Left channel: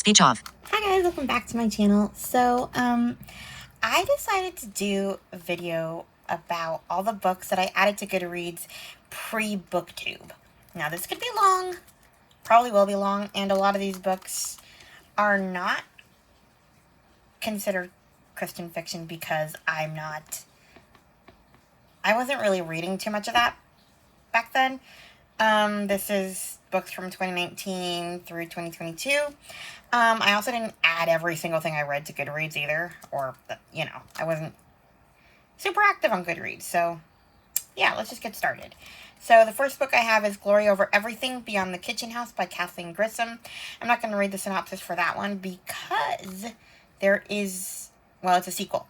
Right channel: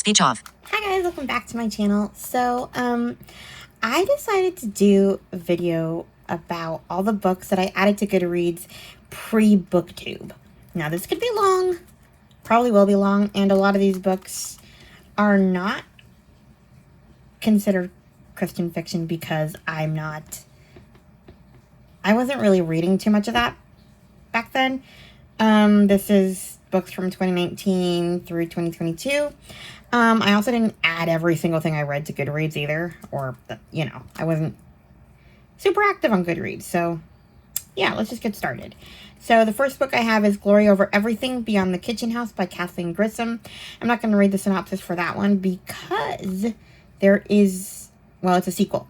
Speech off. Hi guys, welcome back to my channel. So, I decided to do a video about all the books that I added to Goodreads pre-booktube. Now, this could be long, probably will be long, and a lot of these books are not considered Christian fiction because I wasn't really reading too much of that back then. This is books from 2019 through 2022. I also didn't add every single thing I read to Goodreads either, or, I wasn't super active on Goodreads, so yeah, let's just get started. So the first book I have is Glory Over Everything, Beyond the Kitchen House by Kathleen Grissom. I'm not going to read the synopsis for that one because there is, well, it's a sequel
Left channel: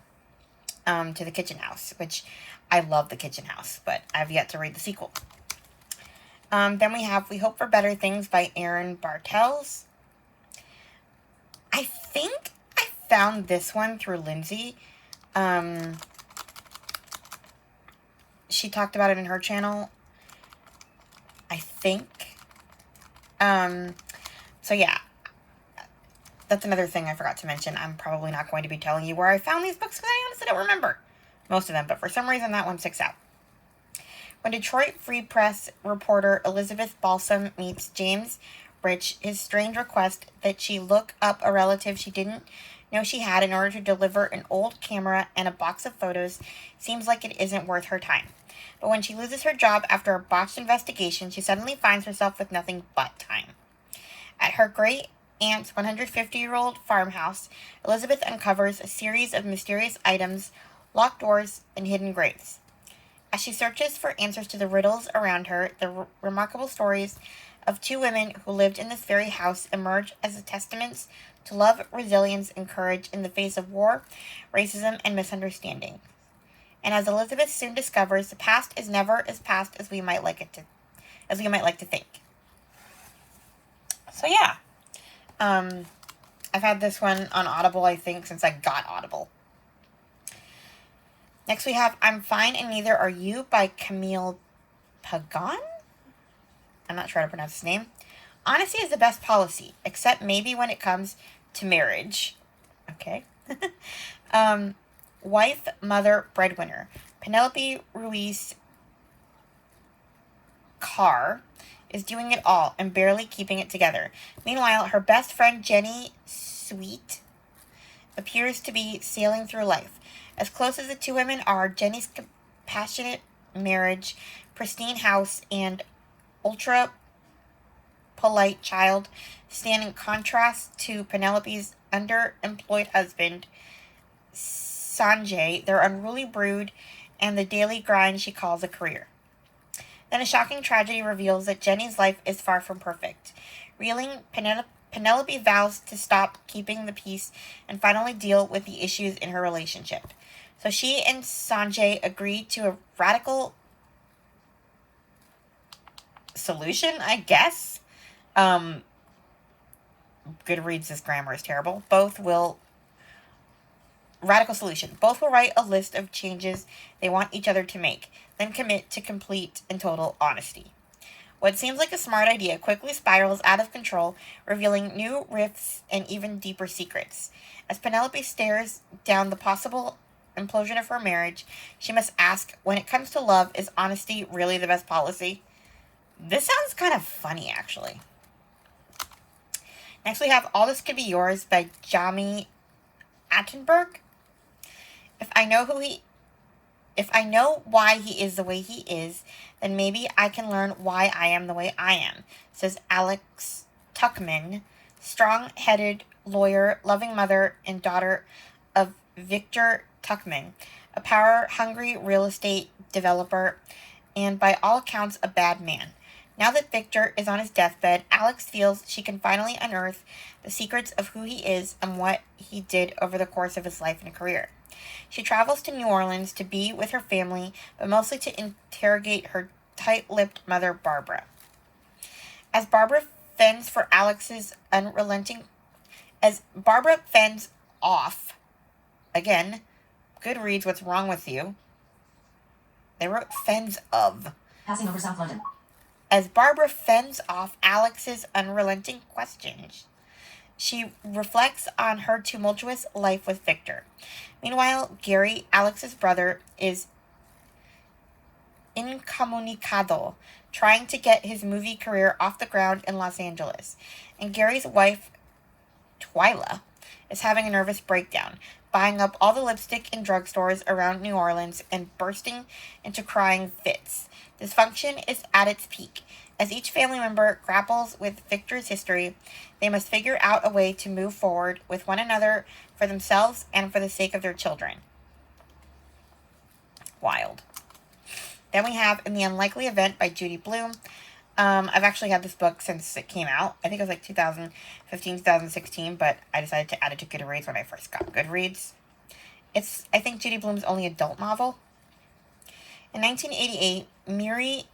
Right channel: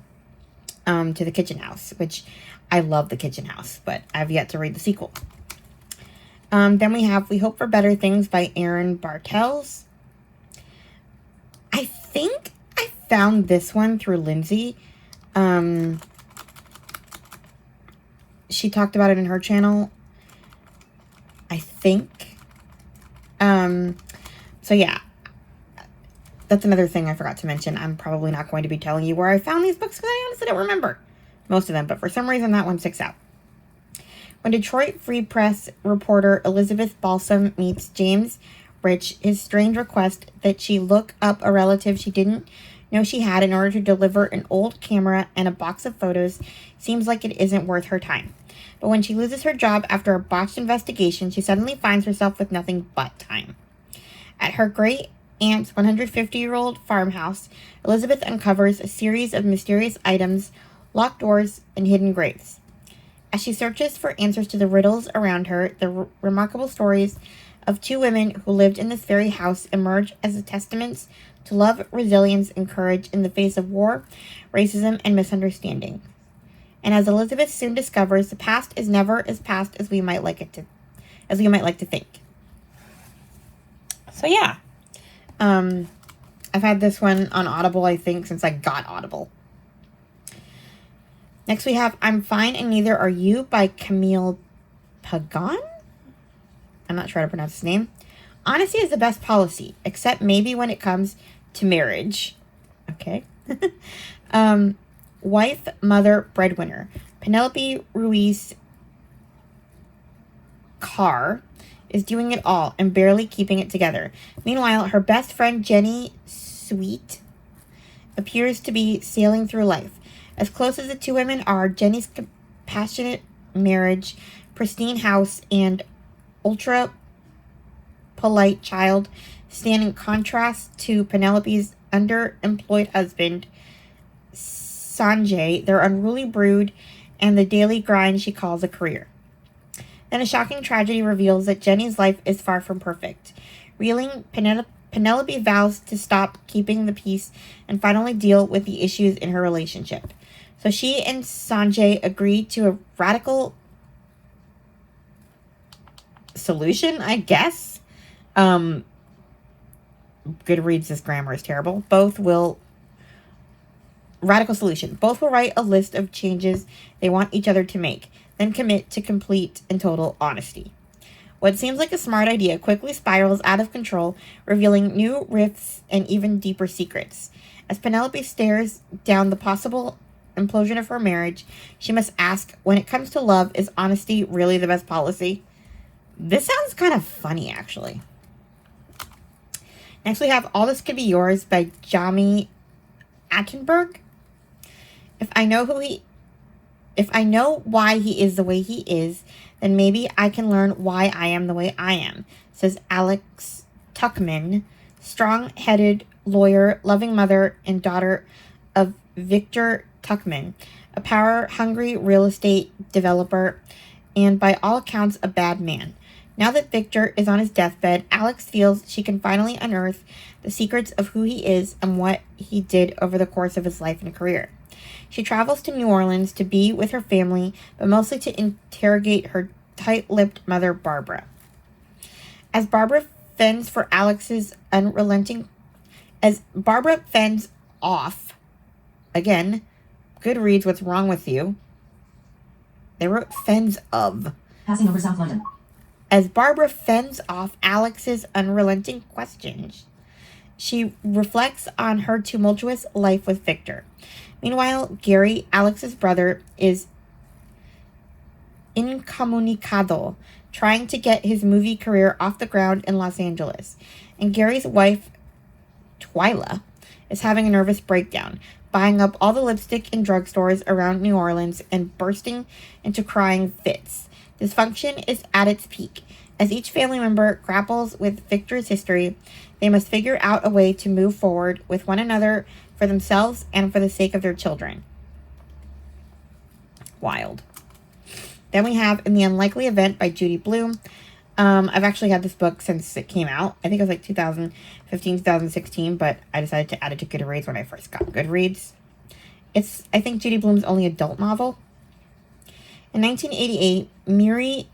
to The Kitchen House, which I love The Kitchen House, but I've yet to read the sequel. Then we have We Hope for Better Things by Erin Bartels. I think I found this one through Lindsay. She talked about it in her channel, I think. So yeah, that's another thing I forgot to mention. I'm probably not going to be telling you where I found these books because I honestly don't remember most of them, but for some reason that one sticks out. When Detroit Free Press reporter Elizabeth Balsam meets James Rich, his strange request that she look up a relative she didn't know she had in order to deliver an old camera and a box of photos seems like it isn't worth her time. But when she loses her job after a botched investigation, she suddenly finds herself with nothing but time. At her great-aunt's 150-year-old farmhouse, Elizabeth uncovers a series of mysterious items, locked doors, and hidden graves. As she searches for answers to the riddles around her, the remarkable stories of two women who lived in this very house emerge as testaments to love, resilience, and courage in the face of war, racism, and misunderstanding. And as Elizabeth soon discovers, the past is never as past as we might like to think. So yeah, I've had this one on Audible, I think, since I got Audible. Next we have I'm Fine and Neither Are You by Camille Pagan. I'm not sure how to pronounce his name. Honesty is the best policy, except maybe when it comes to marriage. Okay. Wife, mother, breadwinner. Penelope Ruiz Carr is doing it all and barely keeping it together. Meanwhile, her best friend Jenny Sweet appears to be sailing through life. As close as the two women are, Jenny's passionate marriage, pristine house, and ultra-polite child stand in contrast to Penelope's underemployed husband, Sanjay, their unruly brood, and the daily grind she calls a career. Then a shocking tragedy reveals that Jenny's life is far from perfect. Reeling, Penelope vows to stop keeping the peace and finally deal with the issues in her relationship. So she and Sanjay agree to a radical solution, I guess. Goodreads' grammar is terrible. Radical solution. Both will write a list of changes they want each other to make, then commit to complete and total honesty. What seems like a smart idea quickly spirals out of control, revealing new rifts and even deeper secrets. As Penelope stares down the possible implosion of her marriage, she must ask, when it comes to love, is honesty really the best policy? This sounds kind of funny, actually. Next we have All This Could Be Yours by Jami Attenberg. If I know why he is the way he is, then maybe I can learn why I am the way I am, says Alex Tuckman, strong-headed lawyer, loving mother, and daughter of Victor Tuckman, a power-hungry real estate developer, and by all accounts a bad man. Now that Victor is on his deathbed, Alex feels she can finally unearth the secrets of who he is and what he did over the course of his life and career. She travels to New Orleans to be with her family, but mostly to interrogate her tight-lipped mother, Barbara. As Barbara fends off, again, Goodreads, what's wrong with you? They wrote fends of. Passing over South London. As Barbara fends off Alex's unrelenting questions, She reflects on her tumultuous life with Victor. Meanwhile, Gary, Alex's brother, is incomunicado, trying to get his movie career off the ground in Los Angeles. And Gary's wife, Twyla, is having a nervous breakdown, buying up all the lipstick in drugstores around New Orleans and bursting into crying fits. Dysfunction is at its peak. As each family member grapples with Victor's history, they must figure out a way to move forward with one another for themselves and for the sake of their children. Wild. Then we have In the Unlikely Event by Judy Blume. I've actually had this book since it came out. I think it was like 2015, 2016, but I decided to add it to Goodreads when I first got Goodreads. It's, I think, Judy Blume's only adult novel. In 1988, Miri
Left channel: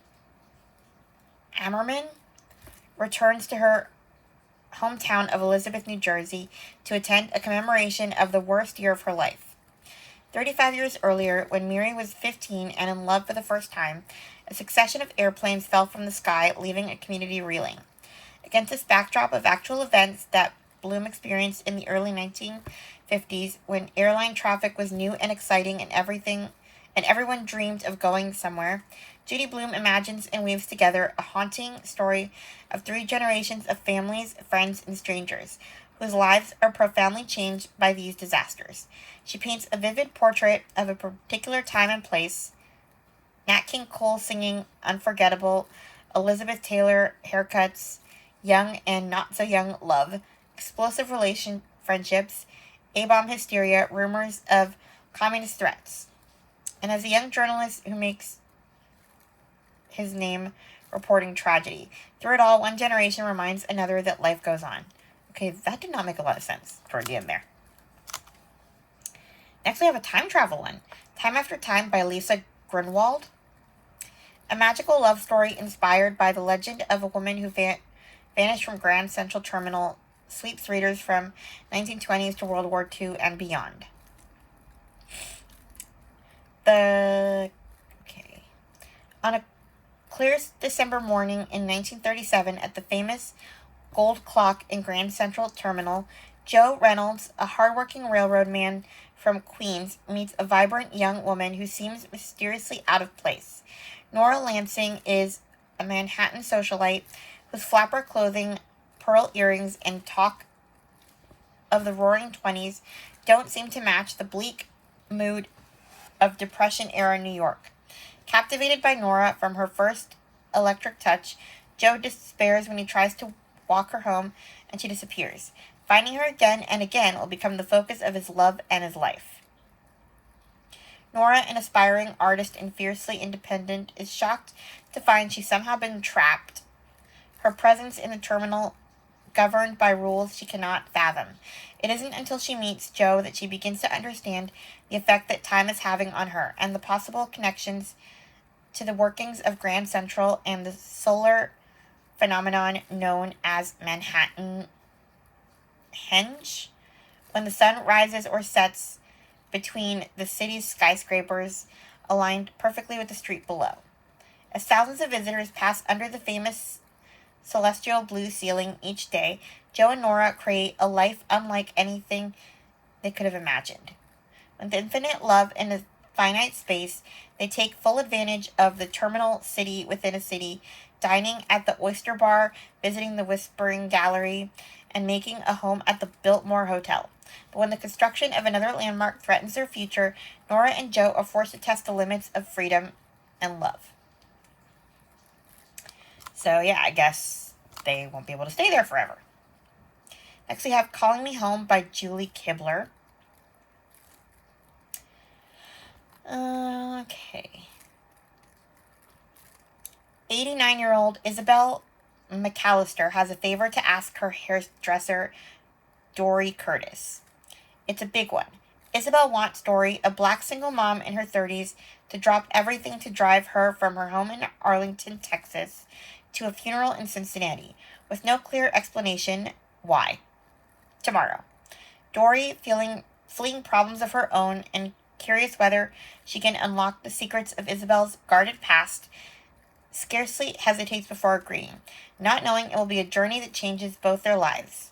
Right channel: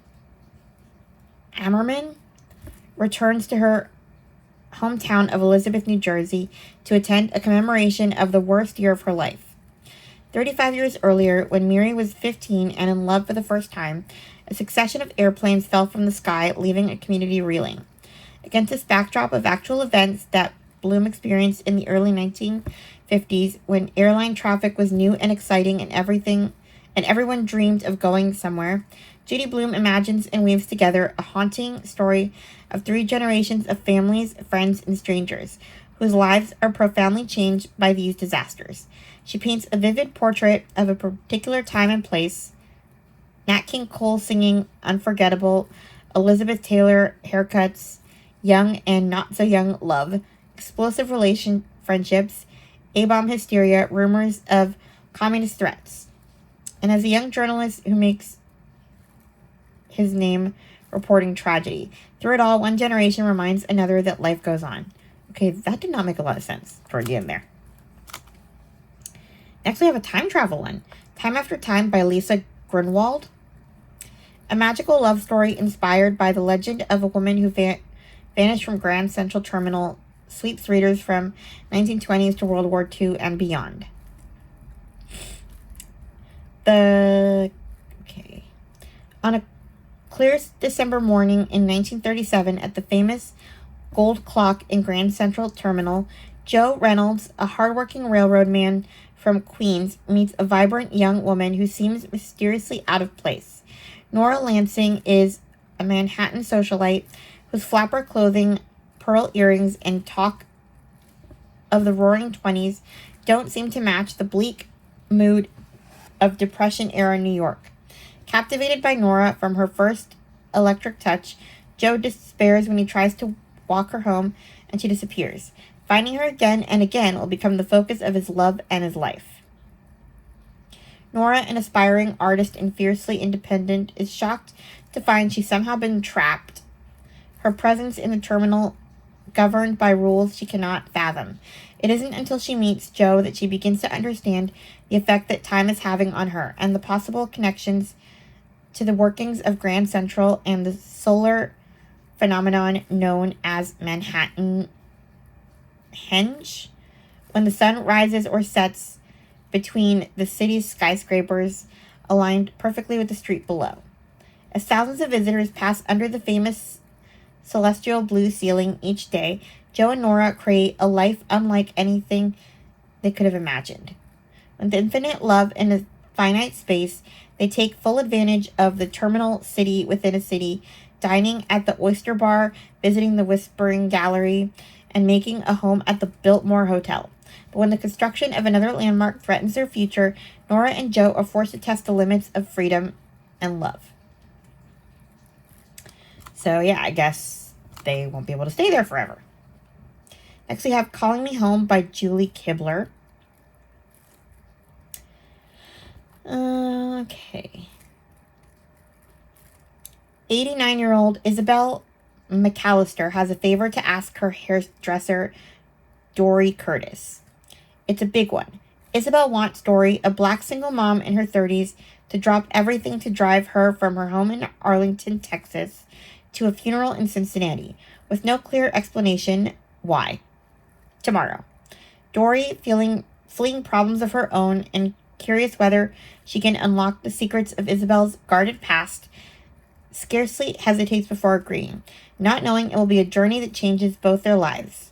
Ammerman returns to her hometown of Elizabeth, New Jersey, to attend a commemoration of the worst year of her life. 35 years earlier, when Miri was 15 and in love for the first time, a succession of airplanes fell from the sky, leaving a community reeling. Against this backdrop of actual events that Bloom experienced in the early 1950s, when airline traffic was new and exciting and everyone dreamed of going somewhere, Judy Blume imagines and weaves together a haunting story of 3 generations of families, friends, and strangers, whose lives are profoundly changed by these disasters. She paints a vivid portrait of a particular time and place, Nat King Cole singing Unforgettable, Elizabeth Taylor haircuts, young and not so young love, explosive friendships, A-bomb hysteria, rumors of communist threats. And as a young journalist who makes his name reporting tragedy, through it all, one generation reminds another that life goes on. Okay, that did not make a lot of sense toward the end there. Next, we have a time travel one. Time After Time by Lisa Grunwald. A magical love story inspired by the legend of a woman who vanished from Grand Central Terminal sweeps readers from 1920s to World War II and beyond. On a clear December morning in 1937 at the famous Gold Clock in Grand Central Terminal, Joe Reynolds, a hardworking railroad man from Queens, meets a vibrant young woman who seems mysteriously out of place. Nora Lansing is a Manhattan socialite whose flapper clothing, pearl earrings, and talk of the roaring 20s don't seem to match the bleak mood of Depression-era New York. Captivated by Nora from her first electric touch, Joe despairs when he tries to walk her home and she disappears. Finding her again and again will become the focus of his love and his life. Nora, an aspiring artist and fiercely independent, is shocked to find she's somehow been trapped, her presence in the terminal governed by rules she cannot fathom. It isn't until she meets Joe that she begins to understand the effect that time is having on her and the possible connections to the workings of Grand Central and the solar phenomenon known as Manhattan Henge. When the sun rises or sets between the city's skyscrapers, aligned perfectly with the street below. As thousands of visitors pass under the famous celestial blue ceiling each day, Joe and Nora create a life unlike anything they could have imagined. With infinite love in a finite space, they take full advantage of the terminal city within a city, dining at the Oyster Bar, visiting the Whispering Gallery, and making a home at the Biltmore Hotel. But when the construction of another landmark threatens their future, Nora and Joe are forced to test the limits of freedom and love. So yeah, I guess they won't be able to stay there forever. Next we have Calling Me Home by Julie Kibler. Okay. 89-year-old Isabel McAllister has a favor to ask her hairdresser, Dory Curtis. It's a big one. Isabel wants Dory, a black single mom in her 30s, to drop everything to drive her from her home in Arlington, Texas, to a funeral in Cincinnati, with no clear explanation why. Tomorrow. Dory, fleeing problems of her own and curious whether she can unlock the secrets of Isabel's guarded past, scarcely hesitates before agreeing, not knowing it will be a journey that changes both their lives.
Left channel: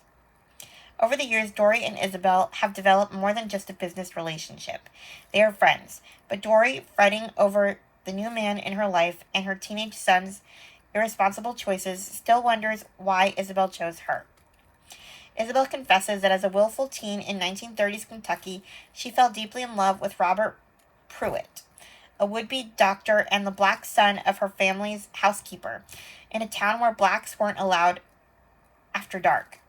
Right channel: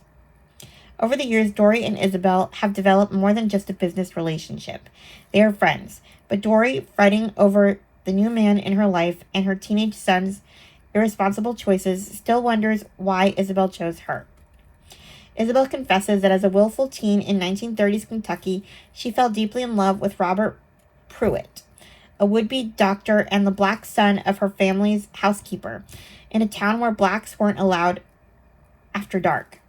Over the years, Dory and Isabel have developed more than just a business relationship. They are friends, but Dory, fighting over the new man in her life and her teenage son's irresponsible choices, still wonders why Isabel chose her. Isabel confesses that as a willful teen in 1930s Kentucky, she fell deeply in love with Robert Pruitt, a would-be doctor and the black son of her family's housekeeper, in a town where blacks weren't allowed after dark.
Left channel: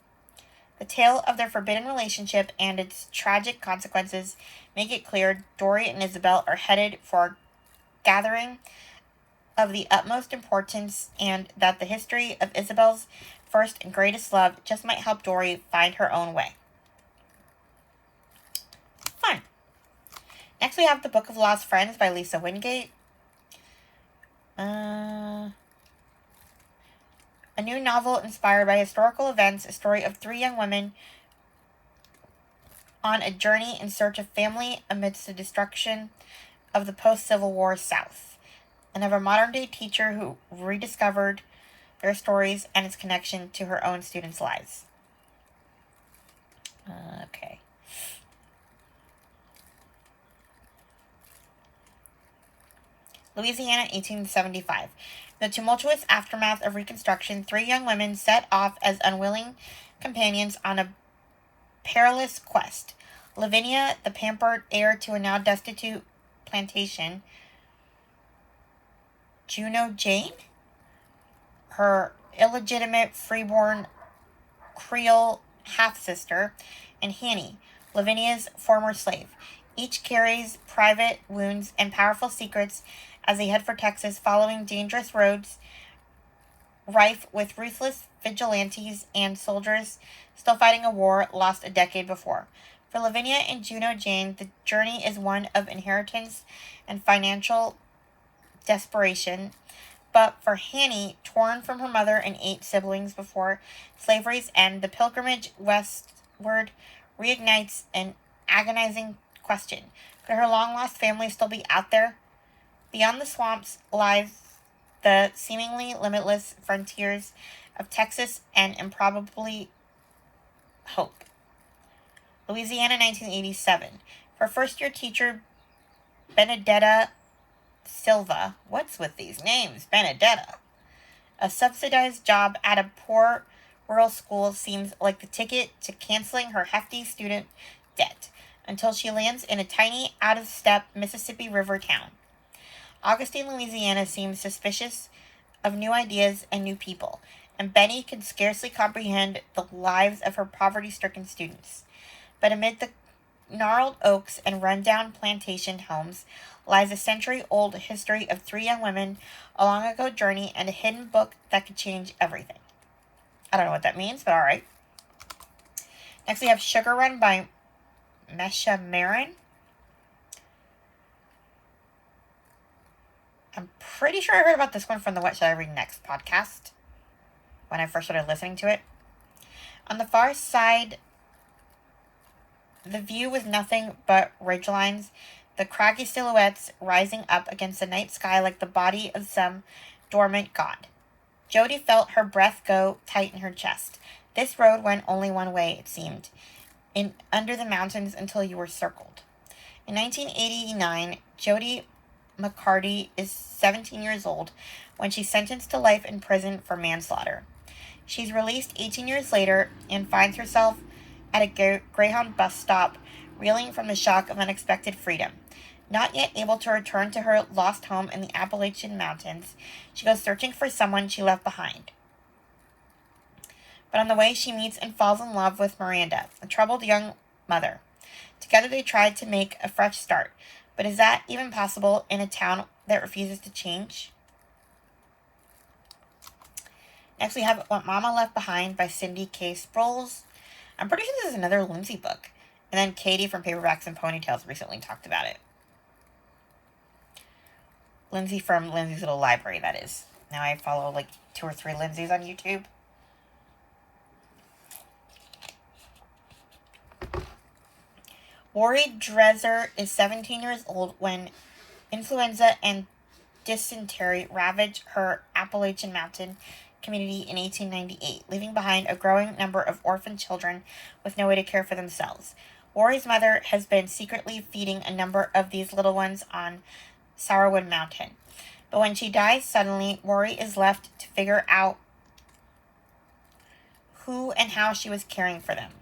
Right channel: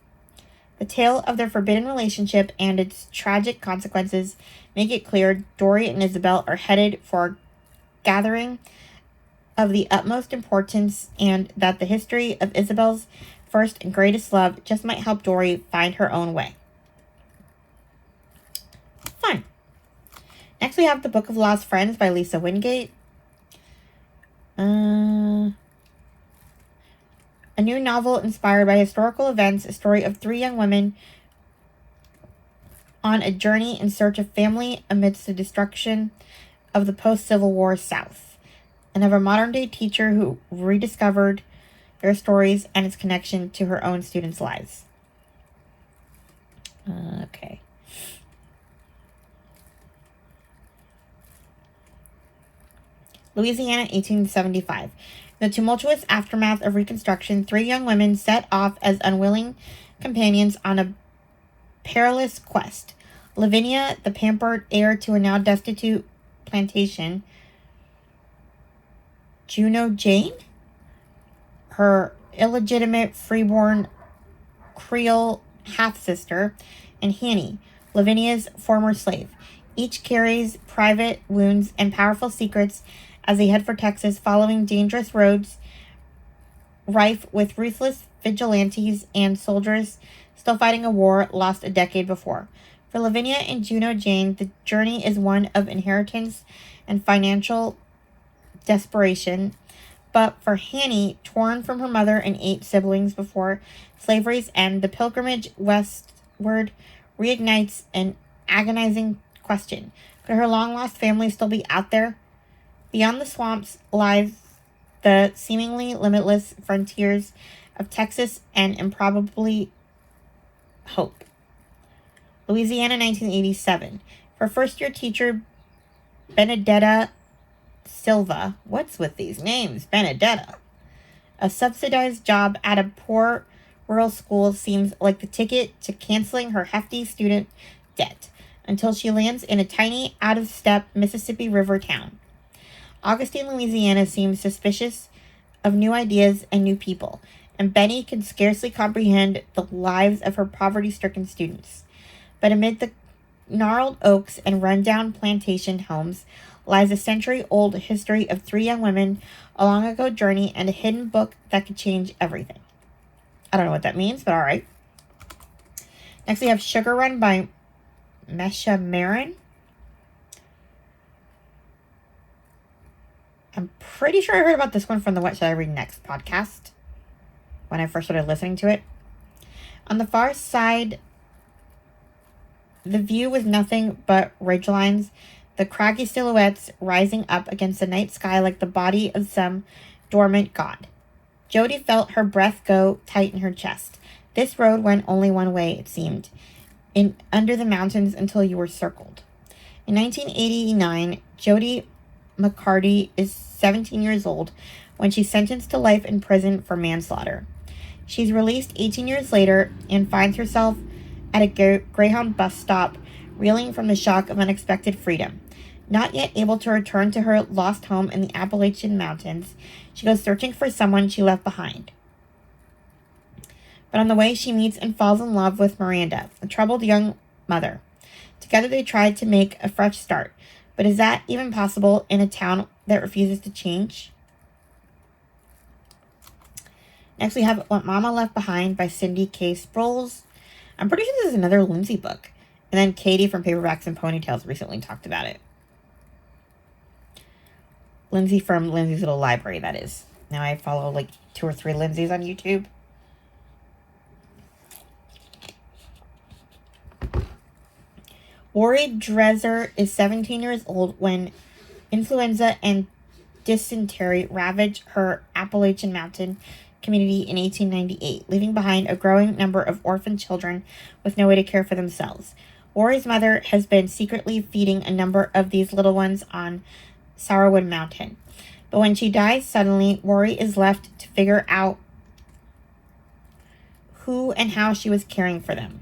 The tale of their forbidden relationship and its tragic consequences make it clear Dory and Isabel are headed for a gathering of the utmost importance, and that the history of Isabel's first and greatest love just might help Dory find her own way. Fun. Next we have The Book of Lost Friends by Lisa Wingate. A new novel inspired by historical events, a story of 3 young women on a journey in search of family amidst the destruction of the post-Civil War South, and of a modern-day teacher who rediscovered their stories and its connection to her own students' lives. Okay. Louisiana, 1875. In the tumultuous aftermath of Reconstruction, 3 young women set off as unwilling companions on a perilous quest. Lavinia, the pampered heir to a now destitute plantation. Juno Jane, her illegitimate freeborn Creole half-sister, and Hanny, Lavinia's former slave. Each carries private wounds and powerful secrets as they head for Texas, following dangerous roads rife with ruthless vigilantes and soldiers still fighting a war lost a decade before. For Lavinia and Juno Jane, the journey is one of inheritance and financial desperation. But for Hanny, torn from her mother and 8 siblings before slavery's end, the pilgrimage westward reignites an agonizing question. Could her long-lost family still be out there? Beyond the swamps lies the seemingly limitless frontiers of Texas and improbably hope. Louisiana, 1987. For first-year teacher Benedetta Silva, what's with these names, Benedetta? A subsidized job at a poor rural school seems like the ticket to canceling her hefty student debt, until she lands in a tiny, out-of-step Mississippi River town. Augustine, Louisiana seems suspicious of new ideas and new people, and Benny can scarcely comprehend the lives of her poverty-stricken students. But amid the gnarled oaks and rundown plantation homes lies a century-old history of 3 young women, a long-ago journey, and a hidden book that could change everything. I don't know what that means, but all right. Next, we have Sugar Run by Mesha Marin. I'm pretty sure I heard about this one from the What Should I Read Next podcast when I first started listening to it. On the far side, the view was nothing but ridgelines, the craggy silhouettes rising up against the night sky like the body of some dormant god. Jody felt her breath go tight in her chest. This road went only one way, it seemed, under the mountains until you were circled. In 1989, Jody McCarty is 17 years old when she's sentenced to life in prison for manslaughter. She's released 18 years later and finds herself at a Greyhound bus stop, reeling from the shock of unexpected freedom. Not yet able to return to her lost home in the Appalachian Mountains, she goes searching for someone she left behind. But on the way, she meets and falls in love with Miranda, a troubled young mother. Together they try to make a fresh start. But is that even possible in a town that refuses to change? Next, we have What Mama Left Behind by Cindy K. Sproles. I'm pretty sure this is another Lindsay book. And then Katie from Paperbacks and Ponytails recently talked about it. Lindsay from Lindsay's Little Library, that is. Now I follow like 2 or 3 Lindsays on YouTube. Ori Dresser is 17 years old when influenza and dysentery ravage her Appalachian Mountain community in 1898, leaving behind a growing number of orphan children with no way to care for themselves. Worry's mother has been secretly feeding a number of these little ones on Sourwood Mountain. But when she dies suddenly, Worry is left to figure out who and how she was caring for them.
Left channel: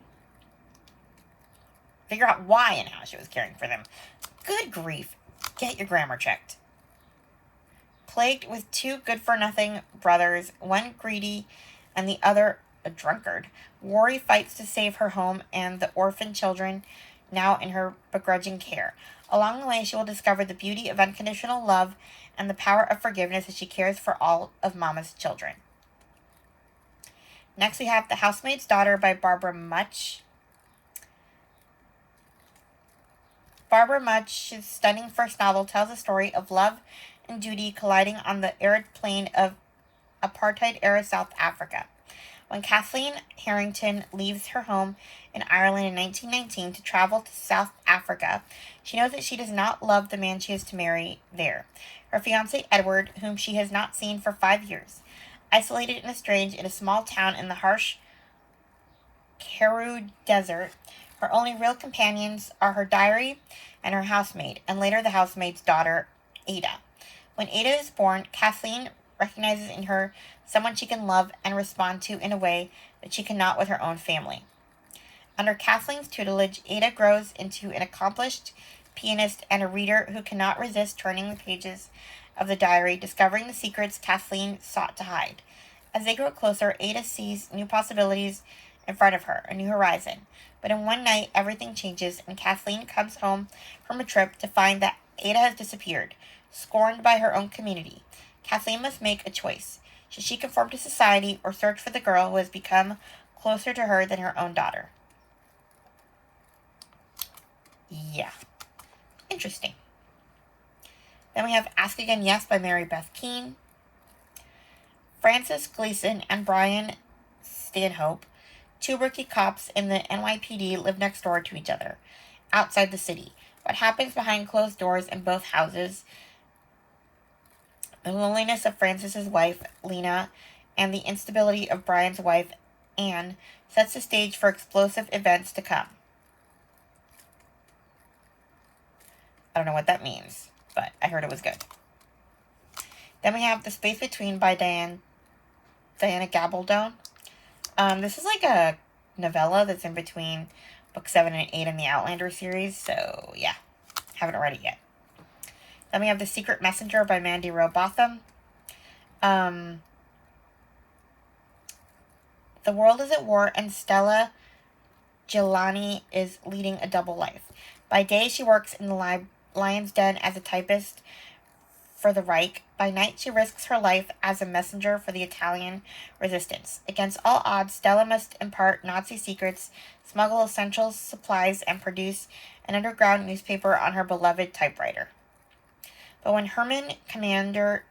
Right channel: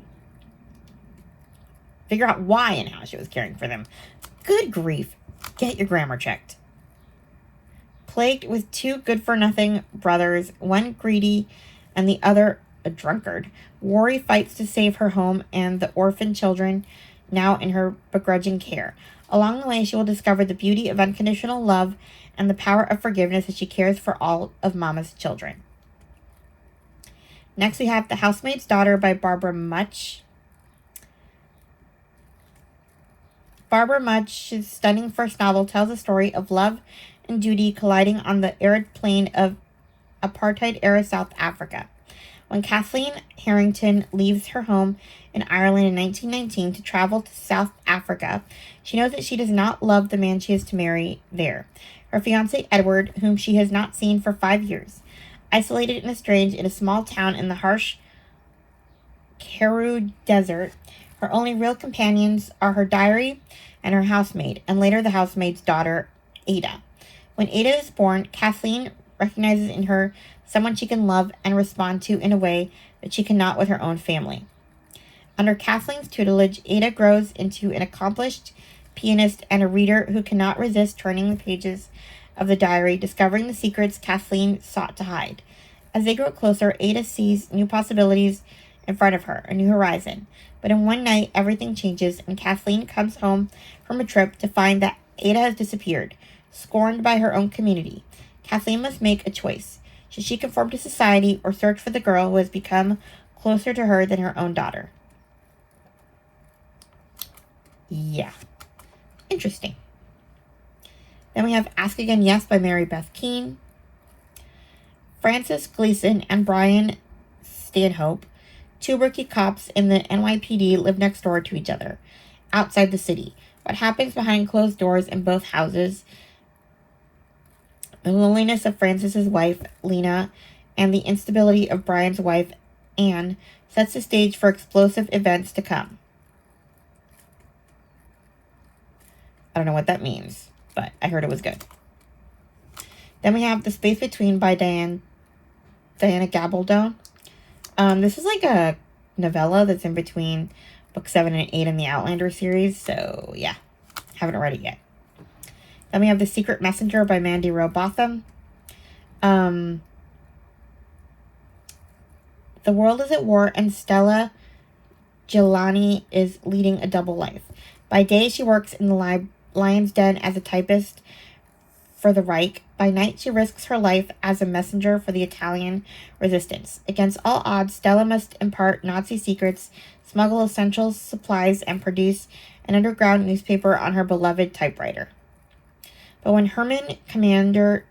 Figure out why and how she was caring for them. Good grief. Get your grammar checked. Plagued with two good-for-nothing brothers, one greedy and the other a drunkard, Worry fights to save her home and the orphan children now in her begrudging care. Along the way, she will discover the beauty of unconditional love and the power of forgiveness as she cares for all of Mama's children. Next, we have The Housemaid's Daughter by Barbara Much. Barbara Much's stunning first novel tells a story of love and duty colliding on the arid plain of apartheid-era South Africa. When Kathleen Harrington leaves her home in Ireland in 1919 to travel to South Africa, she knows that she does not love the man she is to marry there. Her fiancé Edward, whom she has not seen for 5 years. Isolated and estranged in a small town in the harsh Karoo Desert, her only real companions are her diary and her housemaid, and later the housemaid's daughter, Ada. When Ada is born, Kathleen recognizes in her someone she can love and respond to in a way that she cannot with her own family. Under Kathleen's tutelage, Ada grows into an accomplished pianist and a reader who cannot resist turning the pages of the diary, discovering the secrets Kathleen sought to hide. As they grow closer, Ada sees new possibilities in front of her, a new horizon. But in one night, everything changes, and Kathleen comes home from a trip to find that Ada has disappeared, scorned by her own community. Kathleen must make a choice. Should she conform to society or search for the girl who has become closer to her than her own daughter? Yeah. Interesting. Then we have Ask Again Yes by Mary Beth Keane. Francis Gleason and Brian Stanhope, two rookie cops in the NYPD, live next door to each other, outside the city. What happens behind closed doors in both houses, the loneliness of Francis's wife, Lena, and the instability of Brian's wife, Anne, sets the stage for explosive events to come. I don't know what that means, but I heard it was good. Then we have The Space Between by Diana Gabaldon. This is like a novella that's in between book 7 and 8 in the Outlander series, so yeah, haven't read it yet. Then we have The Secret Messenger by Mandy Robotham. The world is at war, and Stella Gilani is leading a double life. By day, she works in the Lion's Den as a typist for the Reich. By night, she risks her life as a messenger for the Italian resistance. Against all odds, Stella must impart Nazi secrets, smuggle essential supplies, and produce an underground newspaper on her beloved typewriter. But when German commander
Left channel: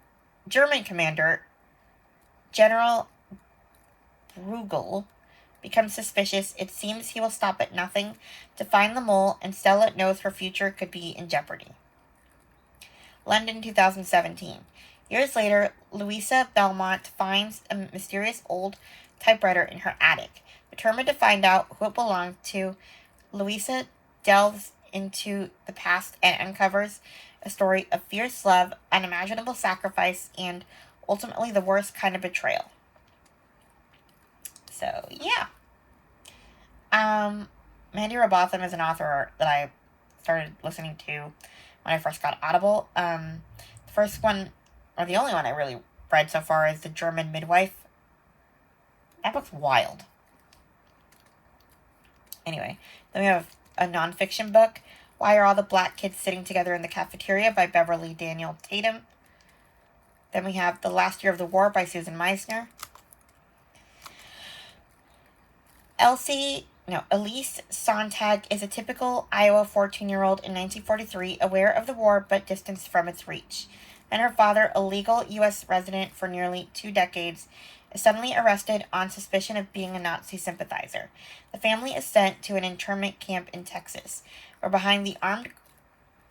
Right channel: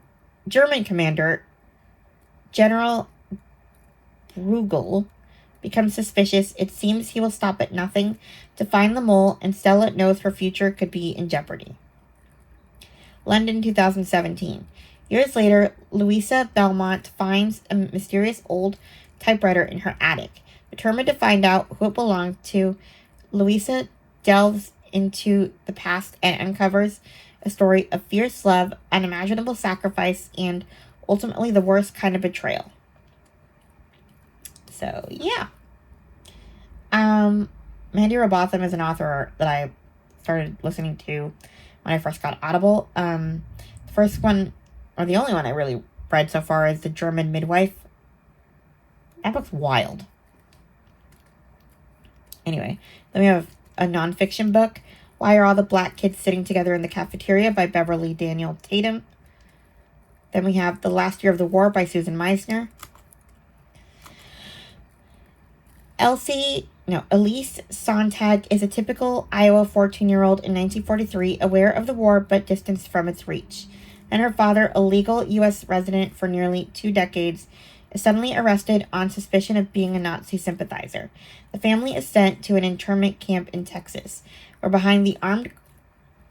General Bruegel becomes suspicious, it seems he will stop at nothing to find the mole, and Stella knows her future could be in jeopardy. London, 2017. Years later, Louisa Belmont finds a mysterious old typewriter in her attic. Determined to find out who it belonged to, Louisa delves into the past and uncovers a story of fierce love, unimaginable sacrifice, and ultimately the worst kind of betrayal. So, yeah. Mandy Robotham is an author that I started listening to when I first got Audible. The first one, or the only one I really read so far, is The German Midwife. That book's wild. Anyway, then we have a nonfiction book, Why Are All the Black Kids Sitting Together in the Cafeteria by Beverly Daniel Tatum. Then we have The Last Year of the War by Susan Meisner. Elise Sontag is a typical Iowa 14-year-old in 1943, aware of the war but distanced from its reach. And her father, a legal U.S. resident for nearly 2 decades, is suddenly arrested on suspicion of being a Nazi sympathizer. The family is sent to an internment camp in Texas, where behind the armed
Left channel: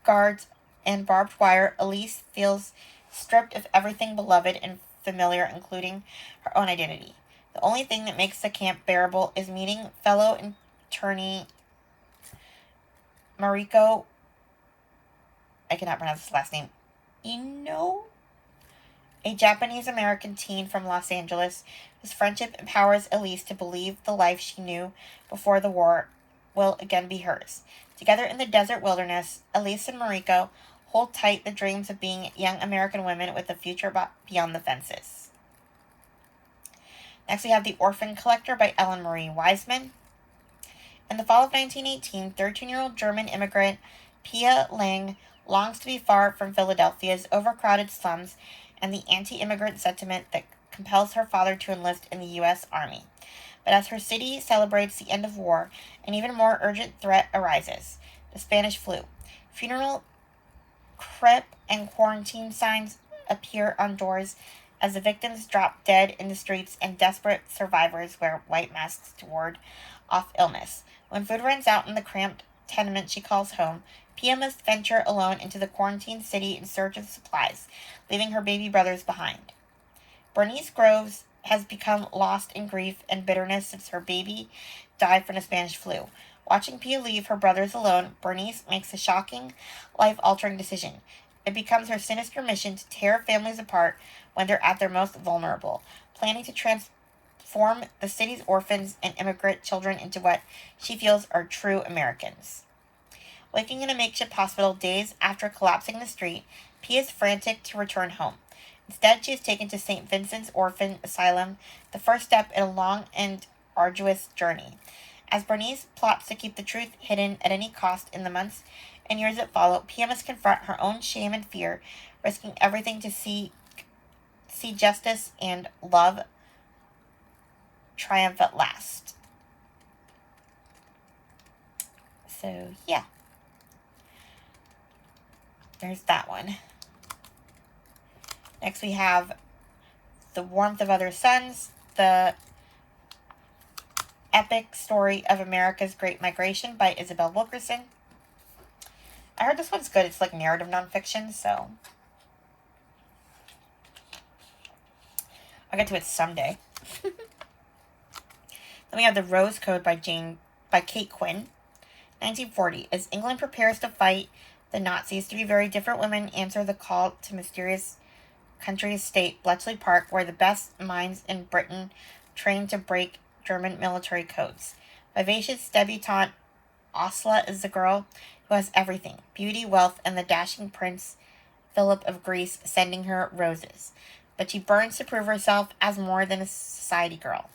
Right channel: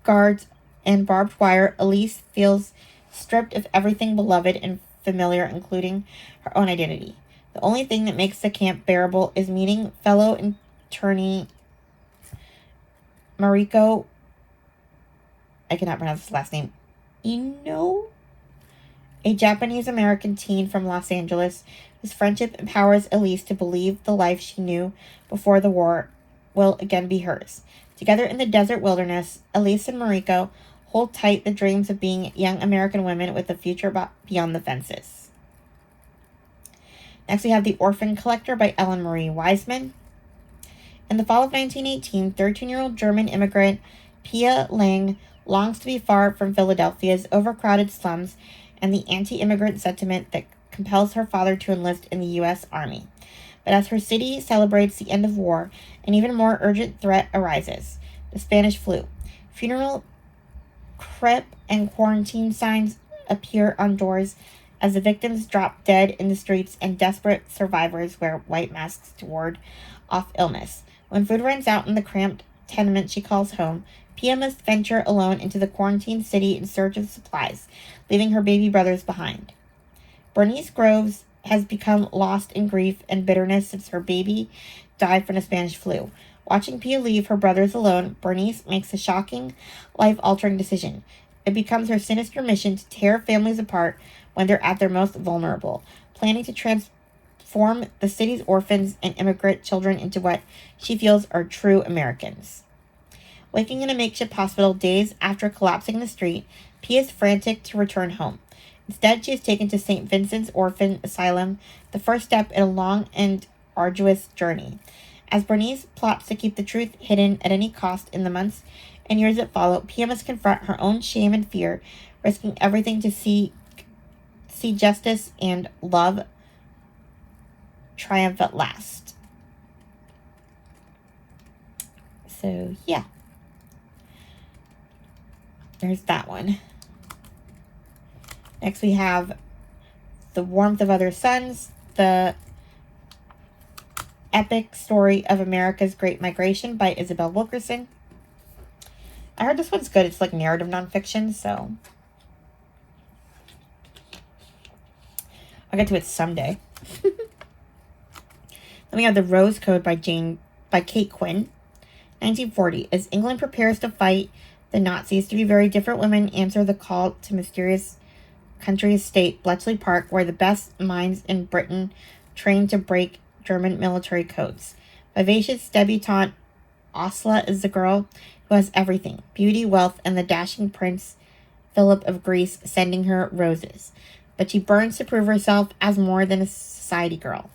guards and barbed wire, Elise feels stripped of everything beloved and familiar, including her own identity. The only thing that makes the camp bearable is meeting fellow internee Mariko, I cannot pronounce his last name, Ino, a Japanese-American teen from Los Angeles whose friendship empowers Elise to believe the life she knew before the war will again be hers. Together in the desert wilderness, Elise and Mariko hold tight the dreams of being young American women with a future beyond the fences. Next, we have The Orphan Collector by Ellen Marie Wiseman. In the fall of 1918, 13-year-old German immigrant Pia Lang longs to be far from Philadelphia's overcrowded slums and the anti-immigrant sentiment that compels her father to enlist in the U.S. Army. But as her city celebrates the end of war, an even more urgent threat arises: the Spanish flu. Funeral, crepe, and quarantine signs appear on doors as the victims drop dead in the streets and desperate survivors wear white masks to ward off illness. When food runs out in the cramped tenement she calls home, Pia must venture alone into the quarantined city in search of supplies, leaving her baby brothers behind. Bernice Groves has become lost in grief and bitterness since her baby died from the Spanish flu. Watching Pia leave her brothers alone, Bernice makes a shocking, life-altering decision. It becomes her sinister mission to tear families apart when they're at their most vulnerable, planning to transform the city's orphans and immigrant children into what she feels are true Americans. Waking in a makeshift hospital days after collapsing in the street, Pia is frantic to return home. Instead, she is taken to St. Vincent's Orphan Asylum, the first step in a long and arduous journey. As Bernice plots to keep the truth hidden at any cost in the months and years that follow, Pia must confront her own shame and fear, risking everything to see justice and love triumph at last. So, yeah. There's that one. Next we have The Warmth of Other Suns, the epic story of America's Great Migration by Isabel Wilkerson. I heard this one's good. It's like narrative nonfiction, so I'll get to it someday. Then we have The Rose Code by Kate Quinn. 1940. As England prepares to fight the Nazis, three very different women answer the call to mysterious country estate, Bletchley Park, where the best minds in Britain train to break German military codes. Vivacious debutante Osla is the girl who has everything: beauty, wealth, and the dashing Prince Philip of Greece sending her roses. But she burns to prove herself as more than a society girl,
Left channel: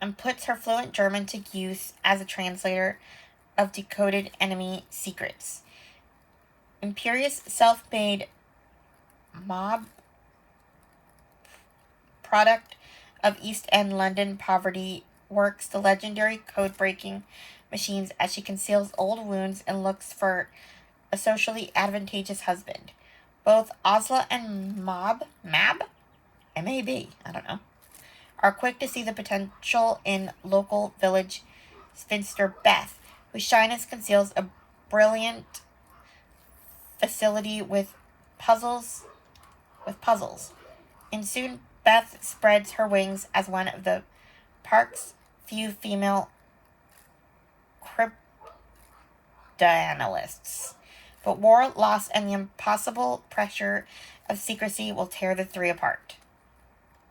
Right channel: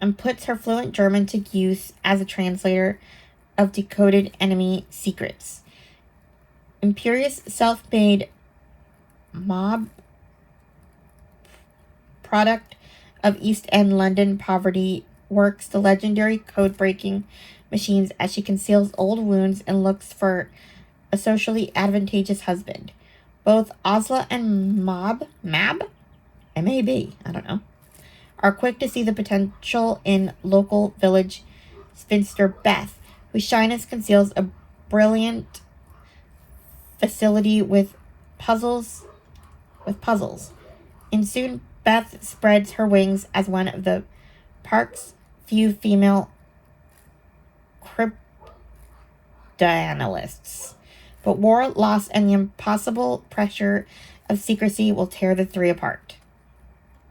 and puts her fluent German to use as a translator of decoded enemy secrets. Imperious self-made mob product of East End London poverty works the legendary code-breaking machines as she conceals old wounds and looks for a socially advantageous husband. Both Osla and Mab, M-A-B, I don't know, are quick to see the potential in local village spinster Beth, whose shyness conceals a brilliant facility with puzzles. And soon Beth spreads her wings as one of the park's few female cryptanalysts. But war, loss, and the impossible pressure of secrecy will tear the three apart.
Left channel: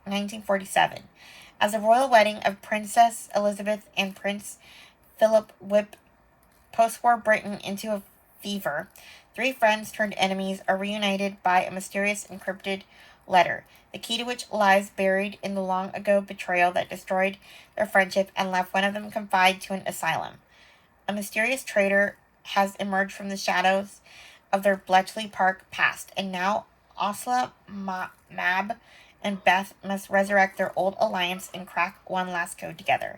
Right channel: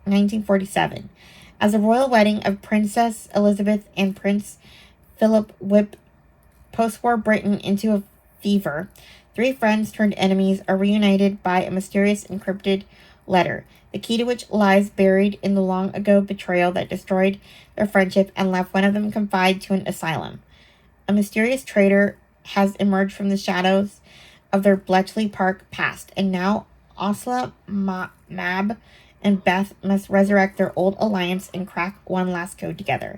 1947. As the royal wedding of Princess Elizabeth and Prince Philip whip post-war Britain into a fever, three friends turned enemies are reunited by a mysterious encrypted letter, the key to which lies buried in the long-ago betrayal that destroyed their friendship and left one of them confined to an asylum. A mysterious traitor has emerged from the shadows of their Bletchley Park past, and now Osla, Mab, and Beth must resurrect their old alliance and crack one last code together.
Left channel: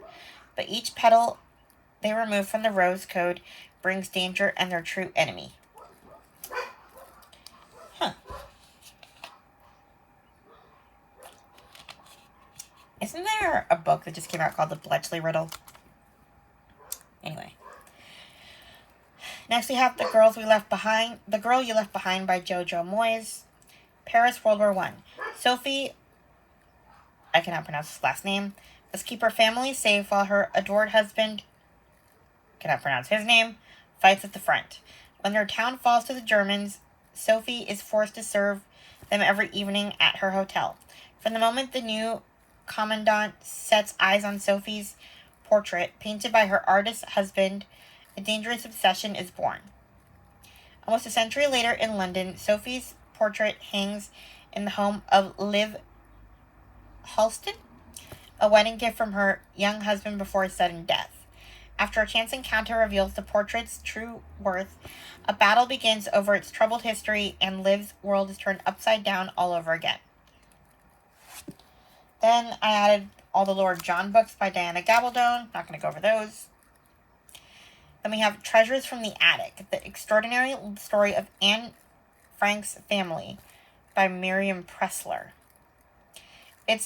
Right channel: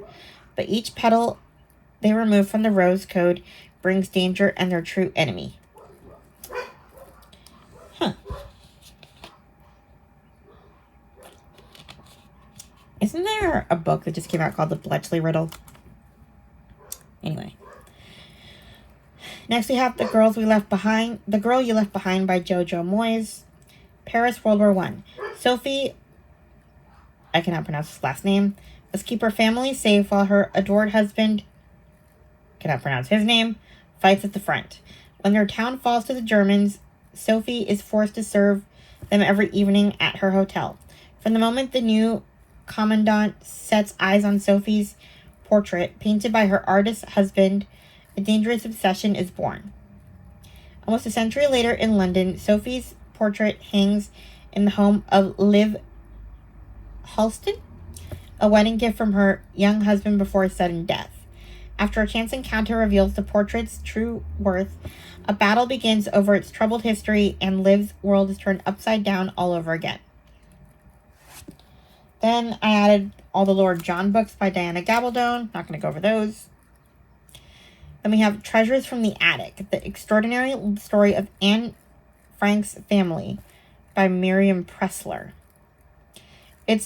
But each petal they remove from the Rose Code brings danger and their true enemy. Isn't there a book that just came out called The Bletchley Riddle? Anyway. Next we have The Girl You Left Behind by Jojo Moyes. Paris, World War I. Sophie, I cannot pronounce his last name, must keep her family safe while her adored husband, cannot pronounce his name, fights at the front. When their town falls to the Germans, Sophie is forced to serve them every evening at her hotel. From the moment the new commandant sets eyes on Sophie's portrait, painted by her artist husband, a dangerous obsession is born. Almost a century later in London, Sophie's portrait hangs in the home of Liv Halston, a wedding gift from her young husband before his sudden death. After a chance encounter reveals the portrait's true worth, a battle begins over its troubled history, and Liv's world is turned upside down all over again. Then I added all the Lord John books by Diana Gabaldon. Not going to go over those. Then we have Treasures from the Attic, the extraordinary story of Anne Frank's family by Miriam Pressler. The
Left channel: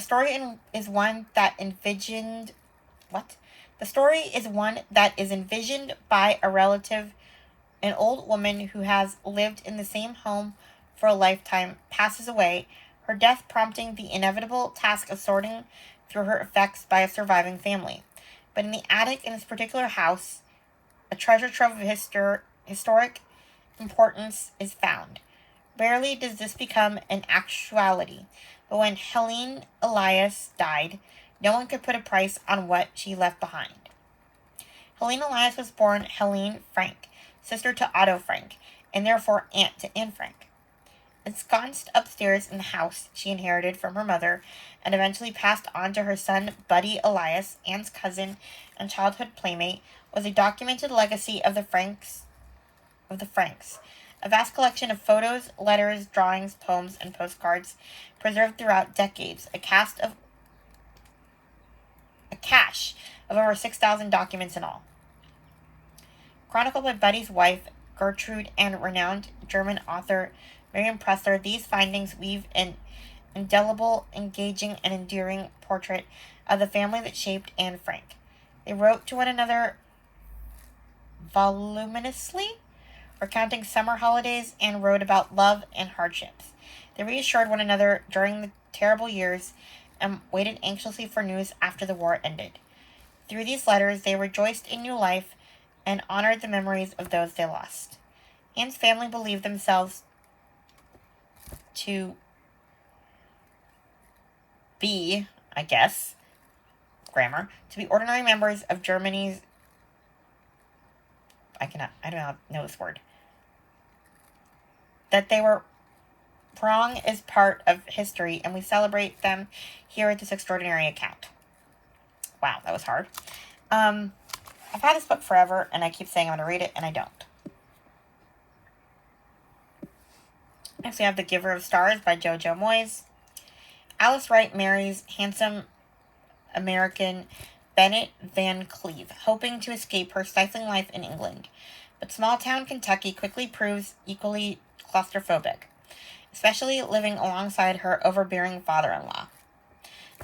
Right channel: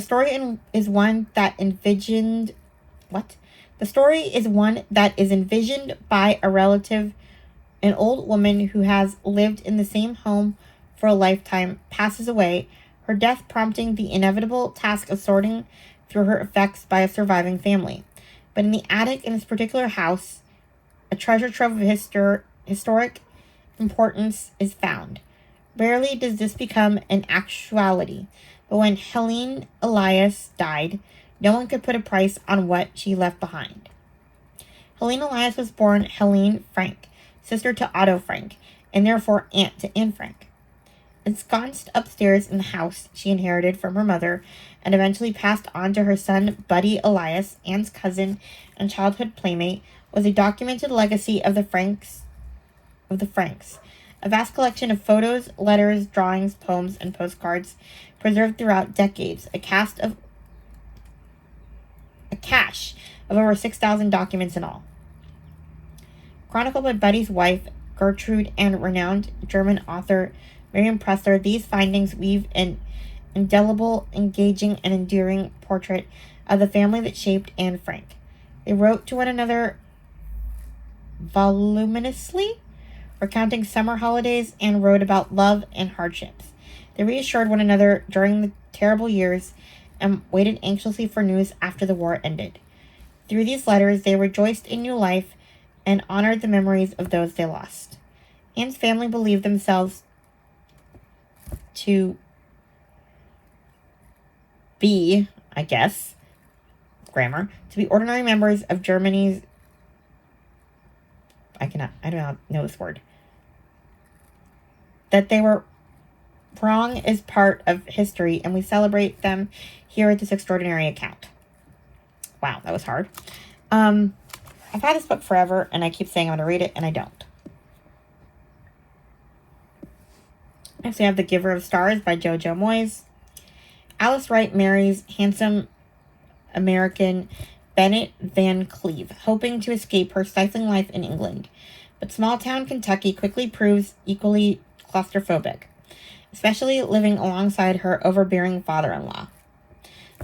story is one that envisioned by a relative, an old woman who has lived in the same home for a lifetime, passes away, her death prompting the inevitable task of sorting through her effects by a surviving family. But in the attic in this particular house, a treasure trove of historic importance is found. Rarely does this become an actuality, but when Helene Elias died, no one could put a price on what she left behind. Helene Elias was born Helene Frank, sister to Otto Frank, and therefore aunt to Anne Frank. Ensconced upstairs in the house she inherited from her mother and eventually passed on to her son Buddy Elias, Anne's cousin and childhood playmate, was a documented legacy of the Franks. A vast collection of photos, letters, drawings, poems, and postcards preserved throughout decades, a cache of over 6,000 documents in all. Chronicled by Buddy's wife, Gertrude, and renowned German author Miriam Pressler, these findings weave an indelible, engaging, and enduring portrait of the family that shaped Anne Frank. They wrote to one another voluminously, recounting summer holidays, and wrote about love and hardships. They reassured one another during the terrible years and waited anxiously for news after the war ended. Through these letters, they rejoiced in new life and honored the memories of those they lost. Anne's family believed themselves to be, to be ordinary members of Germany's, I don't know this word, that they were wrong is part of history, and we celebrate them here at this extraordinary account. Wow, that was hard. I've had this book forever, and I keep saying I'm going to read it, and I don't. Next, we have The Giver of Stars by Jojo Moyes. Alice Wright marries handsome American Bennett Van Cleve, hoping to escape her stifling life in England. But small-town Kentucky quickly proves equally claustrophobic, especially living alongside her overbearing father-in-law.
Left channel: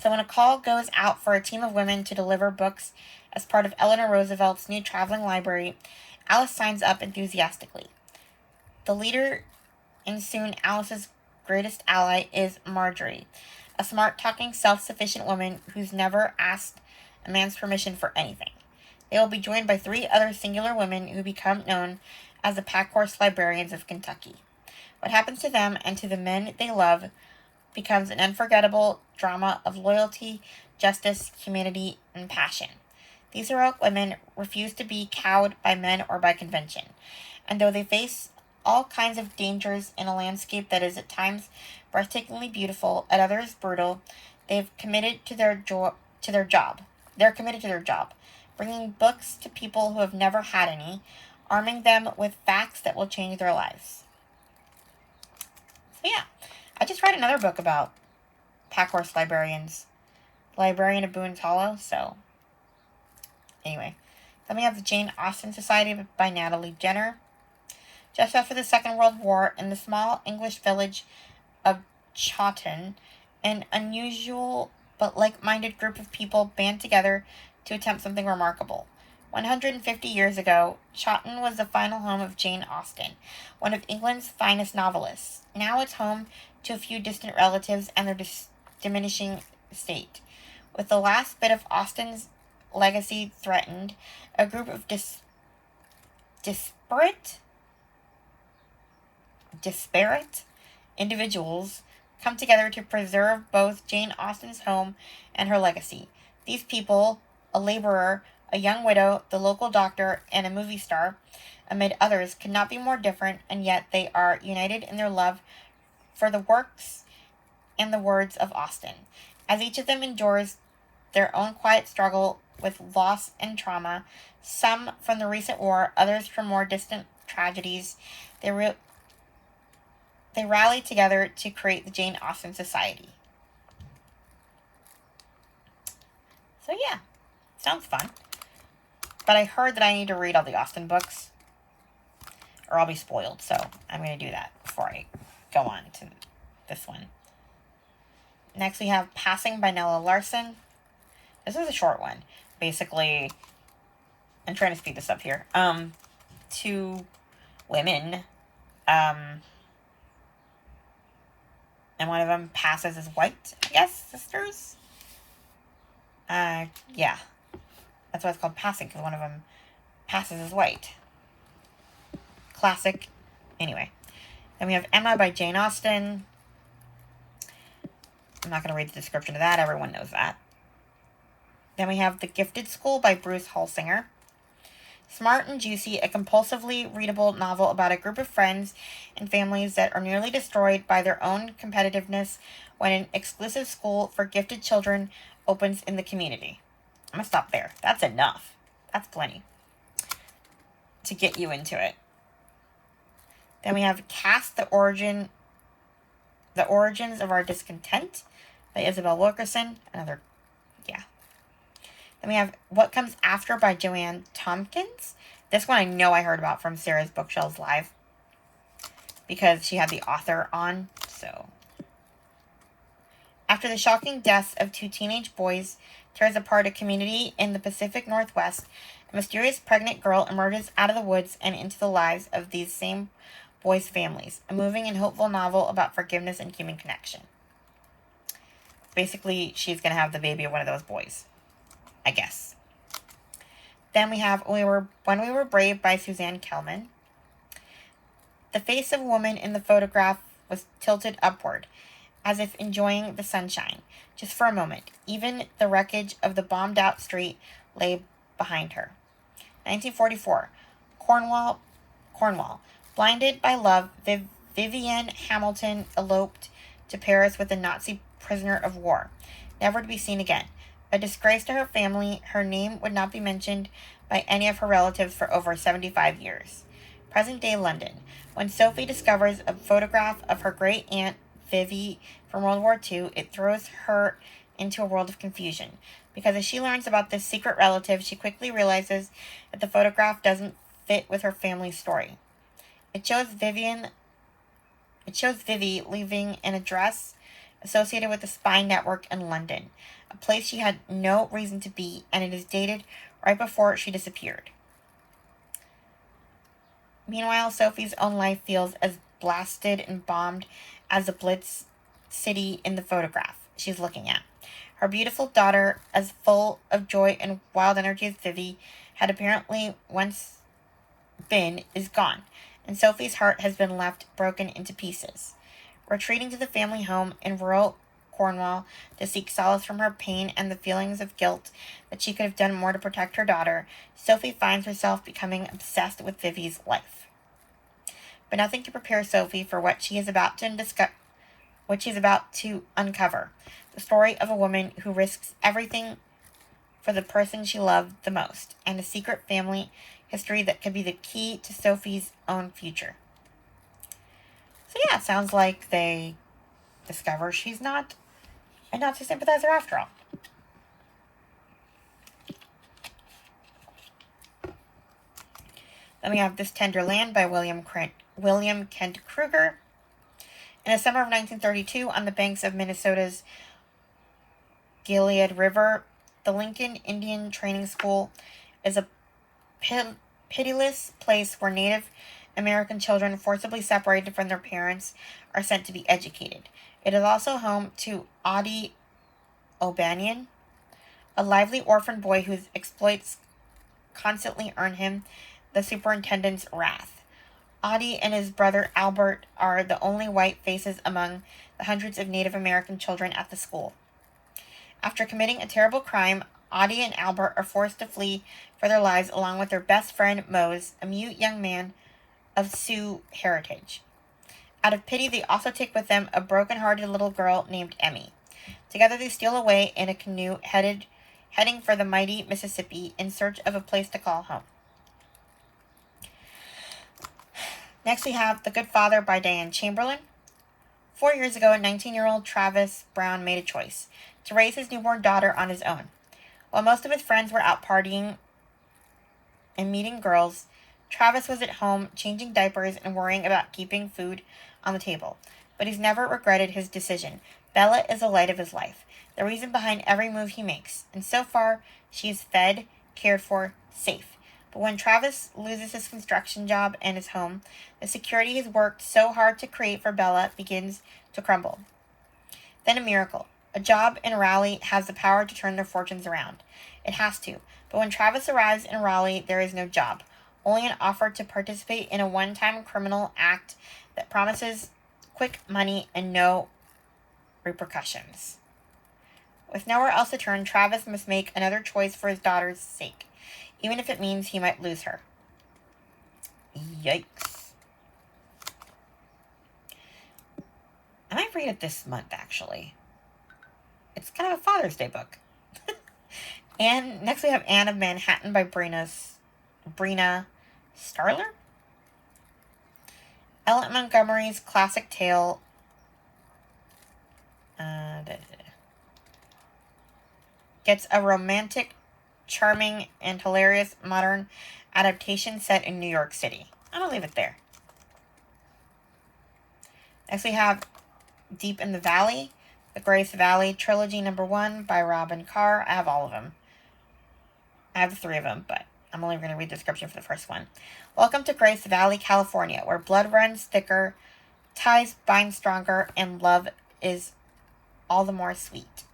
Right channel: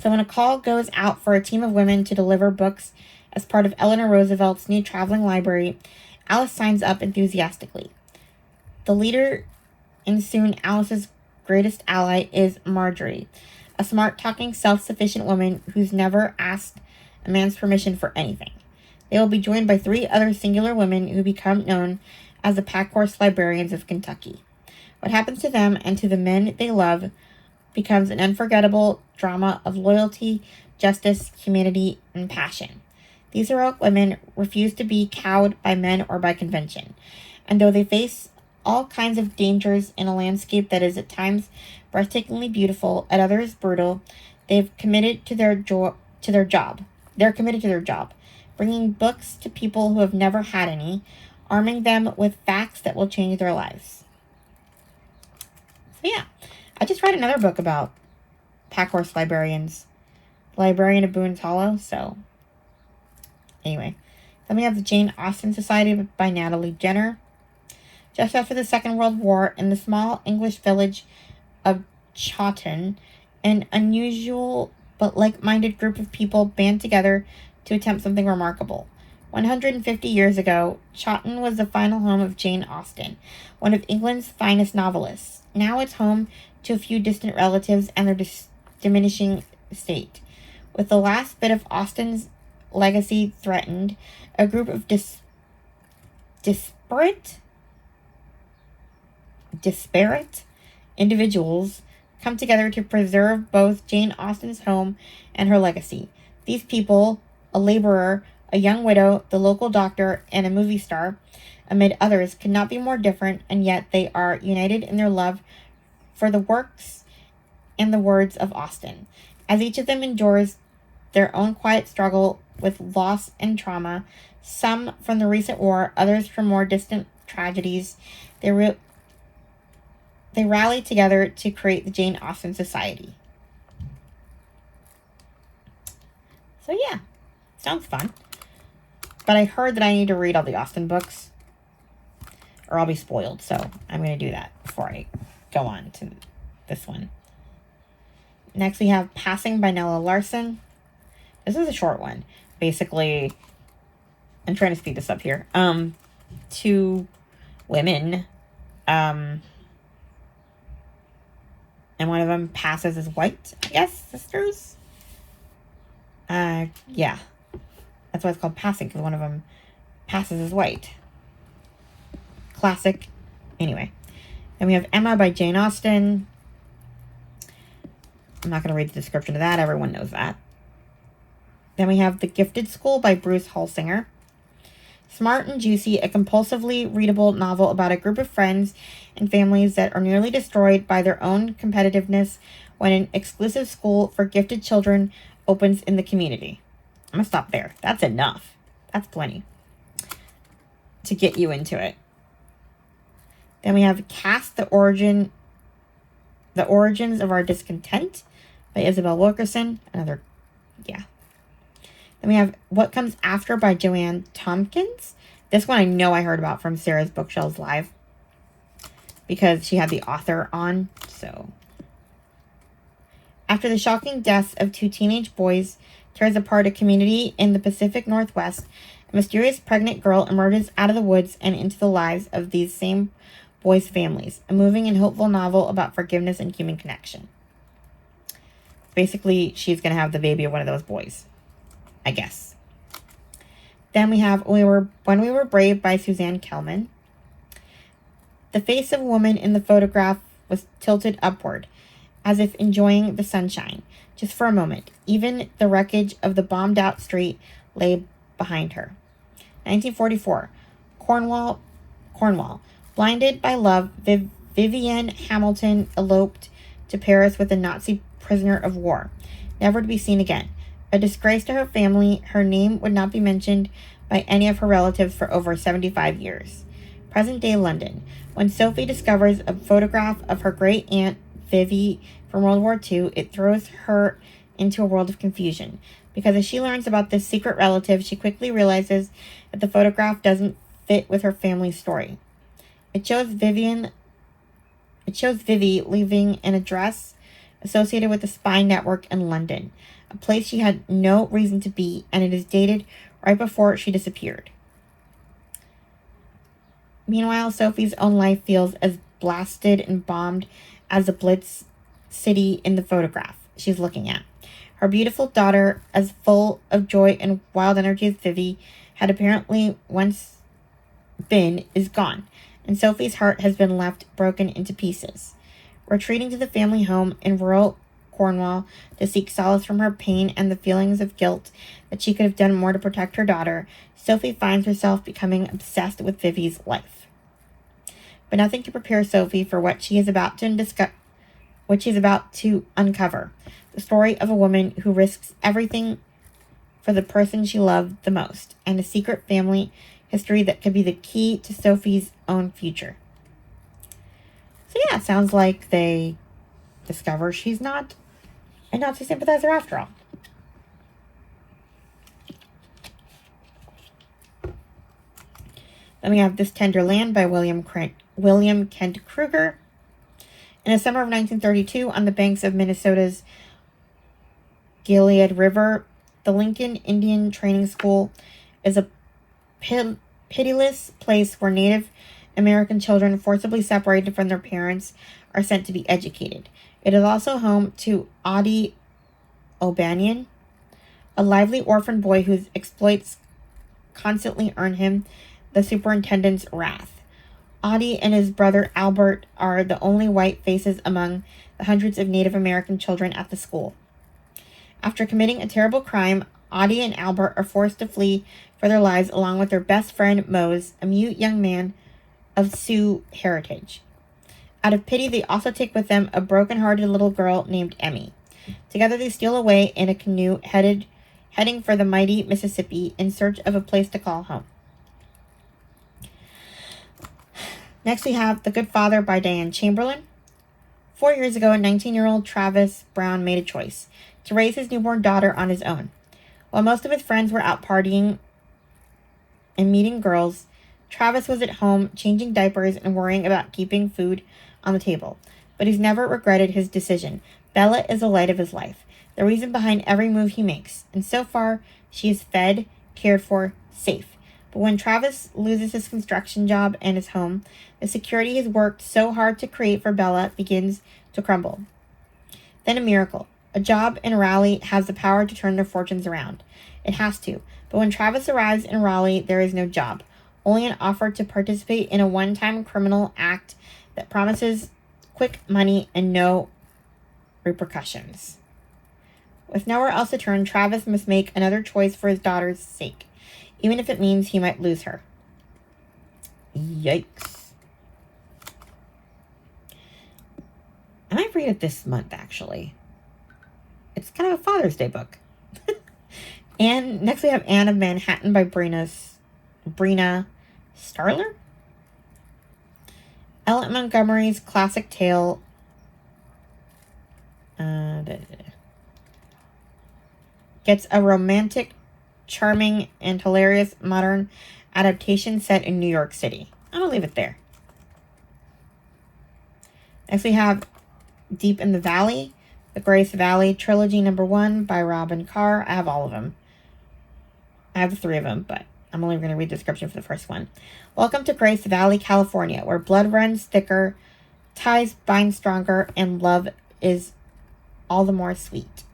So when a call goes out for a team of women to deliver books as part of Eleanor Roosevelt's new traveling library, Alice signs up enthusiastically. The leader and soon Alice's greatest ally is Marjorie, a smart-talking, self-sufficient woman who's never asked a man's permission for anything. They will be joined by 3 other singular women who become known as the Packhorse Librarians of Kentucky. What happens to them and to the men they love becomes an unforgettable drama of loyalty, justice, humanity, and passion. These heroic women refuse to be cowed by men or by convention, and though they face all kinds of dangers in a landscape that is at times breathtakingly beautiful, at others brutal, they've committed to their job. They're committed to their job, bringing books to people who have never had any, arming them with facts that will change their lives. So yeah, I just read another book about Packhorse Librarians, Librarian of Boone's Hollow, so anyway. Then we have the Jane Austen Society by Natalie Jenner. Just after the Second World War, in the small English village of Chawton, an unusual but like-minded group of people band together to attempt something remarkable. 150 years ago, Chawton was the final home of Jane Austen, one of England's finest novelists. Now it's home to a few distant relatives and their diminishing estate. With the last bit of Austen's legacy threatened, a group of disparate individuals come together to preserve both Jane Austen's home and her legacy. These people, a laborer, a young widow, the local doctor, and a movie star, amid others, could not be more different, and yet they are united in their love for the works and the words of Austen. As each of them endures their own quiet struggle with loss and trauma, some from the recent war, others from more distant tragedies, they rally together to create the Jane Austen Society. So yeah, sounds fun. But I heard that I need to read all the Austen books, or I'll be spoiled. So I'm going to do that before I go on to this one. Next we have Passing by Nella Larson. This is a short one. Basically, I'm trying to speed this up here. Two women, and one of them passes as white, I guess, sisters. Yeah. That's why it's called Passing, because one of them passes as white. Classic. Anyway. Then we have Emma by Jane Austen. I'm not going to read the description of that. Everyone knows that. Then we have The Gifted School by Bruce Holsinger. Smart and Juicy, a compulsively readable novel about a group of friends and families that are nearly destroyed by their own competitiveness when an exclusive school for gifted children opens in the community. I'm going to stop there. That's enough. That's plenty to get you into it. Then we have Cast, The Origins of Our Discontent by Isabel Wilkerson. Another, yeah. Then we have What Comes After by Joanne Tompkins. This one I know I heard about from Sarah's Bookshelves Live because she had the author on. So, after the shocking deaths of two teenage boys tears apart a community in the Pacific Northwest, a mysterious pregnant girl emerges out of the woods and into the lives of these same boys' families. A moving and hopeful novel about forgiveness and human connection. Basically, she's going to have the baby of one of those boys, I guess. Then we have When We Were Brave by Suzanne Kellman. The face of a woman in the photograph was tilted upward, as if enjoying the sunshine, just for a moment. Even the wreckage of the bombed-out street lay behind her. 1944. Cornwall. Blinded by love, Vivienne Hamilton eloped to Paris with a Nazi prisoner of war, never to be seen again. A disgrace to her family, her name would not be mentioned by any of her relatives for over 75 years. Present-day London. When Sophie discovers a photograph of her great-aunt, Vivi, from World War II, it throws her into a world of confusion. Because as she learns about this secret relative, she quickly realizes that the photograph doesn't fit with her family's story. It shows Vivi leaving an address associated with the spy network in London, a place she had no reason to be, and it is dated right before she disappeared. Meanwhile, Sophie's own life feels as blasted and bombed as the Blitz city in the photograph she's looking at. Her beautiful daughter, as full of joy and wild energy as Vivi had apparently once been, is gone, and Sophie's heart has been left broken into pieces. Retreating to the family home in rural Cornwall to seek solace from her pain and the feelings of guilt that she could have done more to protect her daughter, Sophie finds herself becoming obsessed with Vivi's life. But nothing to prepare Sophie for what she is about to uncover. The story of a woman who risks everything for the person she loved the most, and a secret family history that could be the key to Sophie's own future. So yeah, it sounds like they discover she's not a Nazi sympathizer after all. Then we have This Tender Land by William Kent Kruger. In the summer of 1932, on the banks of Minnesota's Gilead River, the Lincoln Indian Training School is a pitiless place where Native American children forcibly separated from their parents are sent to be educated. It is also home to Audie O'Banion, a lively orphan boy whose exploits constantly earn him the superintendent's wrath. Audie and his brother Albert are the only white faces among the hundreds of Native American children at the school. After committing a terrible crime, Audie and Albert are forced to flee for their lives along with their best friend Mose, a mute young man of Sioux heritage. Out of pity, they also take with them a broken-hearted little girl named Emmy. Together they steal away in a canoe heading for the mighty Mississippi in search of a place to call home. Next we have The Good Father by Diane Chamberlain. 4 years ago, 19-year-old Travis Brown made a choice to raise his newborn daughter on his own. While most of his friends were out partying and meeting girls, Travis was at home changing diapers and worrying about keeping food on the table. But he's never regretted his decision. Bella is the light of his life, the reason behind every move he makes. And so far, she is fed, cared for, safe. But when Travis loses his construction job and his home, the security he's worked so hard to create for Bella begins to crumble. Then a miracle. A job in Raleigh has the power to turn their fortunes around. It has to. But when Travis arrives in Raleigh, there is no job. Only an offer to participate in a one-time criminal act that promises quick money and no repercussions. With nowhere else to turn, Travis must make another choice for his daughter's sake, even if it means he might lose her. Yikes. I might read it this month, actually. It's kind of a Father's Day book. And next we have Anne of Manhattan by Brina Starler. Ellen Montgomery's classic tale gets a romantic, charming, and hilarious modern adaptation set in New York City. I'm going to leave it there. Next we have Deep in the Valley, the Grace Valley Trilogy #1 by Robin Carr. I have all of them. I have the 3 of them, but I'm only going to read the description for the first one. Welcome to Grace Valley, California, where blood runs thicker, ties bind stronger, and love is all the more sweet.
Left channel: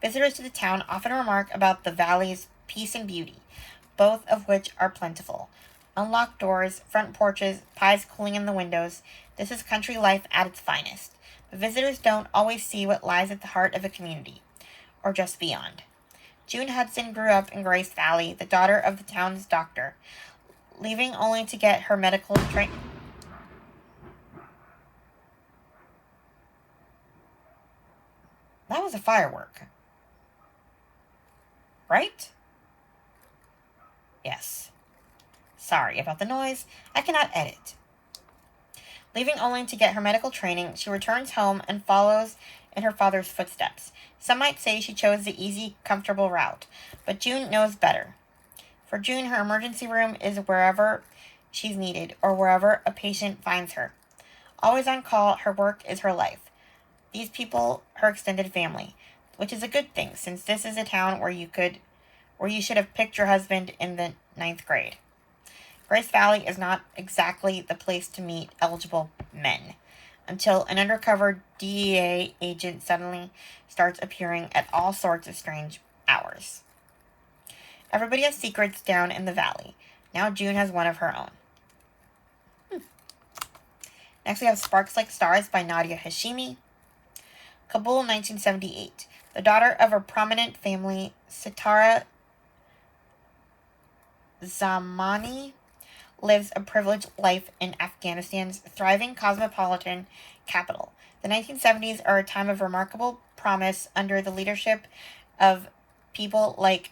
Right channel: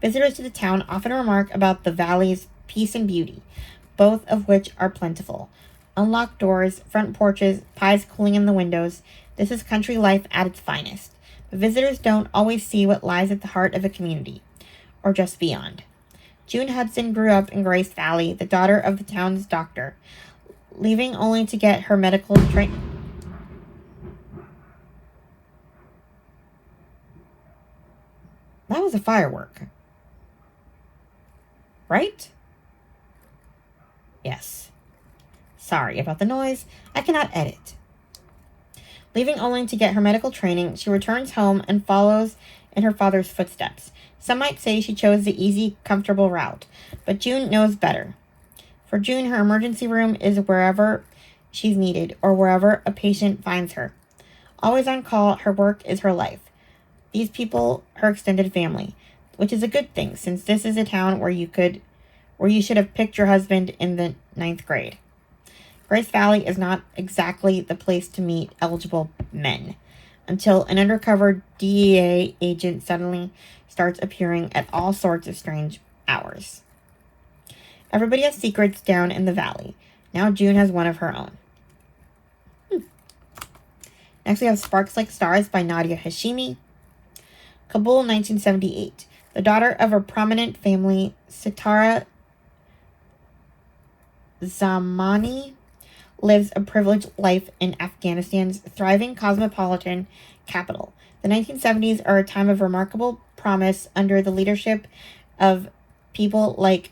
Visitors to the town often remark about the valley's peace and beauty, both of which are plentiful. Unlocked doors, front porches, pies cooling in the windows. This is country life at its finest. But visitors don't always see what lies at the heart of a community, or just beyond. June Hudson grew up in Grace Valley, the daughter of the town's doctor, leaving only to get her medical training. That was a firework. Right? Yes. Sorry about the noise. I cannot edit. Leaving only to get her medical training, she returns home and follows in her father's footsteps. Some might say she chose the easy, comfortable route, but June knows better. For June, her emergency room is wherever she's needed or wherever a patient finds her. Always on call, her work is her life. These people, her extended family, which is a good thing since this is a town where you should have picked your husband in the 9th grade. Grace Valley is not exactly the place to meet eligible men until an undercover DEA agent suddenly starts appearing at all sorts of strange hours. Everybody has secrets down in the valley. Now June has one of her own. Next we have Sparks Like Stars by Nadia Hashimi. Kabul, 1978. The daughter of a prominent family, Sitara Zamani lives a privileged life in Afghanistan's thriving cosmopolitan capital. The 1970s are a time of remarkable promise under the leadership of people like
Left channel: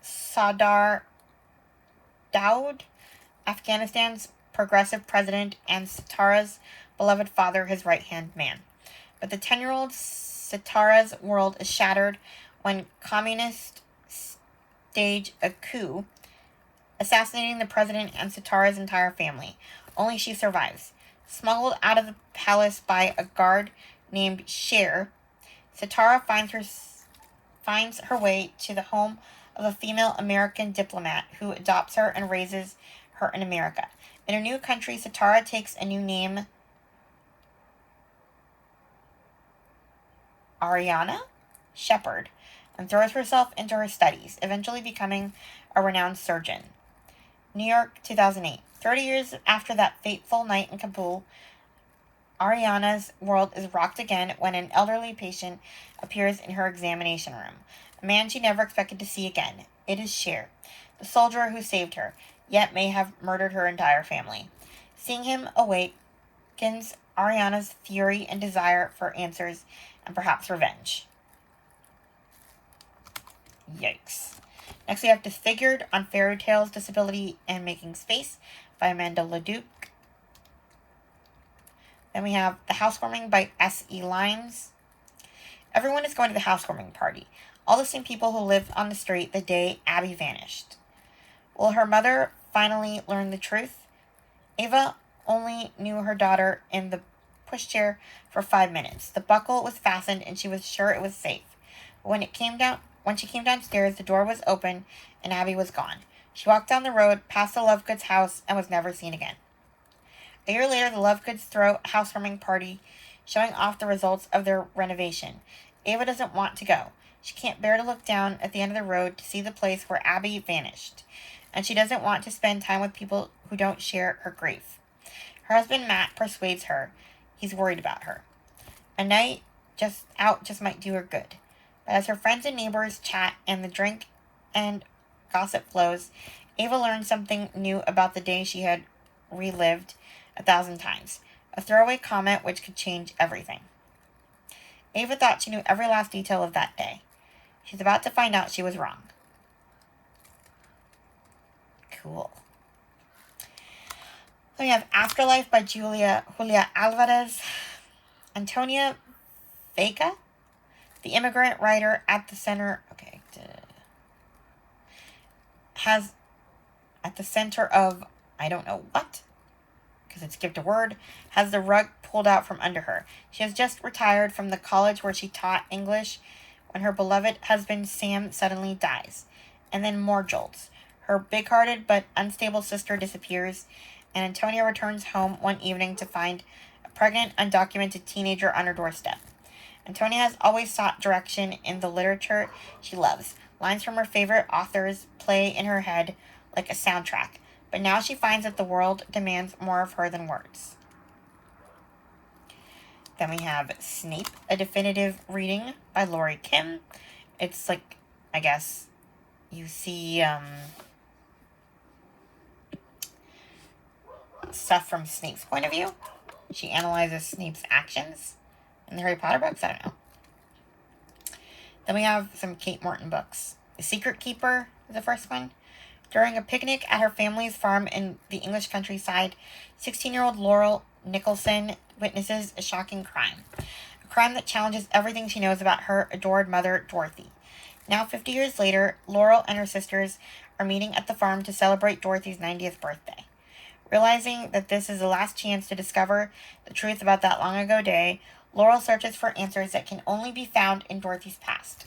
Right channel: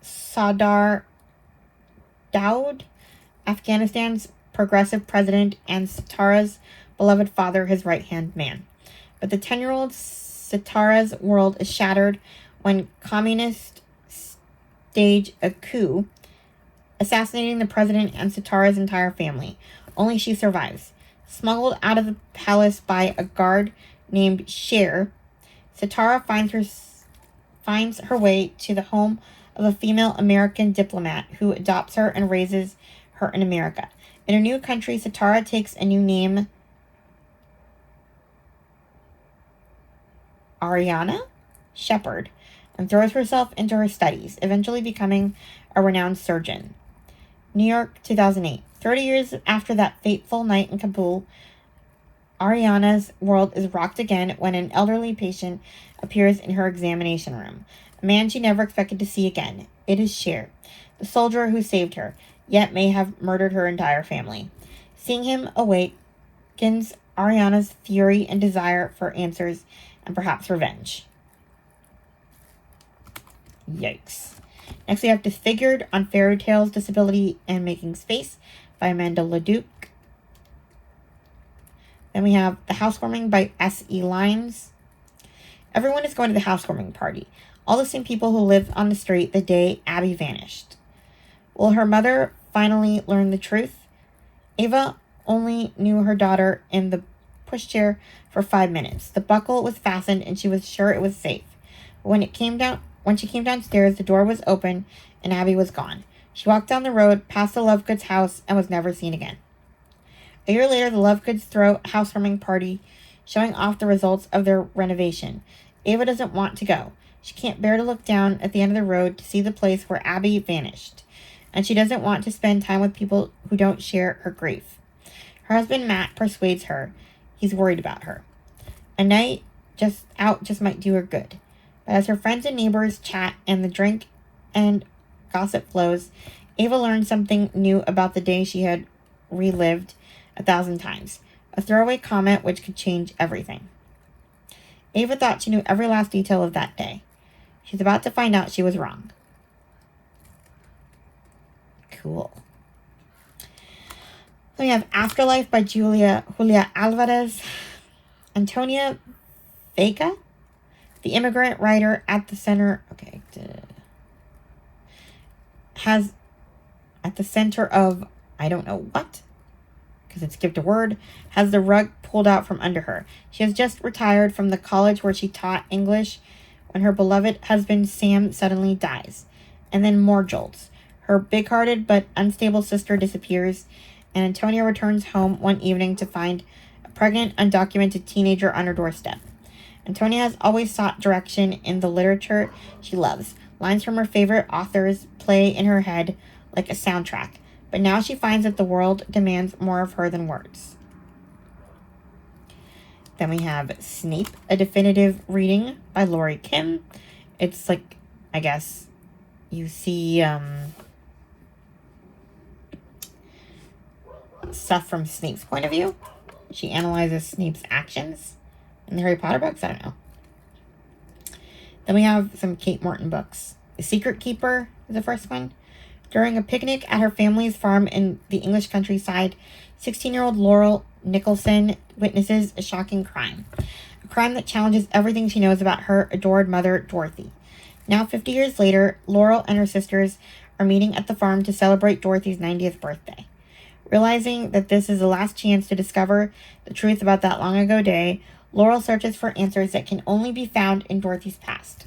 Sardar Daoud, Afghanistan's progressive president, and Sitara's beloved father, his right-hand man. But the 10-year-old Sitara's world is shattered when communists stage a coup, assassinating the president and Sitara's entire family. Only she survives. Smuggled out of the palace by a guard named Sher, Sitara finds her way to the home of a female American diplomat who adopts her and raises her in America. In her new country, Satara takes a new name, Ariana Shepard, and throws herself into her studies, eventually becoming a renowned surgeon. New York, 2008. 30 years after that fateful night in Kabul, Ariana's world is rocked again when an elderly patient appears in her examination room. A man she never expected to see again. It is Cher, the soldier who saved her, yet may have murdered her entire family. Seeing him awakens Ariana's fury and desire for answers and perhaps revenge. Yikes. Next we have Disfigured on Fairy Tales, Disability, and Making Space by Amanda Leduc. Then we have The Housewarming by S.E. Limes. Everyone is going to the housewarming party. All the same people who lived on the street the day Abby vanished. Will her mother finally learn the truth? Ava only knew her daughter in the pushchair for 5 minutes. The buckle was fastened and she was sure it was safe. When she came downstairs, the door was open and Abby was gone. She walked down the road, past the Lovegoods house, and was never seen again. A year later, the Lovegoods throw a housewarming party, showing off the results of their renovation. Ava doesn't want to go. She can't bear to look down at the end of the road to see the place where Abby vanished. And she doesn't want to spend time with people who don't share her grief. Her husband, Matt, persuades her. He's worried about her. A night out just might do her good. But as her friends and neighbors chat and the drink and gossip flows, Ava learns something new about the day she had relived 1,000 times. A throwaway comment which could change everything. Ava thought she knew every last detail of that day. She's about to find out she was wrong. Cool. Then we have Afterlife by Julia Alvarez. Antonia Vega, the immigrant writer at the center, has at the center of, I don't know what, because it skipped a word, has the rug pulled out from under her. She has just retired from the college where she taught English when her beloved husband Sam suddenly dies. And then more jolts. Her big-hearted but unstable sister disappears, and Antonia returns home one evening to find a pregnant, undocumented teenager on her doorstep. Antonia has always sought direction in the literature she loves. Lines from her favorite authors play in her head like a soundtrack, but now she finds that the world demands more of her than words. Then we have Snape, a definitive reading by Lori Kim. It's like, I guess, you see stuff from Snape's point of view. She analyzes Snape's actions in the Harry Potter books. I don't know. Then we have some Kate Morton books. The Secret Keeper is the first one. During a picnic at her family's farm in the English countryside, 16-year-old Laurel Nicholson witnesses a shocking crime. A crime that challenges everything she knows about her adored mother, Dorothy. Now, 50 years later, Laurel and her sisters are meeting at the farm to celebrate Dorothy's 90th birthday. Realizing that this is the last chance to discover the truth about that long ago day, Laurel searches for answers that can only be found in Dorothy's past.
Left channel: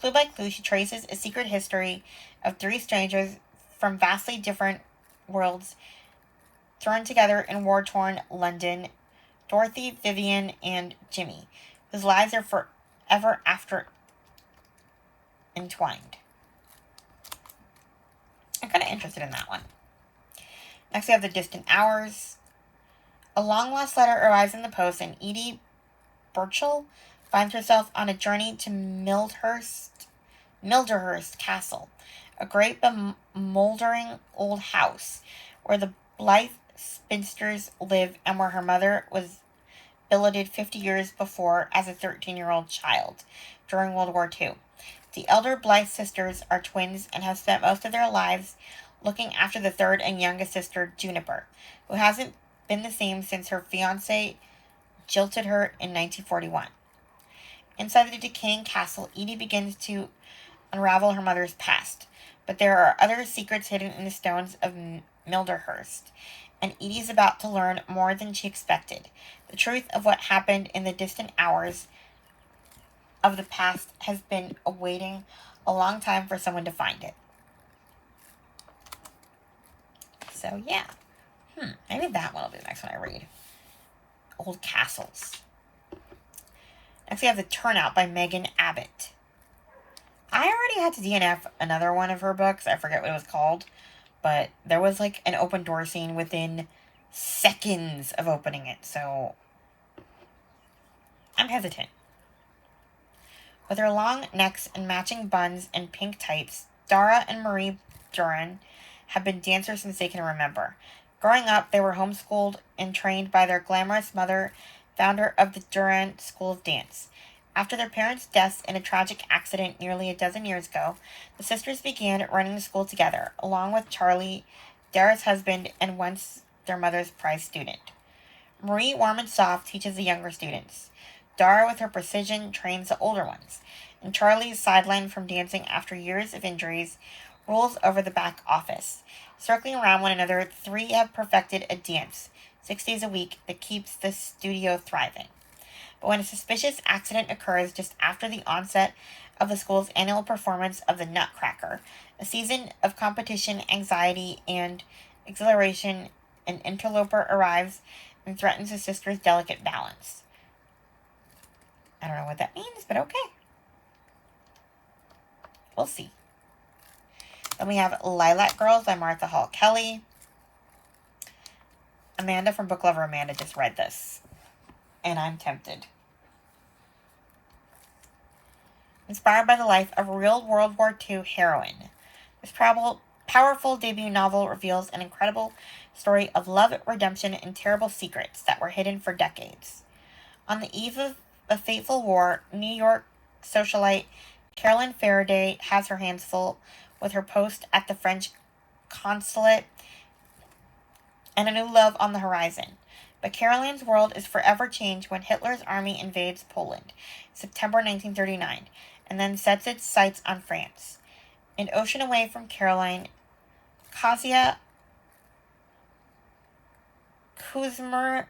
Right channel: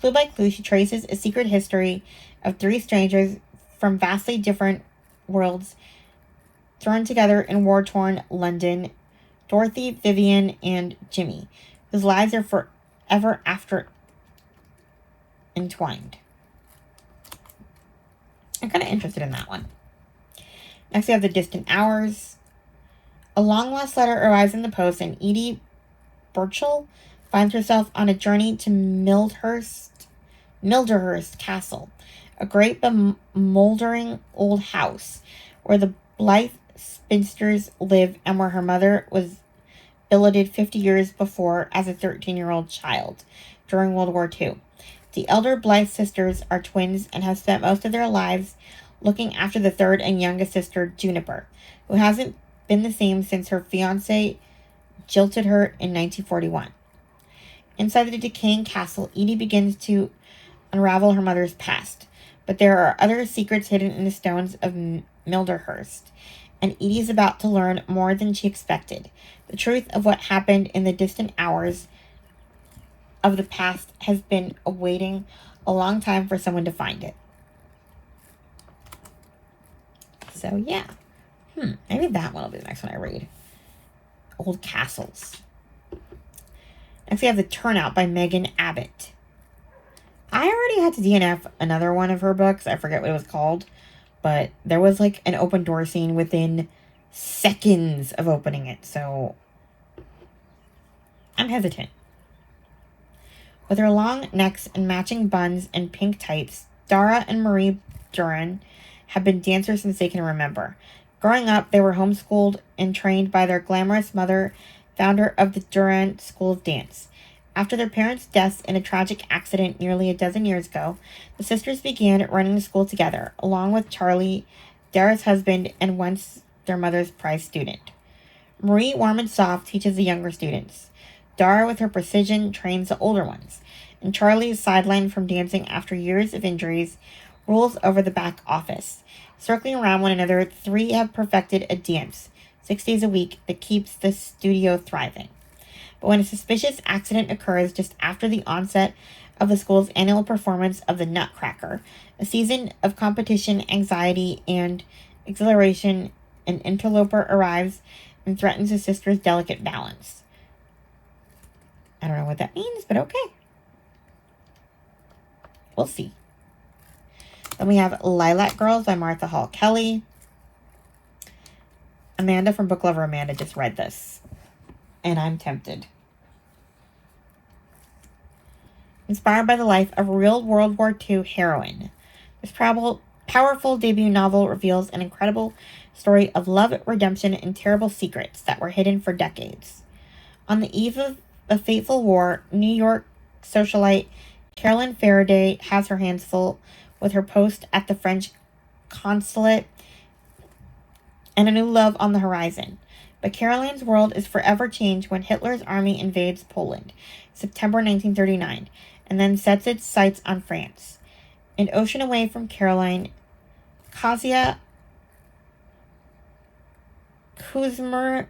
Clue by clue, she traces a secret history of 3 strangers from vastly different worlds thrown together in war-torn London: Dorothy, Vivian, and Jimmy, whose lives are forever after entwined. I'm kind of interested in that one. Next, we have The Distant Hours. A long-lost letter arrives in the post, and Edie Burchell finds herself on a journey to Milderhurst Castle, a great bemoldering old house where the Blythe spinsters live and where her mother was billeted 50 years before as a 13-year-old child during World War II. The elder Blythe sisters are twins and have spent most of their lives looking after the third and youngest sister, Juniper, who hasn't been the same since her fiancé jilted her in 1941. Inside the decaying castle, Edie begins to unravel her mother's past, but there are other secrets hidden in the stones of Milderhurst, and Edie is about to learn more than she expected. The truth of what happened in the distant hours of the past has been awaiting a long time for someone to find it. So, yeah. Maybe that one will be the next one I read. Old Castles. Next we have The Turnout by Megan Abbott. I already had to DNF another one of her books. I forget what it was called. But there was like an open door scene within seconds of opening it. So I'm hesitant. With her long necks and matching buns and pink tights, Dara and Marie Duran have been dancers since they can remember. Growing up, they were homeschooled and trained by their glamorous mother, founder of the Duran School of Dance. After their parents' deaths in a tragic accident nearly a dozen years ago, the sisters began running the school together, along with Charlie, Dara's husband, and once their mother's prized student. Marie, warm and soft, teaches the younger students. Dara, with her precision, trains the older ones. And Charlie, sidelined from dancing after years of injuries, rules over the back office. Circling around one another, three have perfected a dance, 6 days a week, that keeps the studio thriving. But when a suspicious accident occurs just after the onset of the school's annual performance of the Nutcracker, a season of competition, anxiety, and exhilaration, an interloper arrives and threatens the sisters' delicate balance. I don't know what that means, but okay. We'll see. Then we have Lilac Girls by Martha Hall Kelly. Amanda from Book Lover Amanda just read this, and I'm tempted. Inspired by the life of a real World War II heroine, this powerful debut novel reveals an incredible story of love, redemption, and terrible secrets that were hidden for decades. On the eve of a fateful war, New York socialite Carolyn Faraday has her hands full with her post at the French consulate and a new love on the horizon. But Caroline's world is forever changed when Hitler's army invades Poland, September 1939, and then sets its sights on France. An ocean away from Caroline, Kasia Kuzmarek,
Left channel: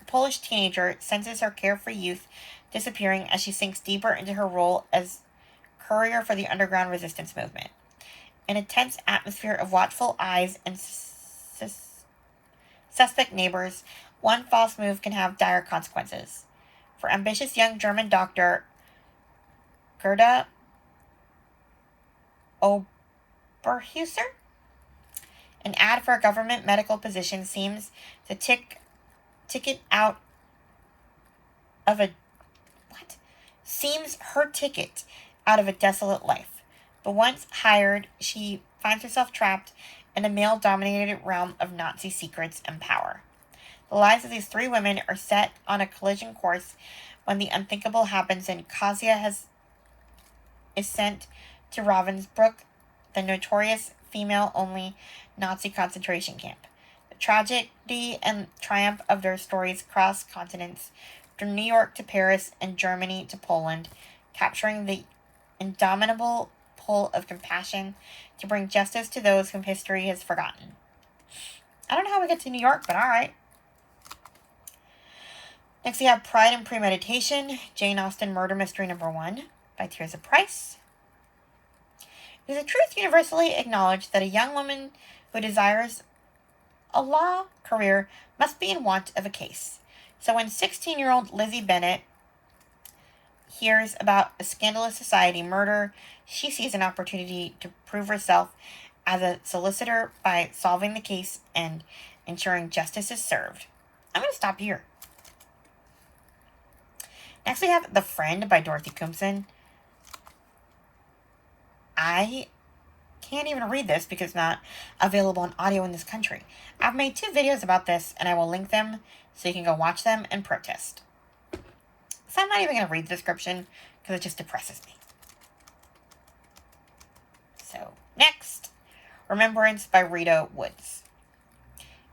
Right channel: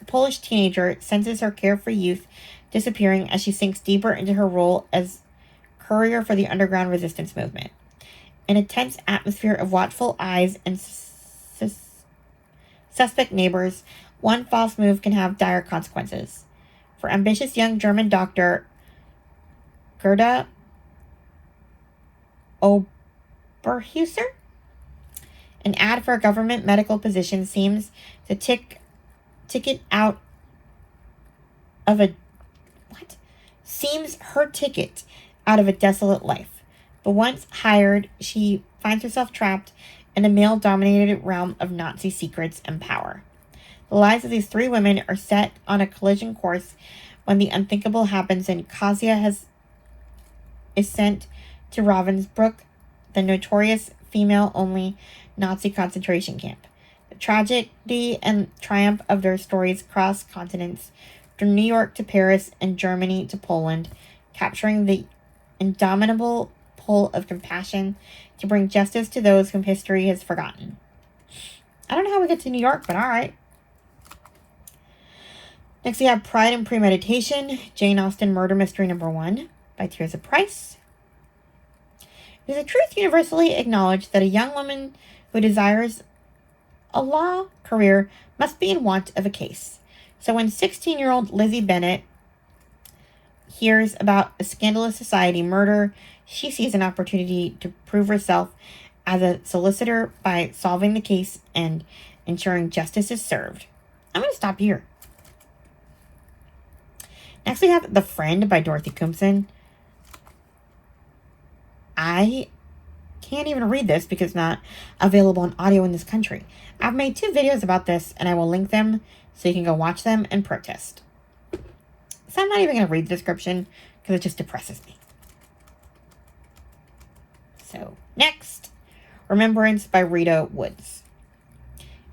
a Polish teenager, senses her carefree youth disappearing as she sinks deeper into her role as courier for the underground resistance movement. In a tense atmosphere of watchful eyes and suspect neighbors, one false move can have dire consequences. For ambitious young German doctor Gerda Oberhuser, an ad for a government medical position seems to seems her ticket out of a desolate life. But once hired, she finds herself trapped in a male-dominated realm of Nazi secrets and power. The lives of these three women are set on a collision course when the unthinkable happens and Kasia is sent to Ravensbrück, the notorious female-only Nazi concentration camp. The tragedy and triumph of their stories cross continents, from New York to Paris and Germany to Poland, capturing the indomitable pull of compassion to bring justice to those whom history has forgotten. I don't know how we get to New York, but all right. Next, we have Pride and Premeditation, Jane Austen Murder Mystery #1 by Tirza Price. It is a truth universally acknowledged that a young woman who desires a law career must be in want of a case. So when 16-year-old Lizzie Bennet hears about a scandalous society murder, she sees an opportunity to prove herself as a solicitor by solving the case and ensuring justice is served. I'm going to stop here. Next, we have The Friend by Dorothy Cumpson. I can't even read this because it's not available on audio in this country. I've made 2 videos about this, and I will link them so you can go watch them and protest. So I'm not even going to read the description because it just depresses me. So, next, Remembrance by Rita Woods.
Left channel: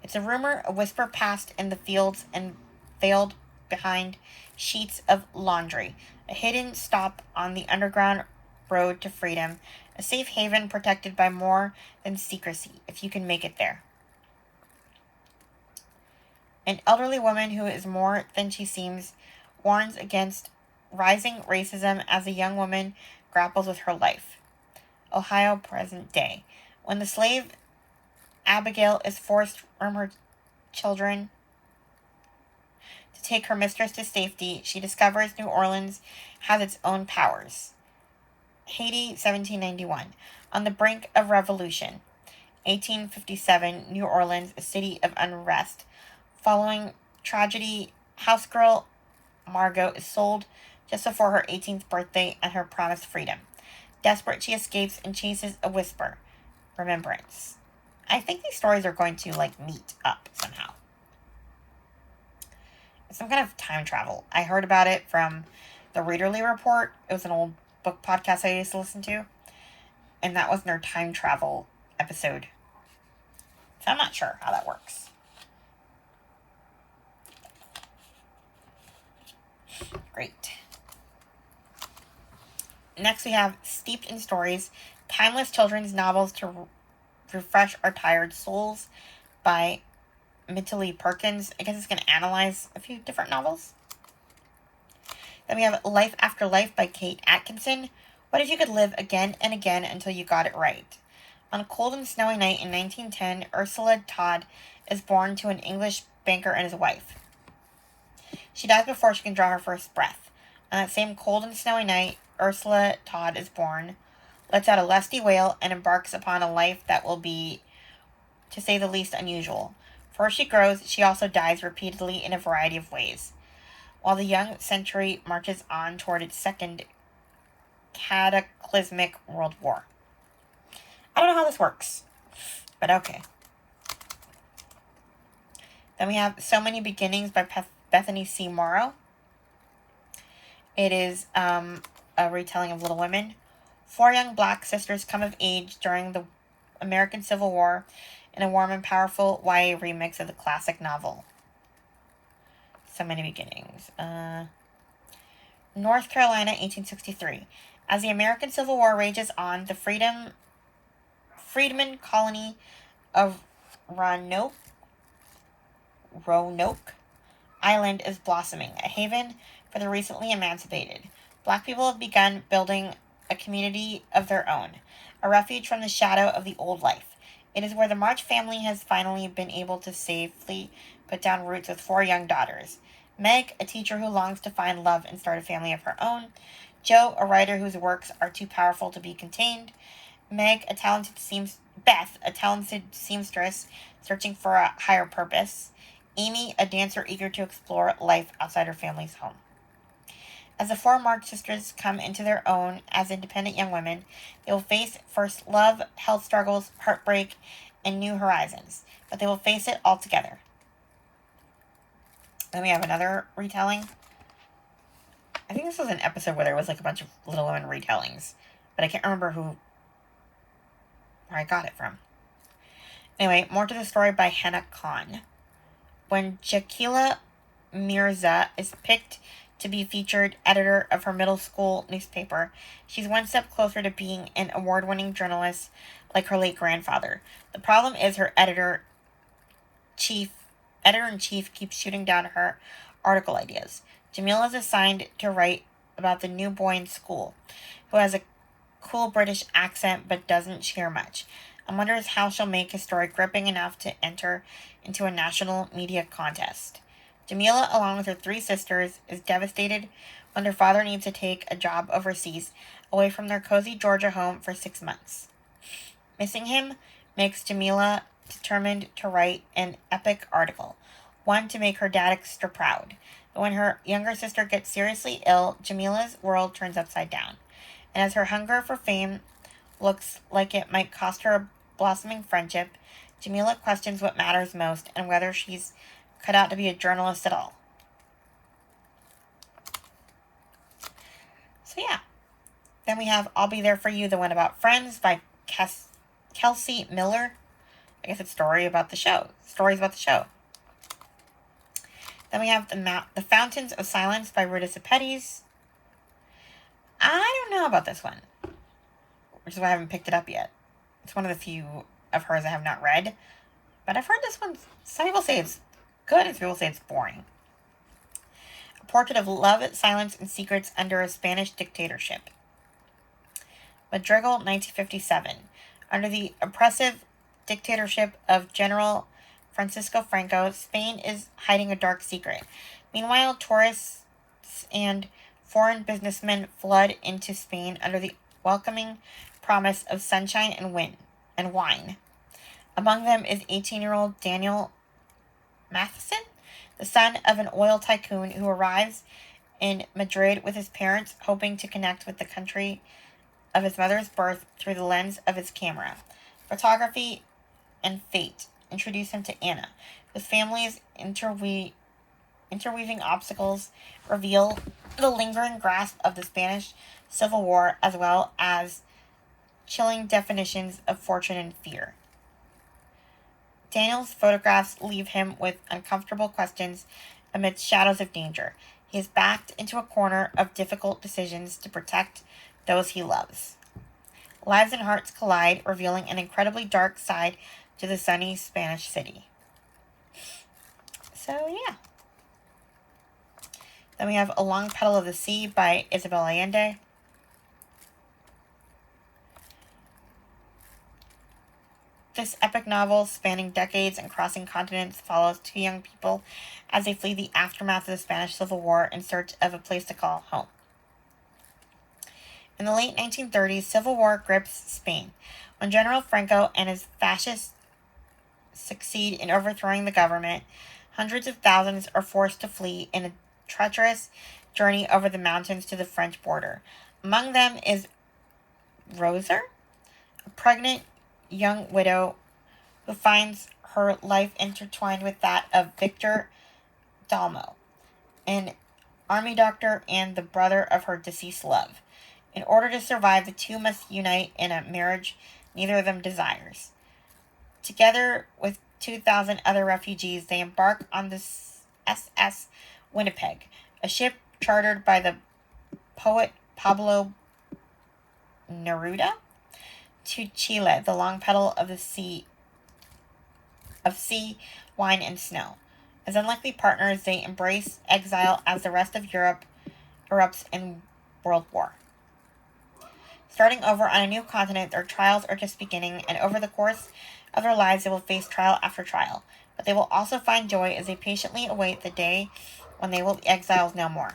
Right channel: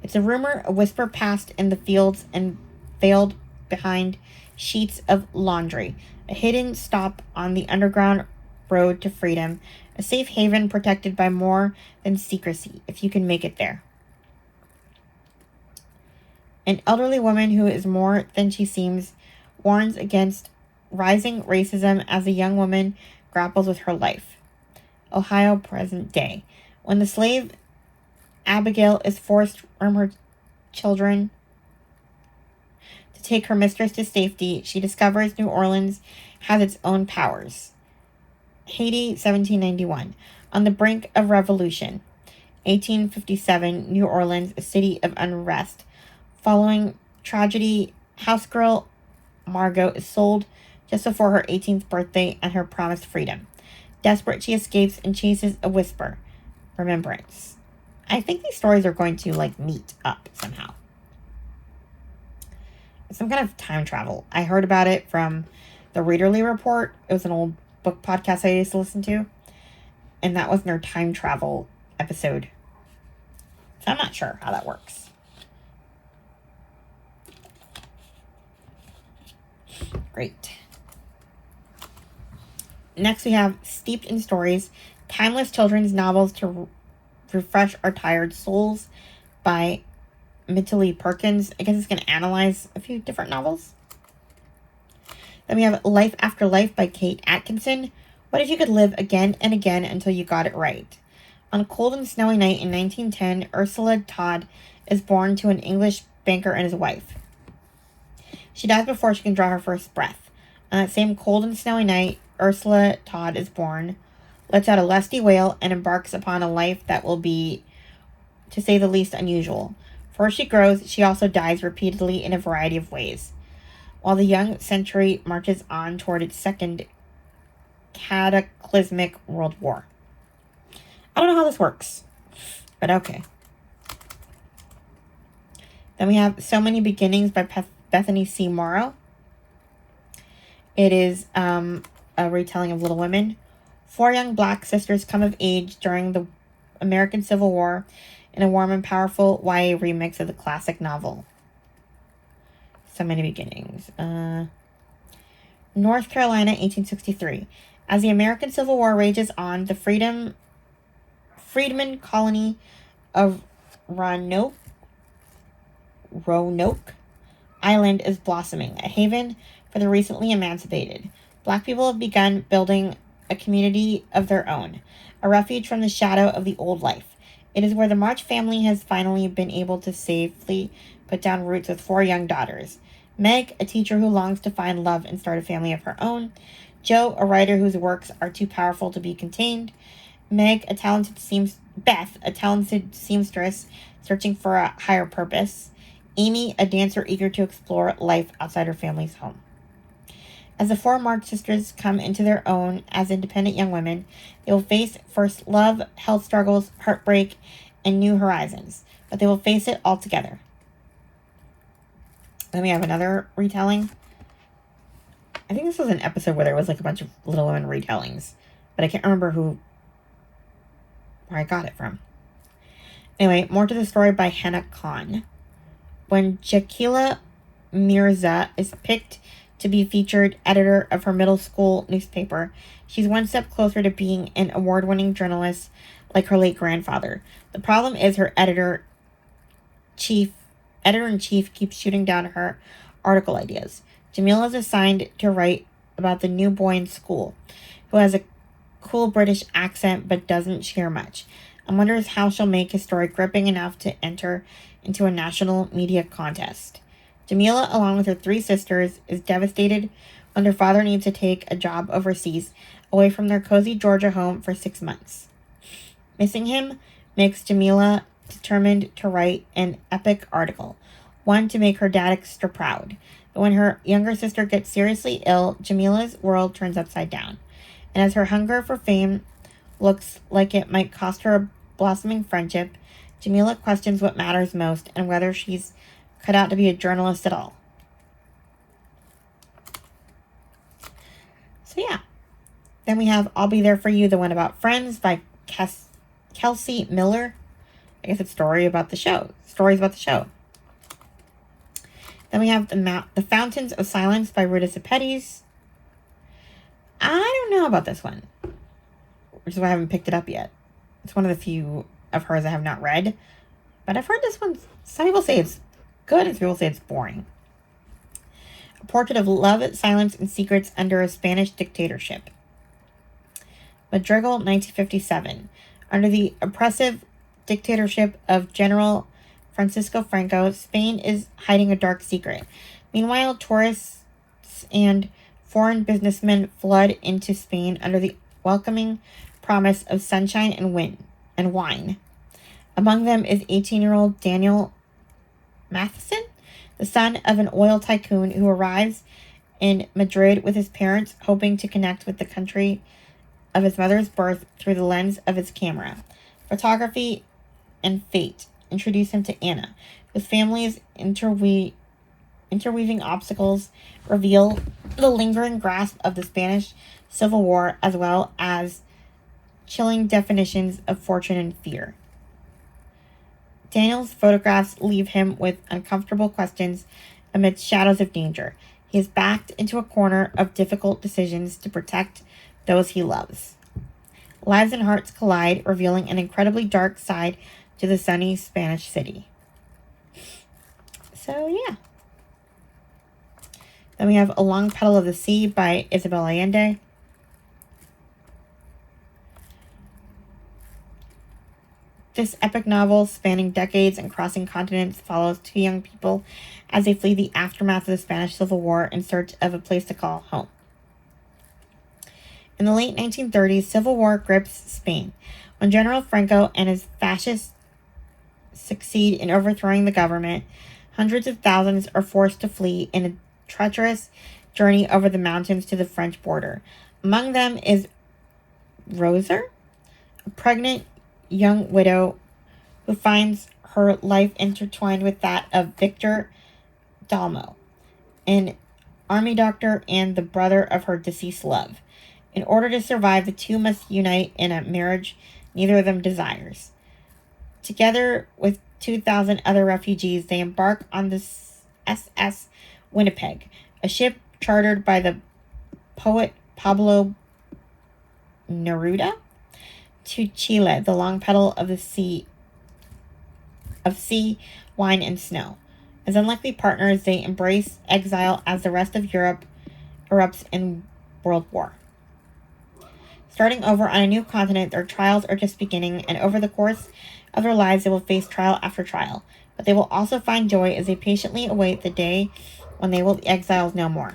It's a rumor, a whisper passed in the fields and veiled behind sheets of laundry, a hidden stop on the underground road to freedom, a safe haven protected by more than secrecy, if you can make it there. An elderly woman who is more than she seems warns against rising racism as a young woman grapples with her life. Ohio, present day. When the slave Abigail is forced from her children to take her mistress to safety, she discovers New Orleans has its own powers. Haiti, 1791. On the brink of revolution. 1857, New Orleans, a city of unrest. Following tragedy, housegirl Margot is sold just before her 18th birthday and her promised freedom. Desperate, she escapes and chases a whisper. Remembrance. I think these stories are going to, meet up somehow. Some kind of time travel. I heard about it from the Readerly Report. It was an old book podcast I used to listen to. And that was their time travel episode. So I'm not sure how that works. Great. Next we have Steeped in Stories, Timeless Children's Novels to Refresh Our Tired Souls by Mitali Perkins. I guess it's going to analyze a few different novels. Then we have Life After Life by Kate Atkinson. What if you could live again and again until you got it right? On a cold and snowy night in 1910, Ursula Todd is born to an English banker and his wife. She dies before she can draw her first breath. On that same cold and snowy night, Ursula Todd is born, lets out a lusty wail, and embarks upon a life that will be, to say the least, unusual. For as she grows, she also dies repeatedly in a variety of ways, while the young century marches on toward its second cataclysmic world war. I don't know how this works, but okay. Then we have So Many Beginnings by Bethany C. Morrow. It is a retelling of Little Women. 4 young black sisters come of age during the American Civil War in a warm and powerful YA remix of the classic novel. So Many Beginnings. North Carolina, 1863. As the American Civil War rages on, the freedman colony of Roanoke Island is blossoming, a haven for the recently emancipated. Black people have begun building a community of their own, a refuge from the shadow of the old life. It is where the March family has finally been able to safely put down roots with 4 young daughters. Meg, a teacher who longs to find love and start a family of her own. Jo, a writer whose works are too powerful to be contained. Beth, a talented seamstress searching for a higher purpose. Amy, a dancer eager to explore life outside her family's home. As the 4 March sisters come into their own as independent young women, they will face first love, health struggles, heartbreak, and new horizons. But they will face it all together. Then we have another retelling. I think this was an episode where there was a bunch of Little Women retellings. But I can't remember where I got it from. Anyway, more to the story by Hannah Khan. When Jakila Mirza is picked to be featured editor of her middle school newspaper, she's one step closer to being an award-winning journalist like her late grandfather. The problem is her editor-in-chief keeps shooting down her article ideas. Jamila is assigned to write about the new boy in school, who has a cool British accent but doesn't share much, and wonders how she'll make his story gripping enough to enter into a national media contest. Jamila, along with her 3 sisters, is devastated when their father needs to take a job overseas, away from their cozy Georgia home for 6 months. Missing him makes Jamila determined to write an epic article, one to make her dad extra proud. But when her younger sister gets seriously ill, Jamila's world turns upside down. And as her hunger for fame looks like it might cost her a blossoming friendship, Jamila questions what matters most and whether she's cut out to be a journalist at all. So yeah. Then we have I'll Be There For You, the one about friends by Kelsey Miller. I guess it's stories about the show. Then we have The Fountains of Silence by Ruta Sepetys. I don't know about this one, which is why I haven't picked it up yet. It's one of the few of hers I have not read, but I've heard this one. Some people say it's good, and some people say it's boring. portrait of love, silence, and secrets under a Spanish dictatorship. Madrigal, 1957. Under the oppressive dictatorship of General Francisco Franco, Spain is hiding a dark secret. Meanwhile, tourists and foreign businessmen flood into Spain under the welcoming promise of sunshine and wine. Among them is 18-year-old Daniel Matheson, the son of an oil tycoon who arrives in Madrid with his parents, hoping to connect with the country of his mother's birth through the lens of his camera. Photography and fate introduce him to Anna, whose family's interweaving obstacles reveal the lingering grasp of the Spanish Civil War, as well as chilling definitions of fortune and fear. Daniel's photographs leave him with uncomfortable questions amidst shadows of danger. He is backed into a corner of difficult decisions to protect those he loves. Lives and hearts collide, revealing an incredibly dark side to the sunny Spanish city. So, yeah. Then we have A Long Petal of the Sea by Isabel Allende. This epic novel, spanning decades and crossing continents, follows two young people as they flee the aftermath of the Spanish Civil War in search of a place to call home. In the late 1930s, civil war grips Spain. When General Franco and his fascists succeed in overthrowing the government, hundreds of thousands are forced to flee in a treacherous journey over the mountains to the French border. Among them is Rosa, a pregnant young widow who finds her life intertwined with that of Victor Dalmo, an army doctor and the brother of her deceased love. In order to survive, the two must unite in a marriage neither of them desires. Together with 2,000 other refugees, they embark on the SS Winnipeg, a ship chartered by the poet Pablo Neruda, to Chile, the long petal of the sea, wine, and snow. As unlikely partners, they embrace exile as the rest of Europe erupts in World War. Starting over on a new continent, their trials are just beginning, and over the course of their lives, they will face trial after trial. But they will also find joy as they patiently await the day when they will be exiles no more.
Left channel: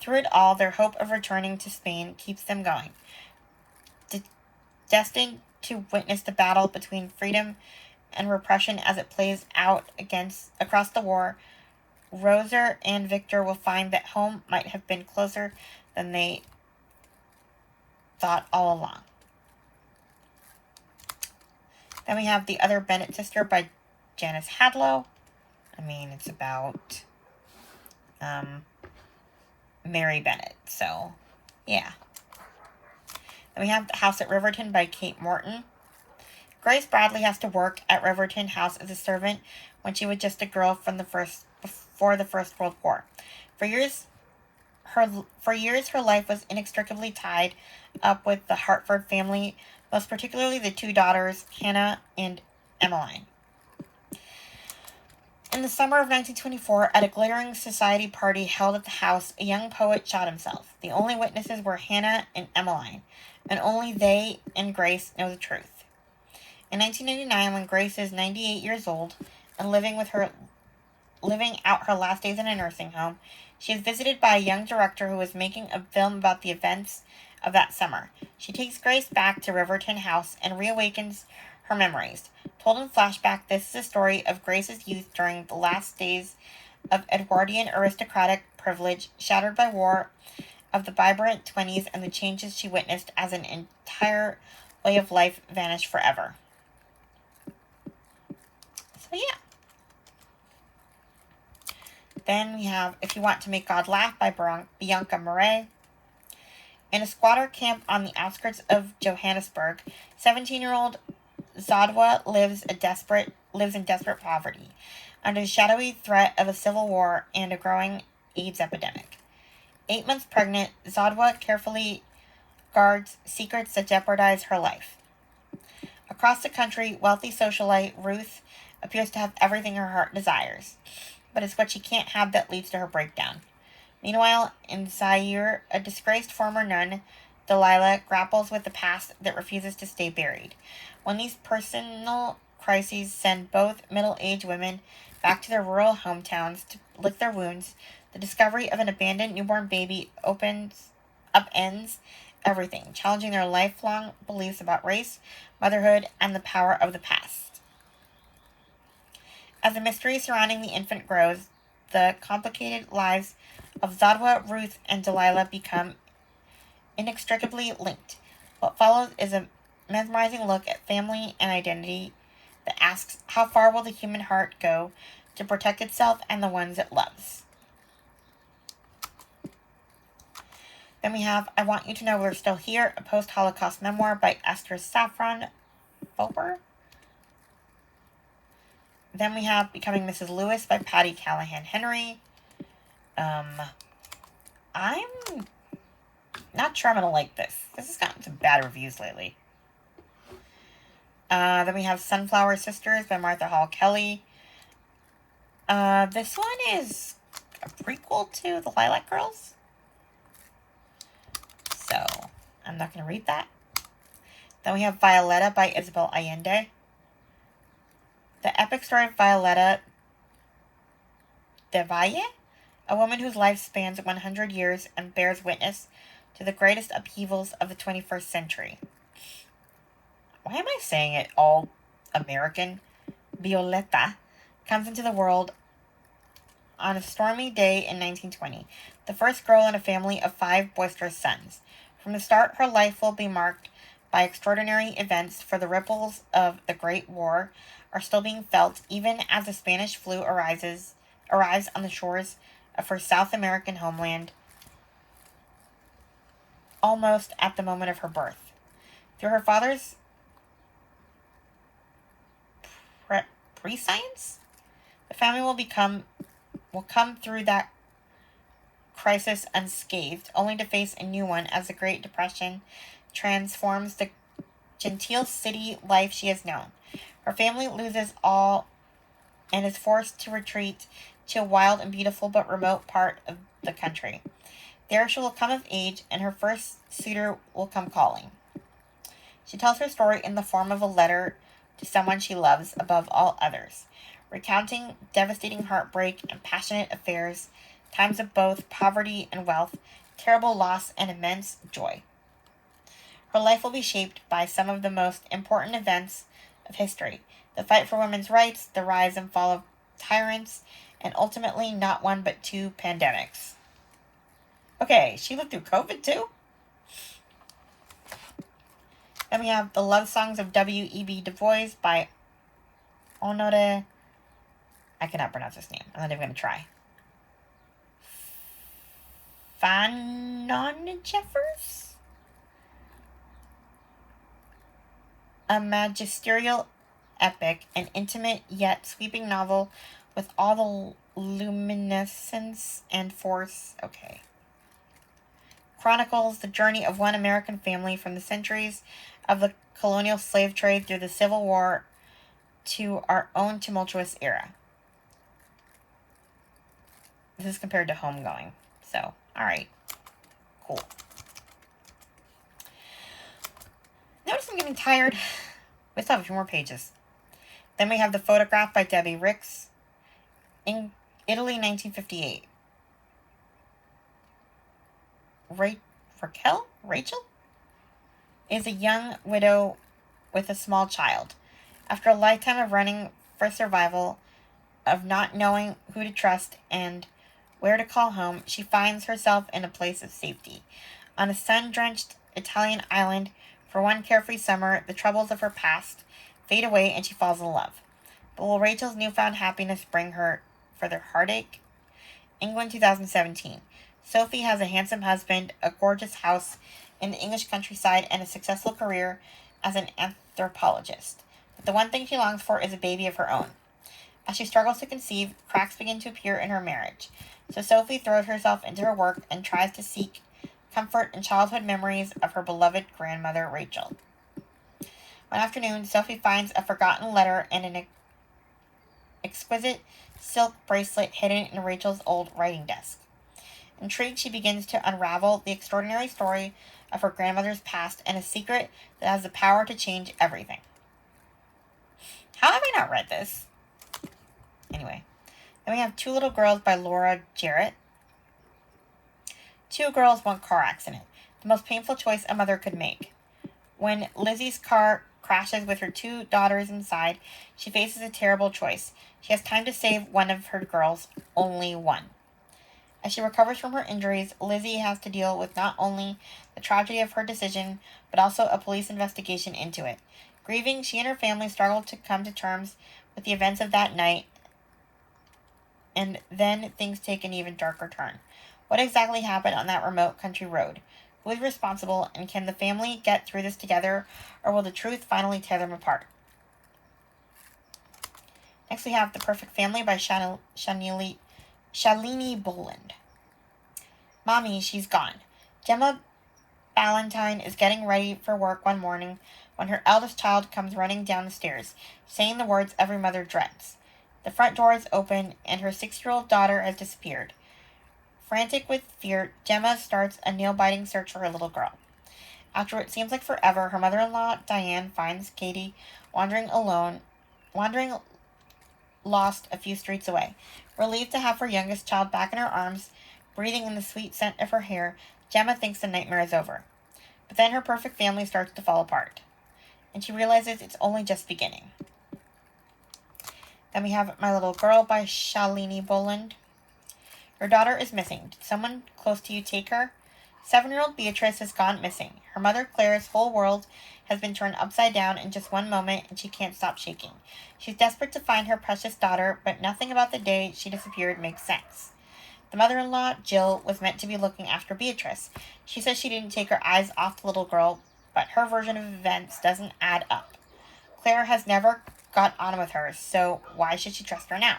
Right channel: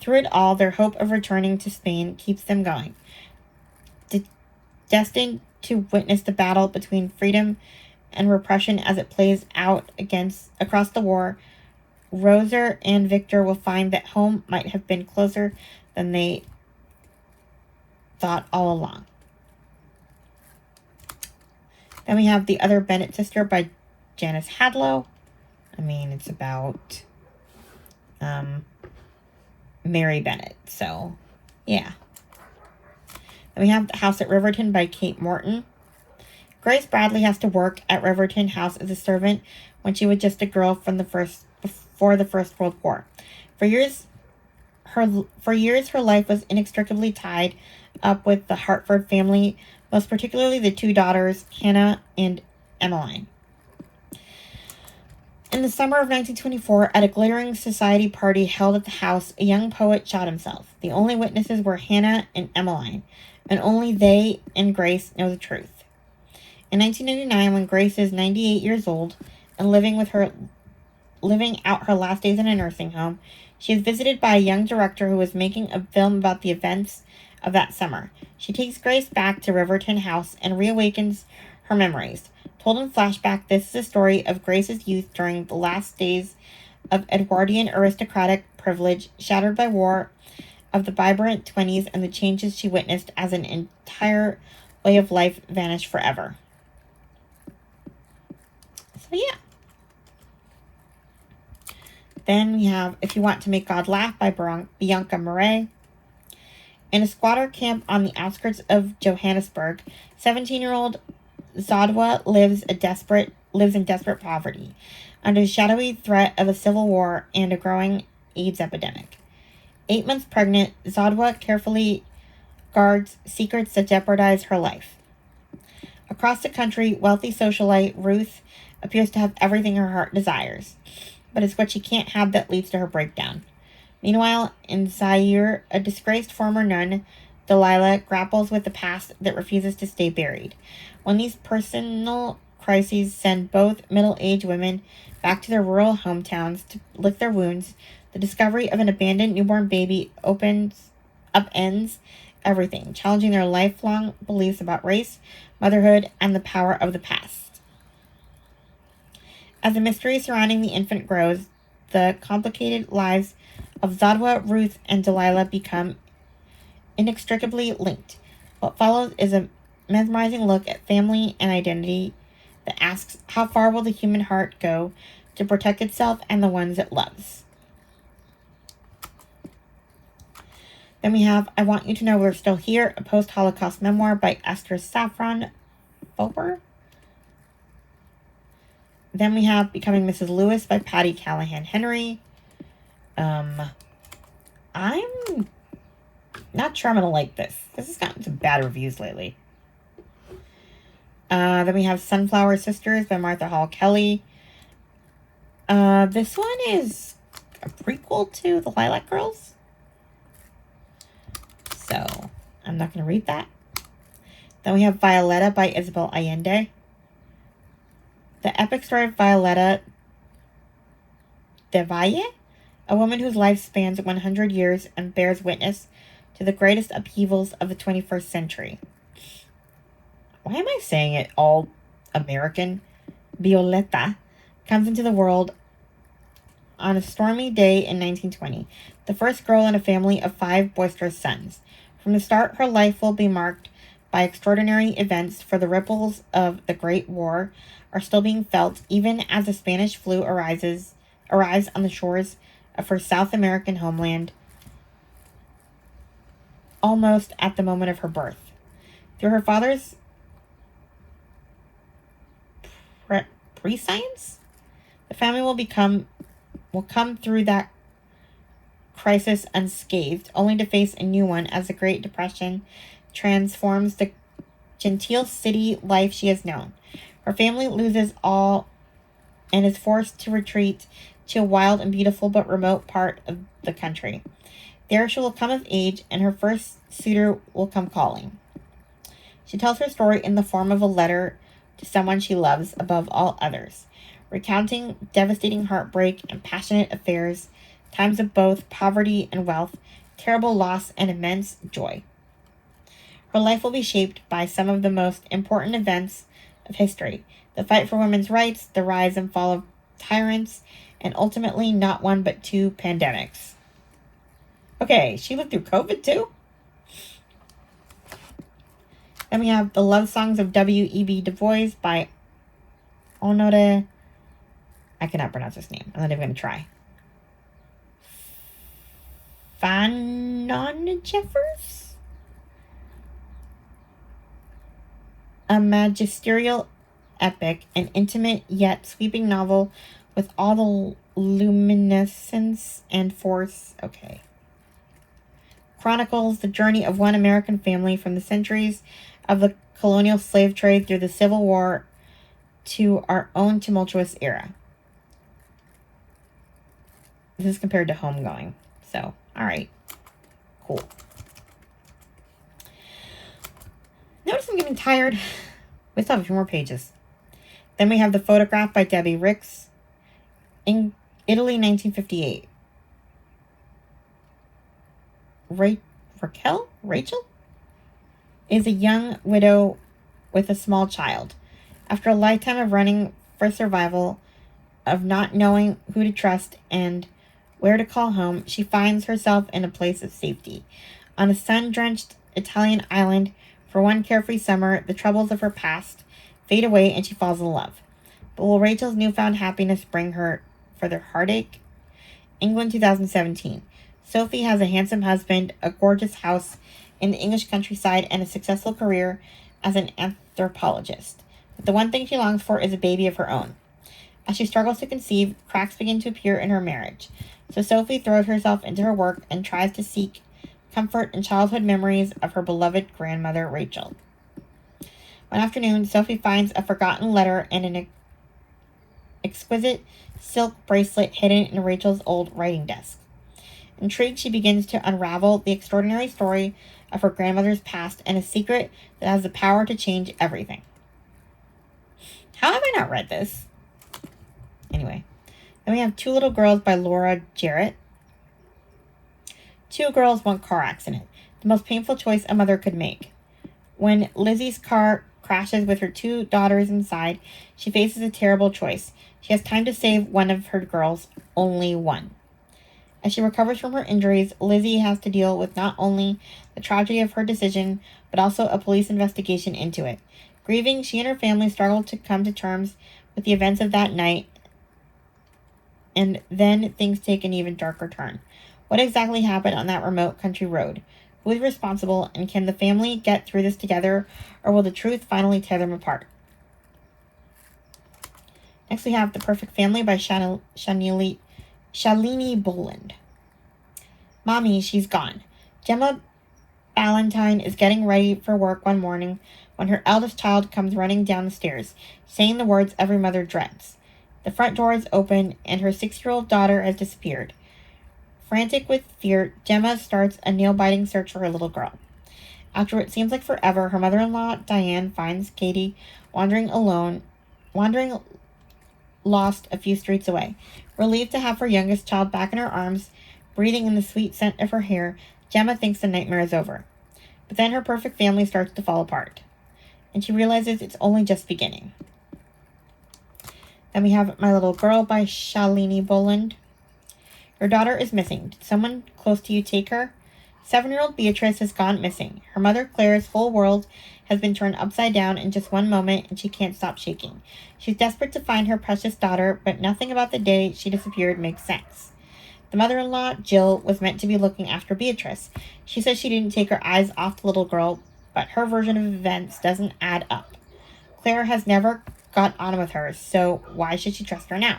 Through it all, their hope of returning to Spain keeps them going. Destined to witness the battle between freedom and repression as it plays out across the war, Rosa and Victor will find that home might have been closer than they thought all along. Then we have The Other Bennett Sister by Janice Hadlow. It's about Mary Bennett, so yeah. Then we have The House at Riverton by Kate Morton. Grace Bradley has to work at Riverton House as a servant when she was just a girl before the First World War. For years, her life was inextricably tied up with the Hartford family, most particularly the two daughters, Hannah and Emmeline. In the summer of 1924, at a glittering society party held at the house, a young poet shot himself. The only witnesses were Hannah and Emmeline, and only they and Grace know the truth. In 1999, when Grace is 98 years old and living out her last days in a nursing home, she is visited by a young director who is making a film about the events of that summer. She takes Grace back to Riverton House and reawakens her memories. Told in flashback, this is a story of Grace's youth during the last days of Edwardian aristocratic privilege, shattered by war, of the vibrant 20s, and the changes she witnessed as an entire way of life vanished forever. So yeah. Then we have If You Want to Make God Laugh by Bianca Murray. In a squatter camp on the outskirts of Johannesburg, 17-year-old Zodwa lives in desperate poverty, under the shadowy threat of a civil war and a growing AIDS epidemic. 8 months pregnant, Zodwa carefully guards secrets that jeopardize her life. Across the country, wealthy socialite Ruth appears to have everything her heart desires. but it's what she can't have that leads to her breakdown. Meanwhile, in Zaire, a disgraced former nun, Delilah, grapples with the past that refuses to stay buried. When these personal crises send both middle-aged women back to their rural hometowns to lick their wounds, the discovery of an abandoned newborn baby upends everything, challenging their lifelong beliefs about race, motherhood, and the power of the past. As the mystery surrounding the infant grows, the complicated lives of Zadwa, Ruth, and Delilah become inextricably linked. What follows is a mesmerizing look at family and identity that asks, how far will the human heart go to protect itself and the ones it loves? Then we have I Want You to Know We're Still Here, a post-Holocaust memoir by Esther Saffron Foper. Then we have Becoming Mrs. Lewis by Patty Callahan Henry. I'm not sure I'm going to like this. This has gotten some bad reviews lately. Then we have Sunflower Sisters by Martha Hall Kelly. This one is a prequel to The Lilac Girls. So, I'm not going to read that. Then we have Violetta by Isabel Allende. The epic story of Violetta de Valle, a woman whose life spans 100 years and bears witness to the greatest upheavals of the 21st century. Why am I saying it all American? Violetta comes into the world on a stormy day in 1920, the first girl in a family of 5 boisterous sons. From the start, her life will be marked by extraordinary events, for the ripples of the Great War are still being felt, even as the Spanish flu arrives on the shores of her South American homeland, almost at the moment of her birth. Through her father's prescience, the family will come through that crisis unscathed, only to face a new one as the Great Depression transforms the genteel city life she has known. Her family loses all and is forced to retreat to a wild and beautiful but remote part of the country. There she will come of age, and her first suitor will come calling. She tells her story in the form of a letter to someone she loves above all others, recounting devastating heartbreak and passionate affairs, times of both poverty and wealth, terrible loss and immense joy. Her life will be shaped by some of the most important events of history: the fight for women's rights, the rise and fall of tyrants, and ultimately not one but 2 pandemics. Okay, she lived through COVID too? Then we have The Love Songs of W.E.B. Du Bois by Honore. I cannot pronounce his name. I'm not even going to try. Fanon Jeffers? A magisterial epic, an intimate yet sweeping novel with all the luminescence and force. Okay. Chronicles the journey of one American family from the centuries of the colonial slave trade through the Civil War to our own tumultuous era. This is compared to Homegoing. So, alright. Cool. Notice I'm getting tired. We still have a few more pages. Then we have The Photograph by Debbie Ricks. In Italy, 1958. Rachel is a young widow with a small child. After a lifetime of running for survival, of not knowing who to trust and where to call home, she finds herself in a place of safety. On a sun-drenched Italian island, for one carefree summer, the troubles of her past fade away and she falls in love. But will Rachel's newfound happiness bring her further heartache? England, 2017. Sophie has a handsome husband, a gorgeous house in the English countryside, and a successful career as an anthropologist. But the one thing she longs for is a baby of her own. As she struggles to conceive, cracks begin to appear in her marriage. So Sophie throws herself into her work and tries to seek comfort in childhood memories of her beloved grandmother, Rachel. One afternoon, Sophie finds a forgotten letter and an exquisite silk bracelet hidden in Rachel's old writing desk. Intrigued, she begins to unravel the extraordinary story of her grandmother's past and a secret that has the power to change everything. How have I not read this? Anyway, then we have Two Little Girls by Laura Jarrett. Two girls, one car accident. The most painful choice a mother could make. When Lizzie's car crashes with her two daughters inside, she faces a terrible choice. She has time to save one of her girls, only one. As she recovers from her injuries, Lizzie has to deal with not only the tragedy of her decision, but also a police investigation into it. Grieving, she and her family struggle to come to terms with the events of that night, and then things take an even darker turn. What exactly happened on that remote country road? Who is responsible, and can the family get through this together, or will the truth finally tear them apart? Next we have The Perfect Family by Shalini Boland. Mommy, she's gone. Gemma Ballantyne is getting ready for work one morning when her eldest child comes running down the stairs, saying the words every mother dreads. The front door is open, and her 6-year-old daughter has disappeared. Frantic with fear, Gemma starts a nail-biting search for her little girl. After what seems like forever, her mother-in-law, Diane, finds Katie wandering lost a few streets away. Relieved to have her youngest child back in her arms, breathing in the sweet scent of her hair, Gemma thinks the nightmare is over. But then her perfect family starts to fall apart, and she realizes it's only just beginning. Then we have My Little Girl by Shalini Boland. Your daughter is missing. Did someone close to you take her? 7-year-old Beatrice has gone missing. Her mother, Claire's whole world has been turned upside down in just one moment, and she can't stop shaking. She's desperate to find her precious daughter, but nothing about the day she disappeared makes sense. The mother-in-law, Jill, was meant to be looking after Beatrice. She says she didn't take her eyes off the little girl, but her version of events doesn't add up. Claire has never got on with her, so why should she trust her now?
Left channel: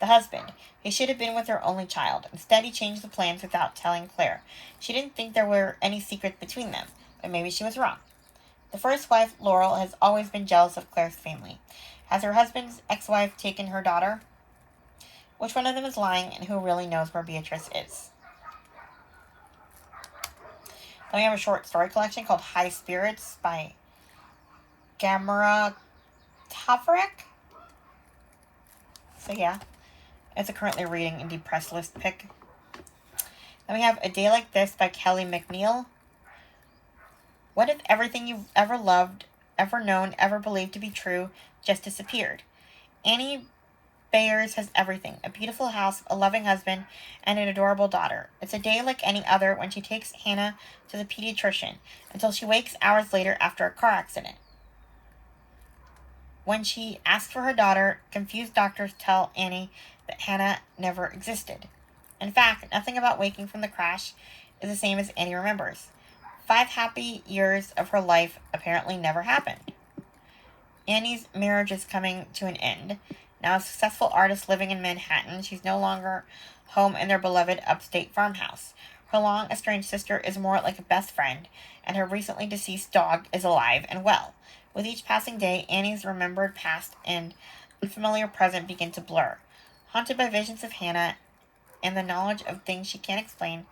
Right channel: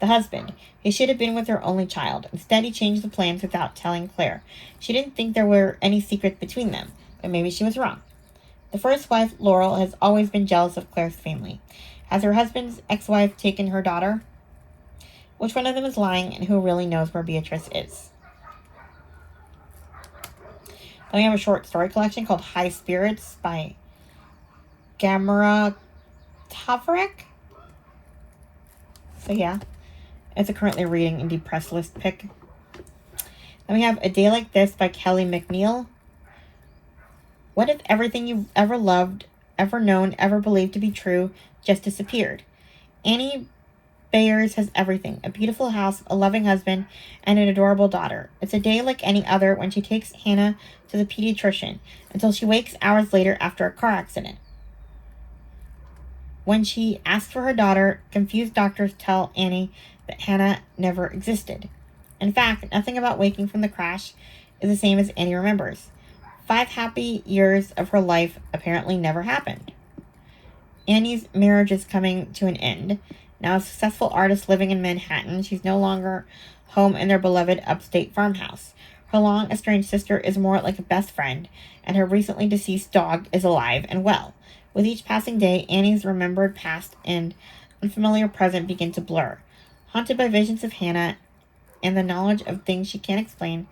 The husband. He should have been with her only child. Instead, he changed the plans without telling Claire. She didn't think there were any secrets between them, but maybe she was wrong. The first wife, Laurel, has always been jealous of Claire's family. Has her husband's ex-wife taken her daughter? Which one of them is lying, and who really knows where Beatrice is? Then we have a short story collection called High Spirits by Gamera Tavarek. So yeah, it's a currently reading and depressed list pick. Then we have A Day Like This by Kelly McNeil. What if everything you've ever loved, ever known, ever believed to be true just disappeared? Annie Bayers has everything. A beautiful house, a loving husband, and an adorable daughter. It's a day like any other when she takes Hannah to the pediatrician, until she wakes hours later after a car accident. When she asks for her daughter, confused doctors tell Annie that Hannah never existed. In fact, nothing about waking from the crash is the same as Annie remembers. 5 happy years of her life apparently never happened. Annie's marriage is coming to an end. Now a successful artist living in Manhattan, she's no longer home in their beloved upstate farmhouse. Her long-estranged sister is more like a best friend, and her recently deceased dog is alive and well. With each passing day, Annie's remembered past and unfamiliar present begin to blur. Haunted by visions of Hannah and the knowledge of things she can't explain,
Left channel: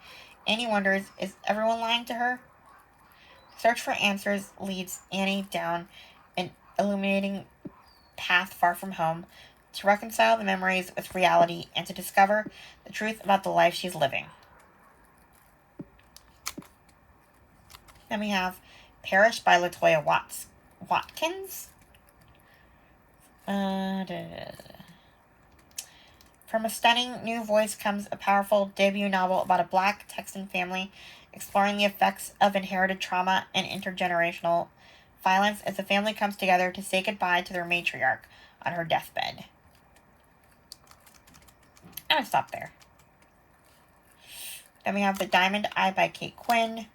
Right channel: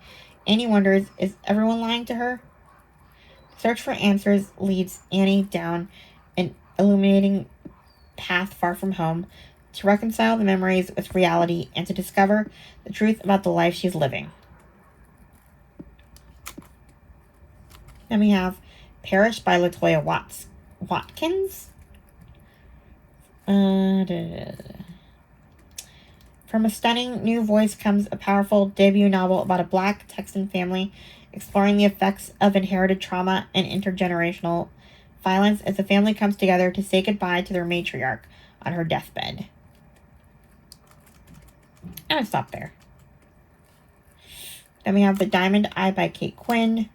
Annie wonders, is everyone lying to her? Search for answers leads Annie down an illuminating path far from home to reconcile the memories with reality and to discover the truth about the life she's living. Then we have Parish by Latoya Watkins. From a stunning new voice comes a powerful debut novel about a Black Texan family exploring the effects of inherited trauma and intergenerational violence as the family comes together to say goodbye to their matriarch on her deathbed. I'm going to stop there. Then we have The Diamond Eye by Kate Quinn.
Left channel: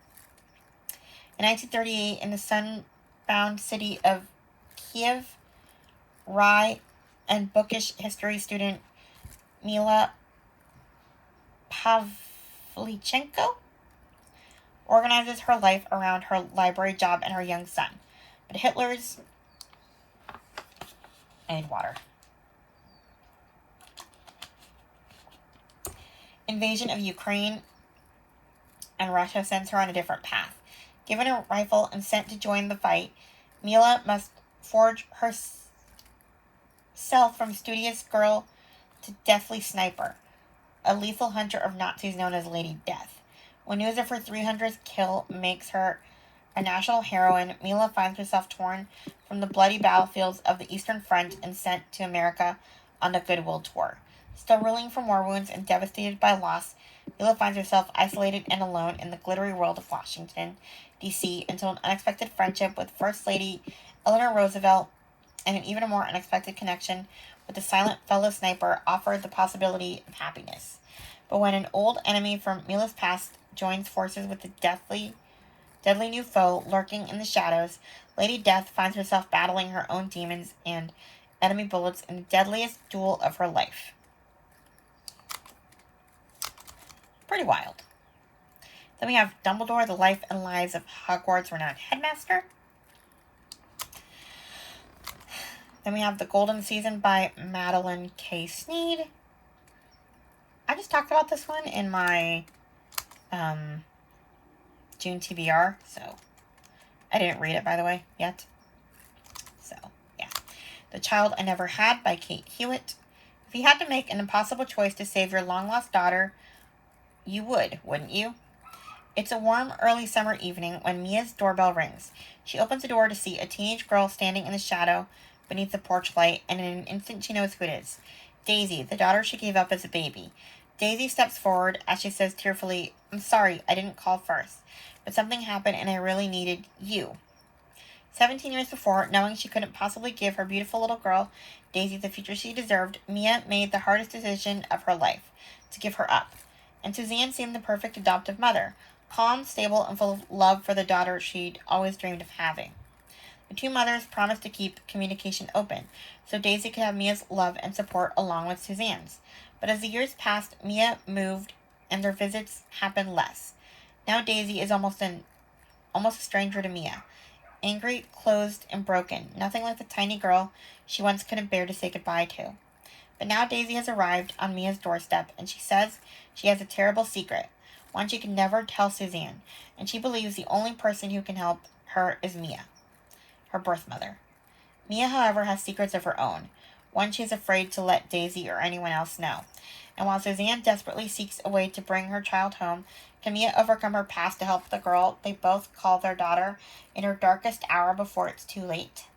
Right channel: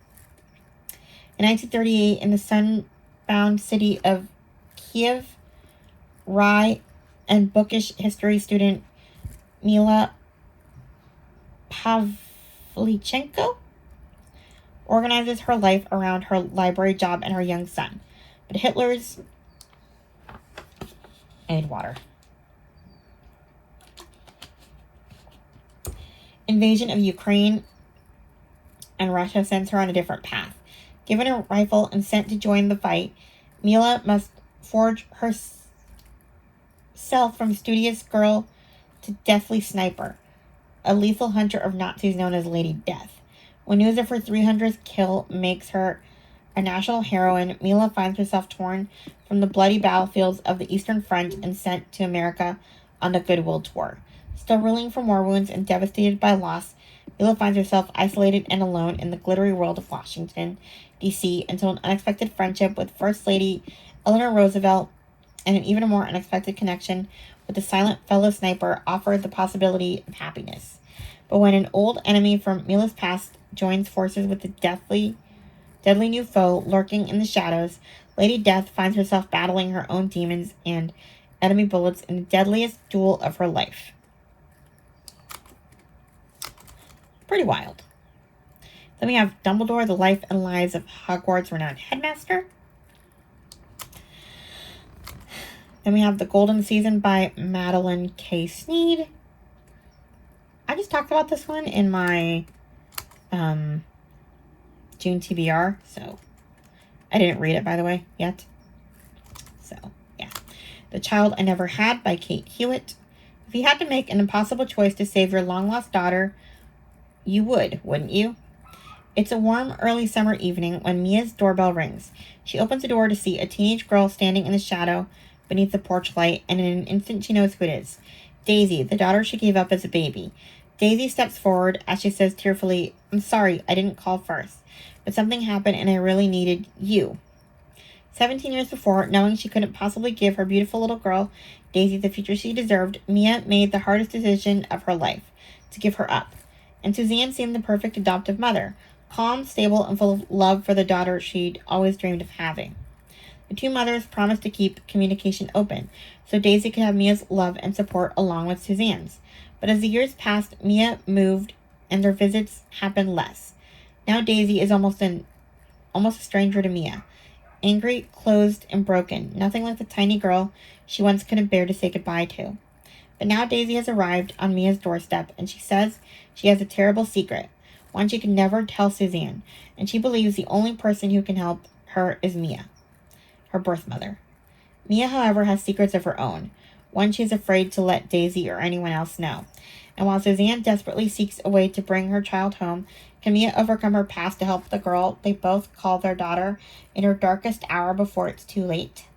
In 1938, in the sun-bound city of Kiev, Rye and bookish history student Mila Pavlichenko organizes her life around her library job and her young son. But Hitler's... I need water. invasion of Ukraine, and Russia sends her on a different path. Given a rifle and sent to join the fight, Mila must forge herself from studious girl to deathly sniper, a lethal hunter of Nazis known as Lady Death. When news of her 300th kill makes her a national heroine, Mila finds herself torn from the bloody battlefields of the Eastern Front and sent to America on the Goodwill Tour. Still reeling from war wounds and devastated by loss, Mila finds herself isolated and alone in the glittery world of Washington, D.C. until an unexpected friendship with First Lady Eleanor Roosevelt and an even more unexpected connection with the silent fellow sniper offered the possibility of happiness. But when an old enemy from Mila's past joins forces with the deadly new foe lurking in the shadows, Lady Death finds herself battling her own demons and enemy bullets in the deadliest duel of her life. Pretty wild. Then we have Dumbledore, the Life and Lives of Hogwarts' Renowned Headmaster. Then we have The Golden Season by Madeline K. Sneed. I just talked about this one in my June TBR, so I didn't read it, by the way, yet. So, yeah. The Child I Never Had by Kate Hewitt. If you had to make an impossible choice to save your long-lost daughter, you would, wouldn't you? It's a warm, early summer evening when Mia's doorbell rings. She opens the door to see a teenage girl standing in the shadow beneath the porch light, and in an instant she knows who it is. Daisy, the daughter she gave up as a baby. Daisy steps forward as she says tearfully, "I'm sorry, I didn't call first, but something happened and I really needed you." 17 years before, knowing she couldn't possibly give her beautiful little girl, Daisy, the future she deserved, Mia made the hardest decision of her life, to give her up. And Suzanne seemed the perfect adoptive mother, calm, stable, and full of love for the daughter she'd always dreamed of having. The two mothers promised to keep communication open, so Daisy could have Mia's love and support along with Suzanne's. But as the years passed, Mia moved, and their visits happened less. Now Daisy is almost a stranger to Mia. Angry, closed, and broken, nothing like the tiny girl she once couldn't bear to say goodbye to. But now Daisy has arrived on Mia's doorstep, and she says she has a terrible secret, one she can never tell Suzanne, and she believes the only person who can help her is Mia, her birth mother. Mia, however, has secrets of her own, one she's afraid to let Daisy or anyone else know. And while Suzanne desperately seeks a way to bring her child home, can Mia overcome her past to help the girl they both call their daughter in her darkest hour before it's too late?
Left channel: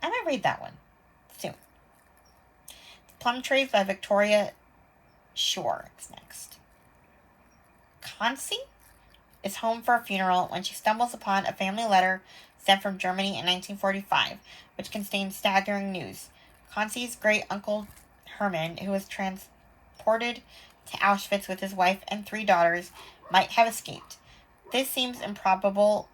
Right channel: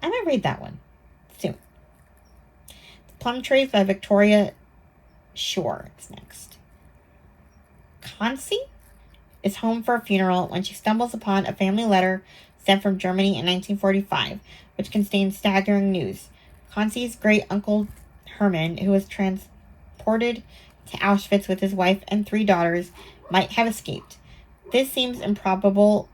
I might read that one soon. The Plum Trees by Victoria Shore is next. Kansi is home for a funeral when she stumbles upon a family letter sent from Germany in 1945, which contains staggering news. Kansi's great-uncle Hermann, who was transported to Auschwitz with his wife and 3 daughters, might have escaped. This seems improbable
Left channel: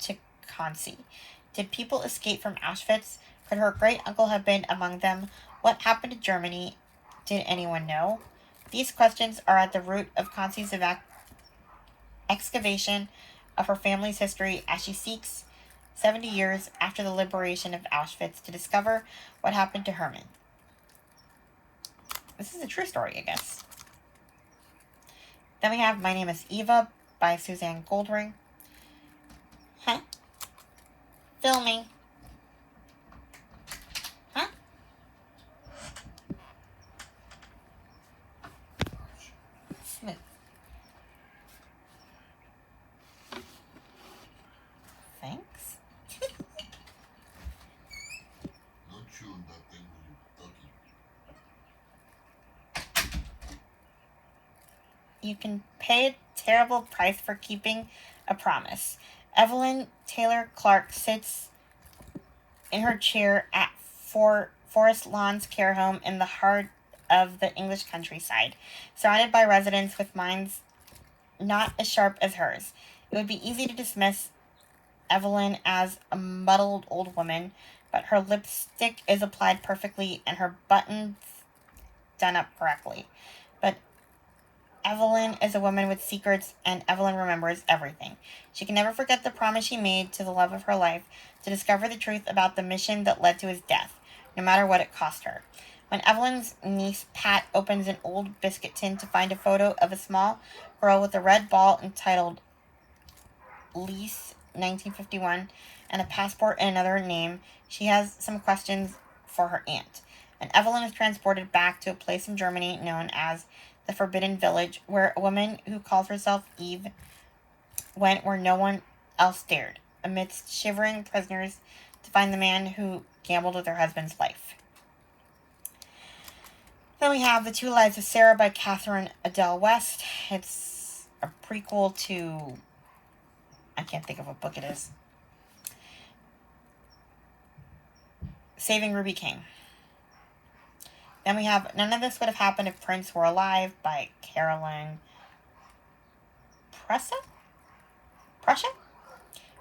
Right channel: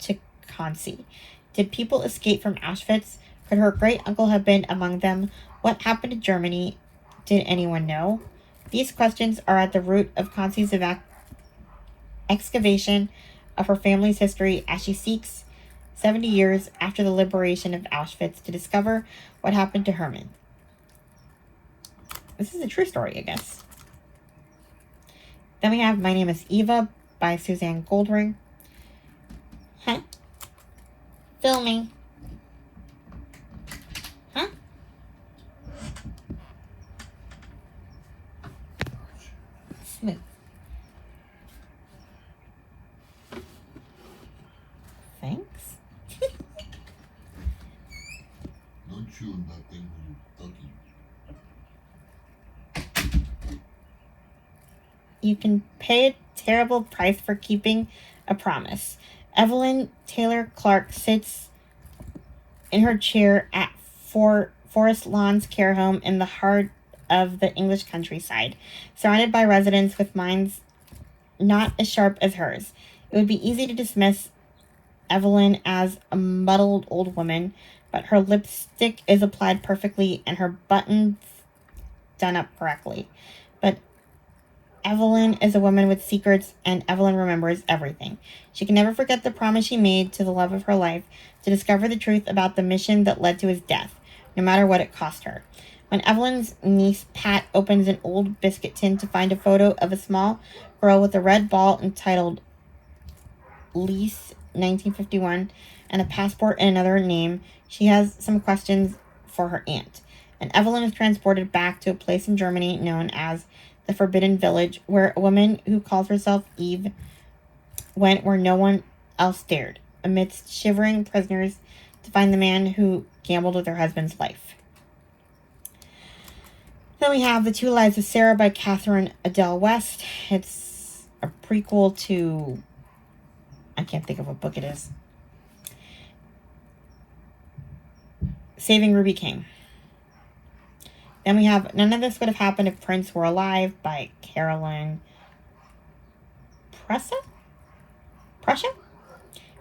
to Kansi. Did people escape from Auschwitz? Could her great-uncle have been among them? What happened to Germany? Did anyone know? These questions are at the root of Kansi's excavation of her family's history as she seeks 70 years after the liberation of Auschwitz to discover what happened to Hermann. This is a true story, I guess. Then we have My Name is Eva by Suzanne Goldring. Huh? Filming. Huh? Smooth. Thanks. Don't chew on that thing when you're talking. You can pay a terrible price for keeping a promise. Evelyn Taylor Clark sits in her chair at Forest Lawns Care Home in the heart of the English countryside, surrounded by residents with minds not as sharp as hers. It would be easy to dismiss Evelyn as a muddled old woman, but her lipstick is applied perfectly and her buttons done up correctly. But Evelyn is a woman with secrets, and Evelyn remembers everything. She can never forget the promise she made to the love of her life to discover the truth about the mission that led to his death, no matter what it cost her. When Evelyn's niece Pat opens an old biscuit tin to find a photo of a small girl with a red ball entitled Lease 1951 and a passport in another name, she has some questions for her aunt. And Evelyn is transported back to a place in Germany known as the Forbidden Village, where a woman who calls herself Eve went where no one else dared, amidst shivering prisoners, to find the man who gambled with her husband's life. Then we have The Two Lives of Sarah by Catherine Adele West. It's a prequel to... I can't think of what book it is. Saving Ruby King. Then we have None of This Would Have Happened If Prince Were Alive by Carolyn Prussia?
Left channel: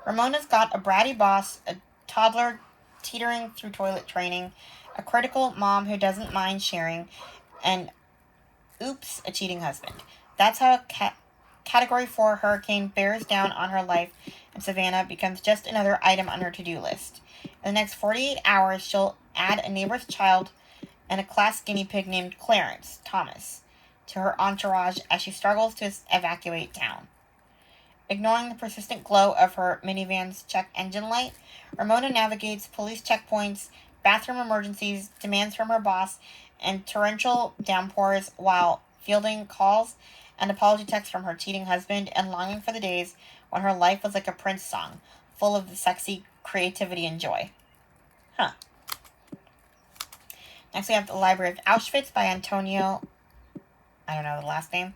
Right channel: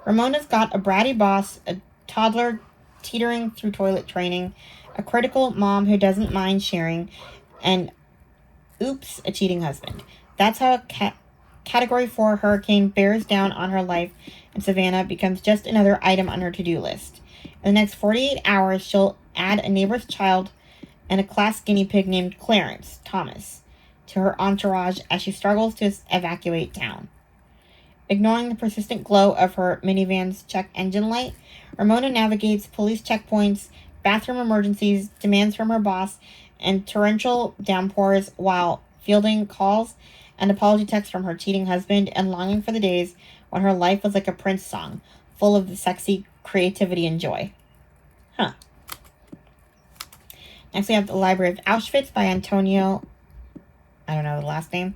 Ramona's got a bratty boss, a toddler teetering through toilet training, a critical mom who doesn't mind sharing, and oops, a cheating husband. That's how a Category 4 hurricane bears down on her life, and Savannah becomes just another item on her to-do list. In the next 48 hours, she'll add a neighbor's child and a class guinea pig named Clarence Thomas to her entourage as she struggles to evacuate town. Ignoring the persistent glow of her minivan's check engine light, Ramona navigates police checkpoints, bathroom emergencies, demands from her boss, and torrential downpours while fielding calls and apology texts from her cheating husband and longing for the days when her life was like a Prince song, full of the sexy creativity and joy. Next we have The Library of Auschwitz by Antonio, I don't know the last name.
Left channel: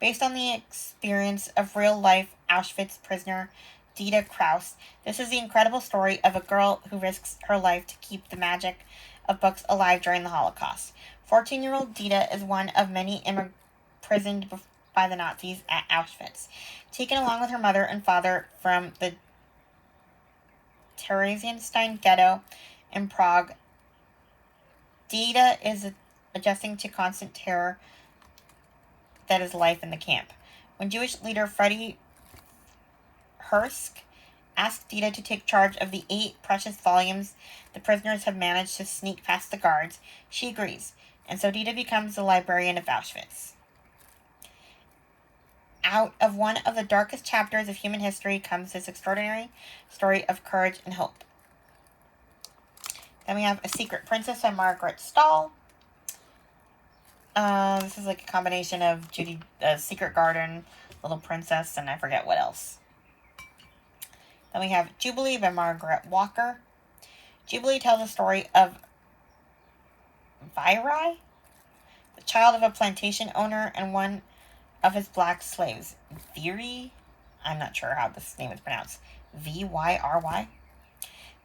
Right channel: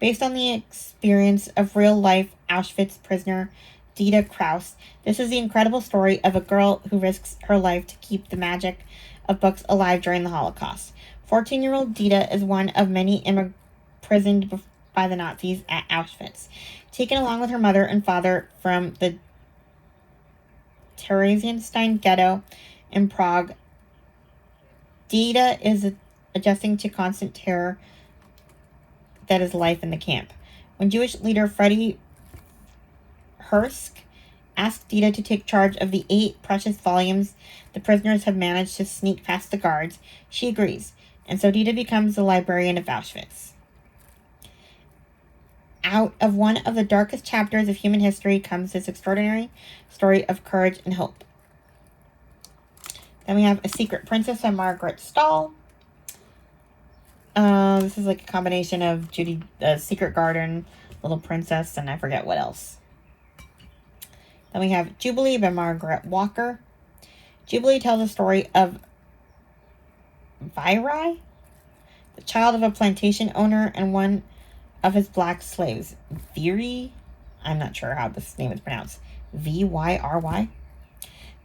Based on the experience of real-life Auschwitz prisoner Dita Kraus, this is the incredible story of a girl who risks her life to keep the magic of books alive during the Holocaust. 14-year-old Dita is one of many imprisoned by the Nazis at Auschwitz. Taken along with her mother and father from the Theresienstadt ghetto in Prague, Dita is adjusting to constant terror that is life in the camp. When Jewish leader Freddie Hersk asked Dita to take charge of the 8 precious volumes the prisoners have managed to sneak past the guards, she agrees, and so Dita becomes the librarian of Auschwitz. Out of one of the darkest chapters of human history comes this extraordinary story of courage and hope. Then we have A Secret Princess by Margaret Stahl. This is like a combination of Judy, Secret Garden, Little Princess, and I forget what else. Then we have Jubilee by Margaret Walker. Jubilee tells the story of Virai, the child of a plantation owner and one of his black slaves. Viri, I'm not sure how this name is pronounced. Vyry.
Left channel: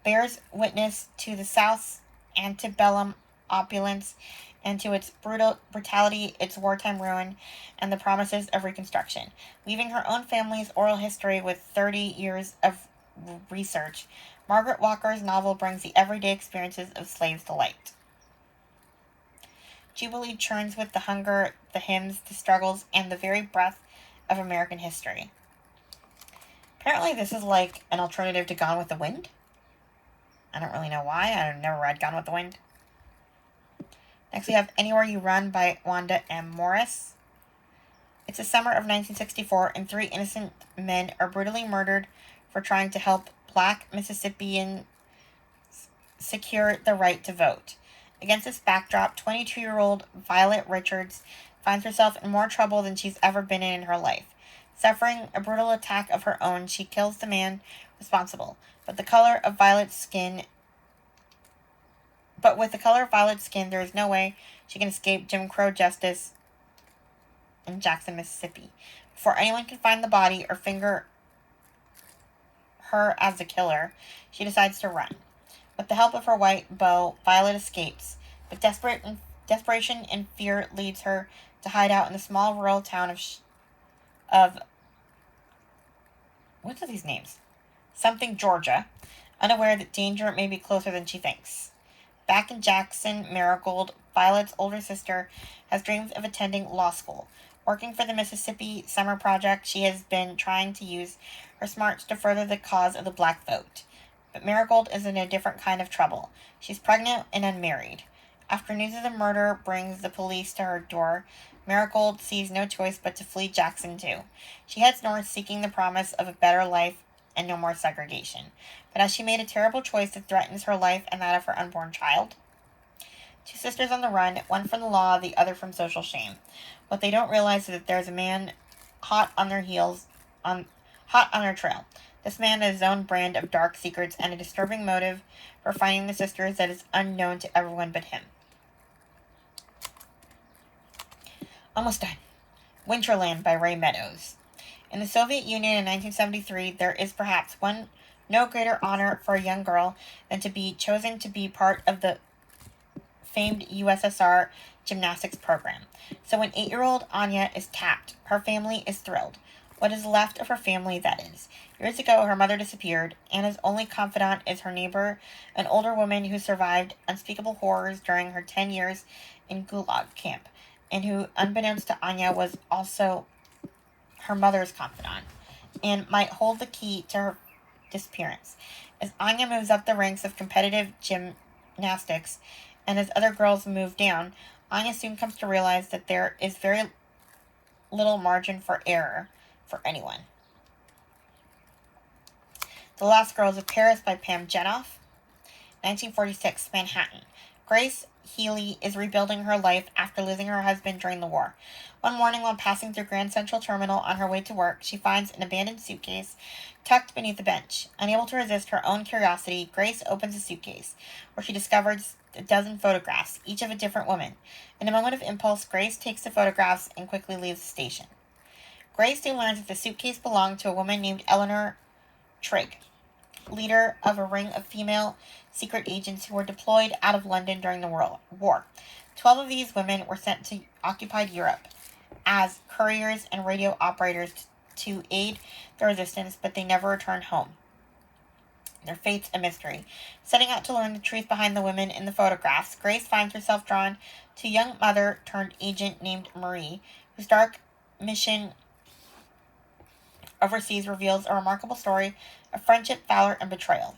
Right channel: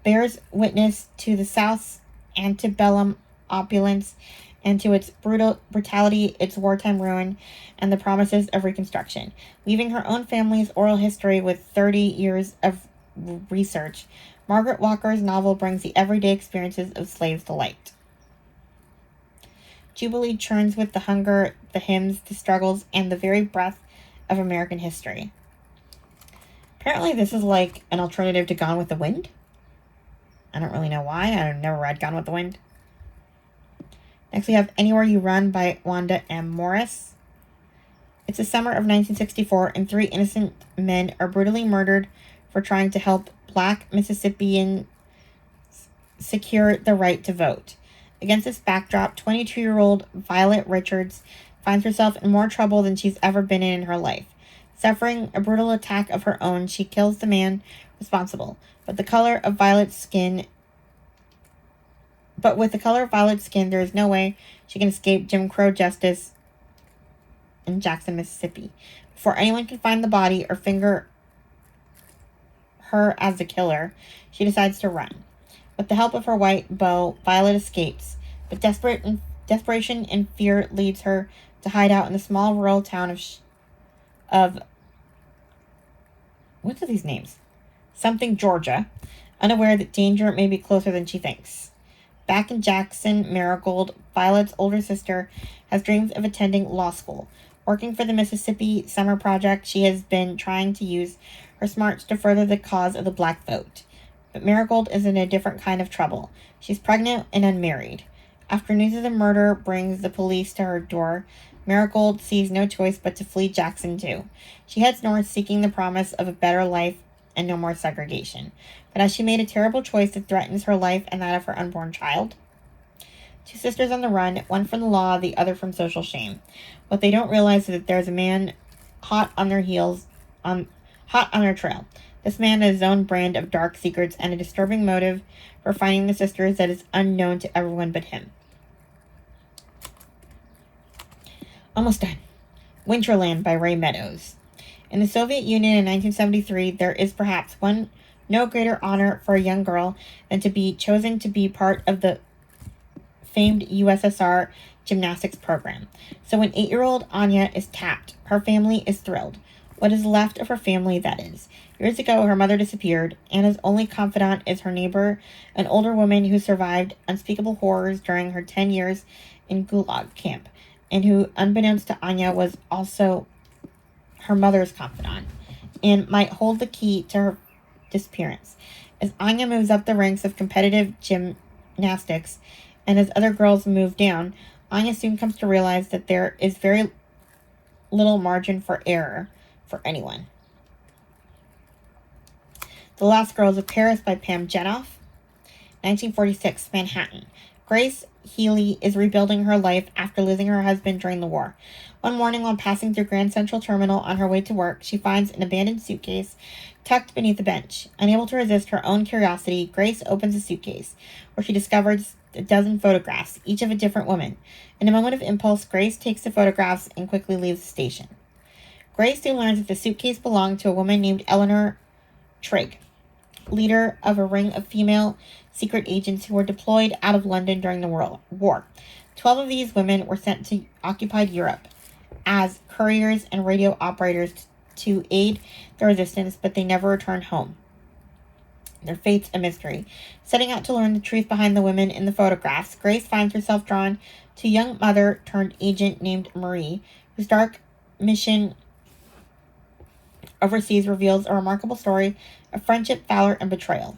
Bears witness to the South's antebellum opulence and to its brutality, its wartime ruin, and the promises of Reconstruction. Weaving her own family's oral history with 30 years of research, Margaret Walker's novel brings the everyday experiences of slaves to light. Jubilee churns with the hunger, the hymns, the struggles, and the very breath of American history. Apparently this is like an alternative to Gone with the Wind. I don't really know why. I've never read Gone with the Wind. Next we have Anywhere You Run by Wanda M. Morris. It's the summer of 1964 and 3 innocent men are brutally murdered for trying to help black Mississippians secure the right to vote. Against this backdrop, 22-year-old Violet Richards finds herself in more trouble than she's ever been in her life. Suffering a brutal attack of her own, she kills the man responsible. But with the color of Violet's skin, there is no way she can escape Jim Crow justice in Jackson, Mississippi. Before anyone can find the body or finger her as the killer, she decides to run. With the help of her white beau, Violet escapes, but desperation and fear leads her to hide out in the small rural town of what are these names? Something, Georgia, unaware that danger may be closer than she thinks. Back in Jackson, Marigold, Violet's older sister, has dreams of attending law school. Working for the Mississippi Summer Project, she has been trying to use her smarts to further the cause of the black vote. But Marigold is in a different kind of trouble. She's pregnant and unmarried. After news of the murder brings the police to her door, Marigold sees no choice but to flee Jackson too. She heads north seeking the promise of a better life and no more segregation. But has she made a terrible choice that threatens her life and that of her unborn child? Two sisters on the run, one from the law, the other from social shame. What they don't realize is that there's a man hot on their trail. This man has his own brand of dark secrets and a disturbing motive for finding the sisters that is unknown to everyone but him. Almost done. Winterland by Ray Meadows. In the Soviet Union in 1973, there is perhaps no greater honor for a young girl than to be chosen to be part of the famed USSR gymnastics program. So when 8-year-old Anya is tapped, her family is thrilled. What is left of her family, that is. Years ago, her mother disappeared. Anna's only confidant is her neighbor, an older woman who survived unspeakable horrors during her 10 years in Gulag camp, and who, unbeknownst to Anya, was also her mother's confidant, and might hold the key to her disappearance. As Anya moves up the ranks of competitive gymnastics, and as other girls move down, Anya soon comes to realize that there is very little margin for error for anyone. The Last Girls of Paris by Pam Jenoff. 1946, Manhattan. Grace Healy is rebuilding her life after losing her husband during the war. One morning, while passing through Grand Central Terminal on her way to work, she finds an abandoned suitcase tucked beneath a bench. Unable to resist her own curiosity, Grace opens the suitcase, where she discovers a dozen photographs, each of a different woman. In a moment of impulse, Grace takes the photographs and quickly leaves the station. Grace soon learns that the suitcase belonged to a woman named Eleanor Trigg, leader of a ring of female secret agents who were deployed out of London during the war. 12 of these women were sent to occupied Europe as couriers and radio operators to aid the resistance, but they never returned home. Their fate's a mystery. Setting out to learn the truth behind the women in the photographs, Grace finds herself drawn to a young mother-turned-agent named Marie, whose dark mission overseas reveals a remarkable story of friendship, valor, and betrayal.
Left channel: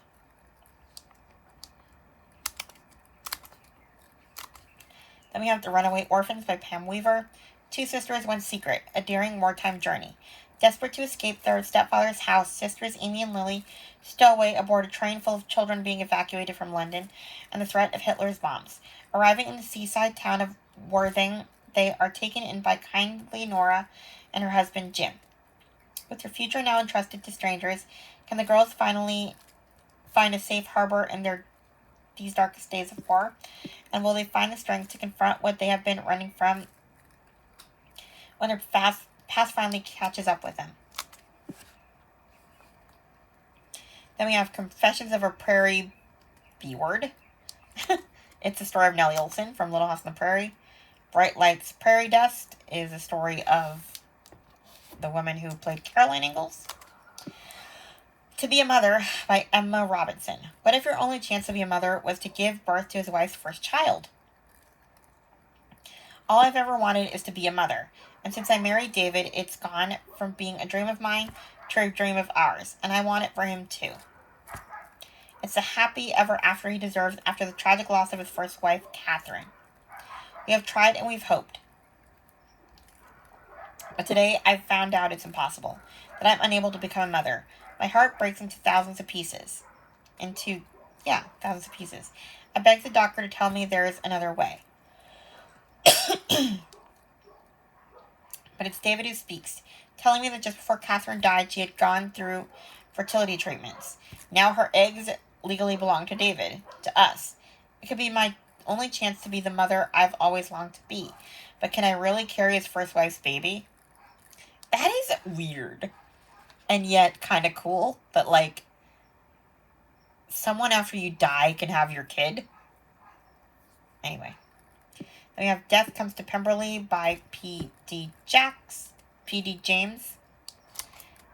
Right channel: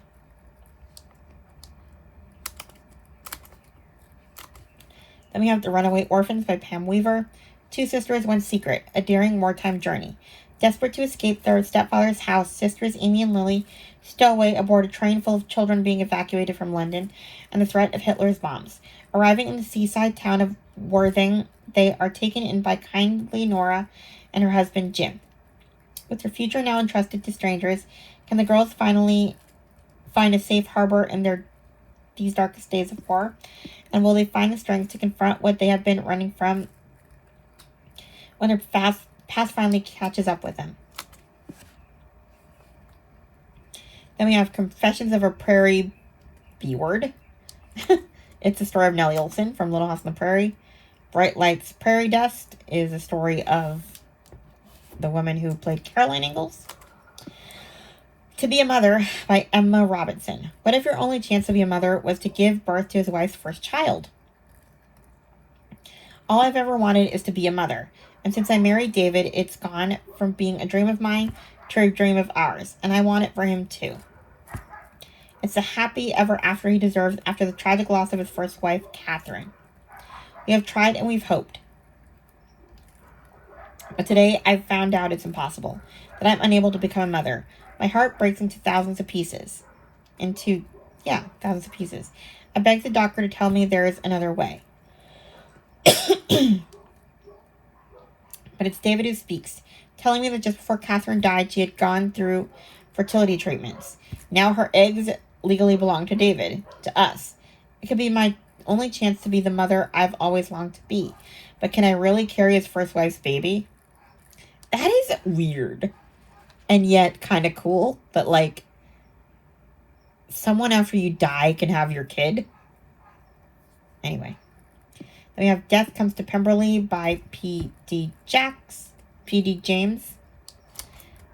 Then we have The Runaway Orphans by Pam Weaver. Two sisters, one secret, a daring wartime journey. Desperate to escape their stepfather's house, sisters Amy and Lily stow away aboard a train full of children being evacuated from London and the threat of Hitler's bombs. Arriving in the seaside town of Worthing, they are taken in by kindly Nora and her husband Jim. With their future now entrusted to strangers, can the girls finally find a safe harbor in these darkest days of war? And will they find the strength to confront what they have been running from when their past finally catches up with them? Then we have Confessions of a Prairie B-Word. It's the story of Nellie Olson from Little House on the Prairie. Bright Lights, Prairie Dust is a story of the woman who played Caroline Ingalls. To Be a Mother by Emma Robinson. What if your only chance to be a mother was to give birth to his wife's first child? All I've ever wanted is to be a mother. And since I married David, it's gone from being a dream of mine to a dream of ours. And I want it for him too. It's the happy ever after he deserves after the tragic loss of his first wife, Catherine. We have tried and we've hoped. But today I've found out it's impossible. That I'm unable to become a mother. My heart breaks into thousands of pieces. Thousands of pieces. I beg the doctor to tell me there is another way. But it's David who speaks, telling me that just before Catherine died, she had gone through fertility treatments. Now her eggs legally belong to David, to us. It could be my only chance to be the mother I've always longed to be. But can I really carry his first wife's baby? That is weird. And yet kind of cool that, like, someone after you die can have your kid. Anyway. Then we have Death Comes to Pemberley by P.D. James.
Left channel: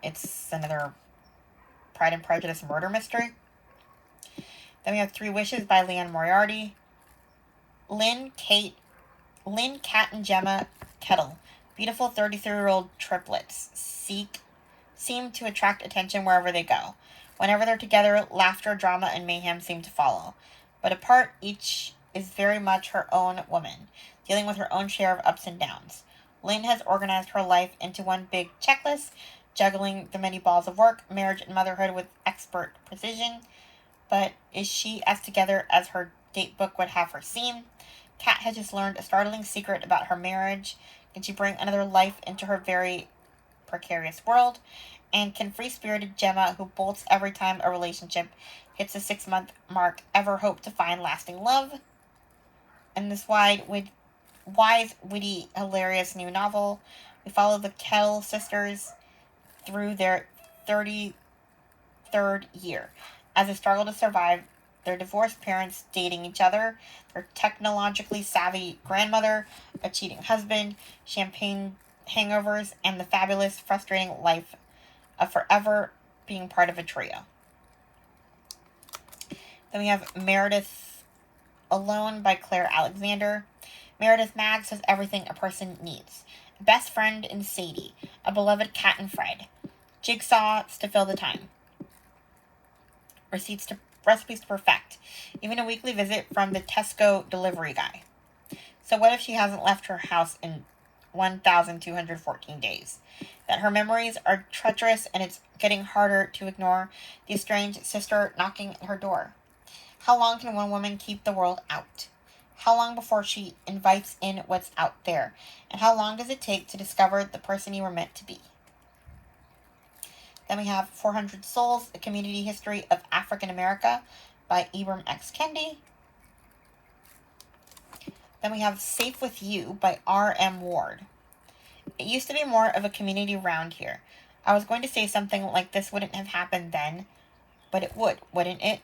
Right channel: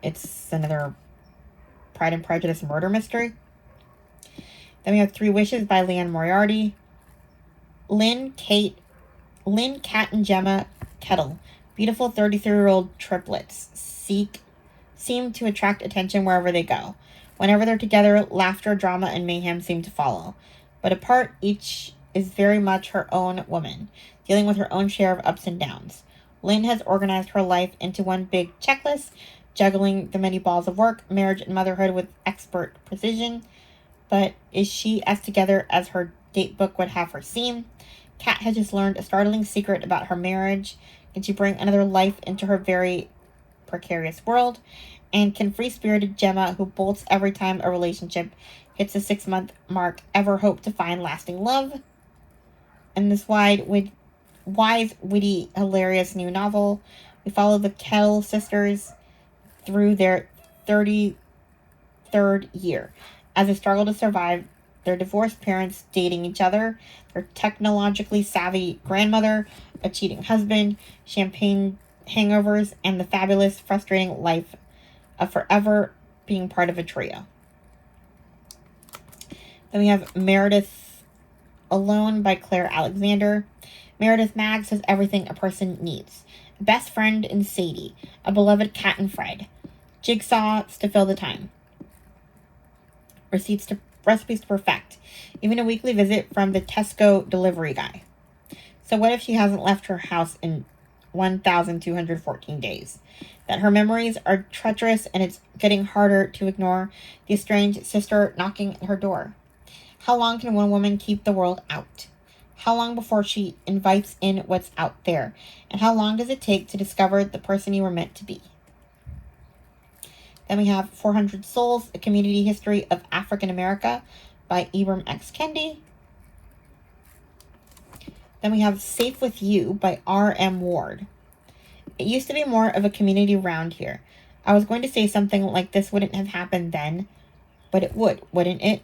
It's another Pride and Prejudice murder mystery. Then we have Three Wishes by Leanne Moriarty. Lynn, Kat, and Gemma Kettle. Beautiful 33-year-old triplets seem to attract attention wherever they go. Whenever they're together, laughter, drama, and mayhem seem to follow. But apart, each is very much her own woman, dealing with her own share of ups and downs. Lynn has organized her life into one big checklist, juggling the many balls of work, marriage, and motherhood with expert precision. But is she as together as her date book would have her seem? Kat has just learned a startling secret about her marriage. Can she bring another life into her very precarious world? And can free-spirited Gemma, who bolts every time a relationship hits the 6-month mark, ever hope to find lasting love? In this wise, witty, hilarious new novel, we follow the Kell sisters through their 33rd year as they struggle to survive their divorced parents dating each other, their technologically savvy grandmother, a cheating husband, champagne hangovers, and the fabulous, frustrating life of forever being part of a trio. Then we have Meredith Alone by Claire Alexander. Meredith Maggs has everything a person needs. A best friend in Sadie, a beloved cat in Fred, jigsaws to fill the time, recipes to perfect, even a weekly visit from the Tesco delivery guy. So what if she hasn't left her house in 1,214 days? That her memories are treacherous and it's getting harder to ignore the estranged sister knocking at her door. How long can one woman keep the world out? How long before she invites in what's out there? And how long does it take to discover the person you were meant to be? Then we have 400 Souls, A Community History of African America by Ibram X. Kendi. Then we have Safe With You by R.M. Ward. It used to be more of a community around here. I was going to say something like this wouldn't have happened then, but it would, wouldn't it?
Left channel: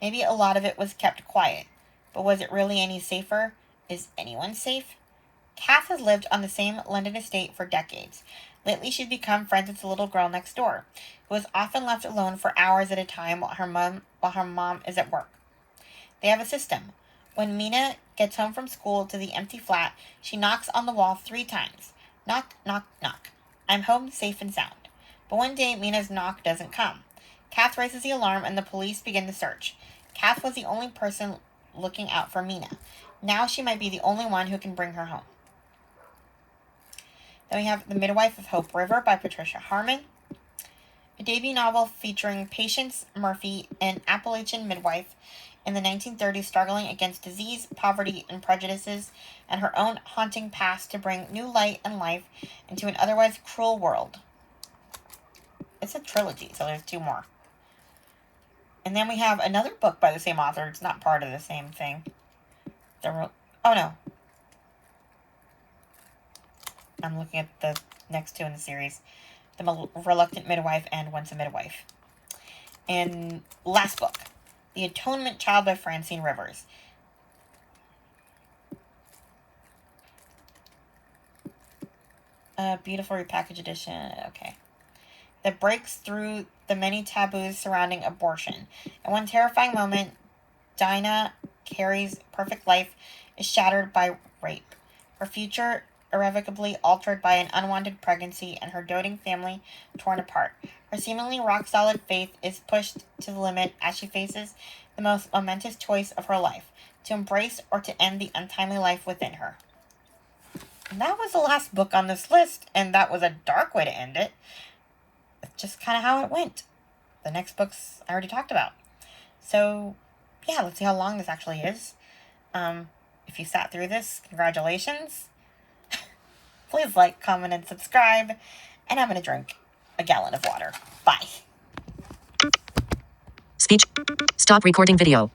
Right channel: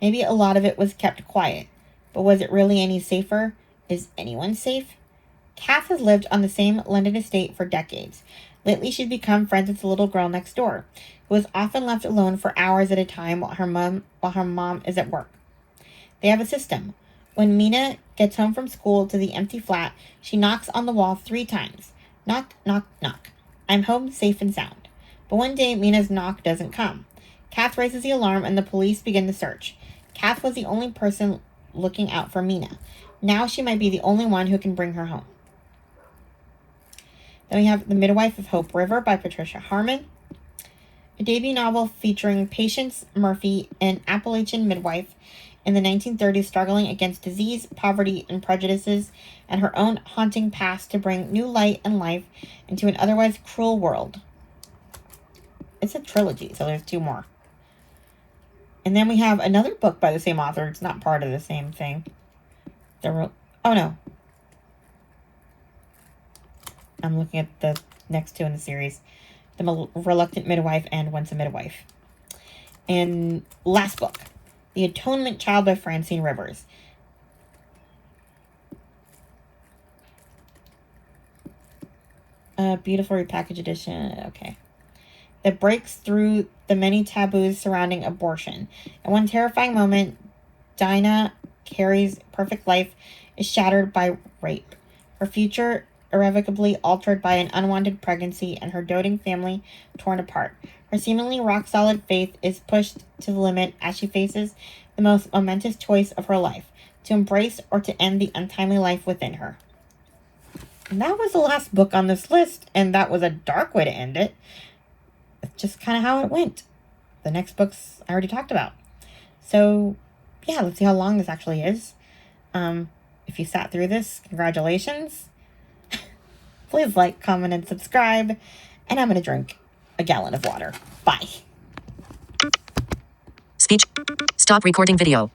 Maybe a lot of it was kept quiet. But was it really any safer? Is anyone safe? Kath has lived on the same London estate for decades. Lately, she'd become friends with the little girl next door, who is often left alone for hours at a time while her mom is at work. They have a system. When Mina gets home from school to the empty flat, she knocks on the wall 3 times. Knock, knock, knock. I'm home safe and sound. But one day, Mina's knock doesn't come. Kath raises the alarm and the police begin the search. Kath was the only person looking out for Mina. Now she might be the only one who can bring her home. Then we have The Midwife of Hope River by Patricia Harmon, a debut novel featuring Patience Murphy, an Appalachian midwife in the 1930s struggling against disease, poverty, and prejudices, and her own haunting past to bring new light and life into an otherwise cruel world. It's a trilogy, so there's 2 more. And then we have another book by the same author. It's not part of the same thing. Oh, no. I'm looking at the next 2 in the series. The Reluctant Midwife and Once a Midwife. And last book, The Atonement Child by Francine Rivers. Beautiful repackaged edition. Okay. That breaks through the many taboos surrounding abortion. At one terrifying moment, Dinah Carey's perfect life is shattered by rape. Her future irrevocably altered by an unwanted pregnancy and her doting family torn apart. Her seemingly rock-solid faith is pushed to the limit as she faces the most momentous choice of her life, to embrace or to end the untimely life within her. And that was the last book on this list, and that was a dark way to end it. It's just kind of how it went. The next books I already talked about. So, yeah, let's see how long this actually is. If you sat through this, congratulations. Please like, comment, and subscribe. And I'm going to drink a gallon of water. Bye. Speech. Stop recording video.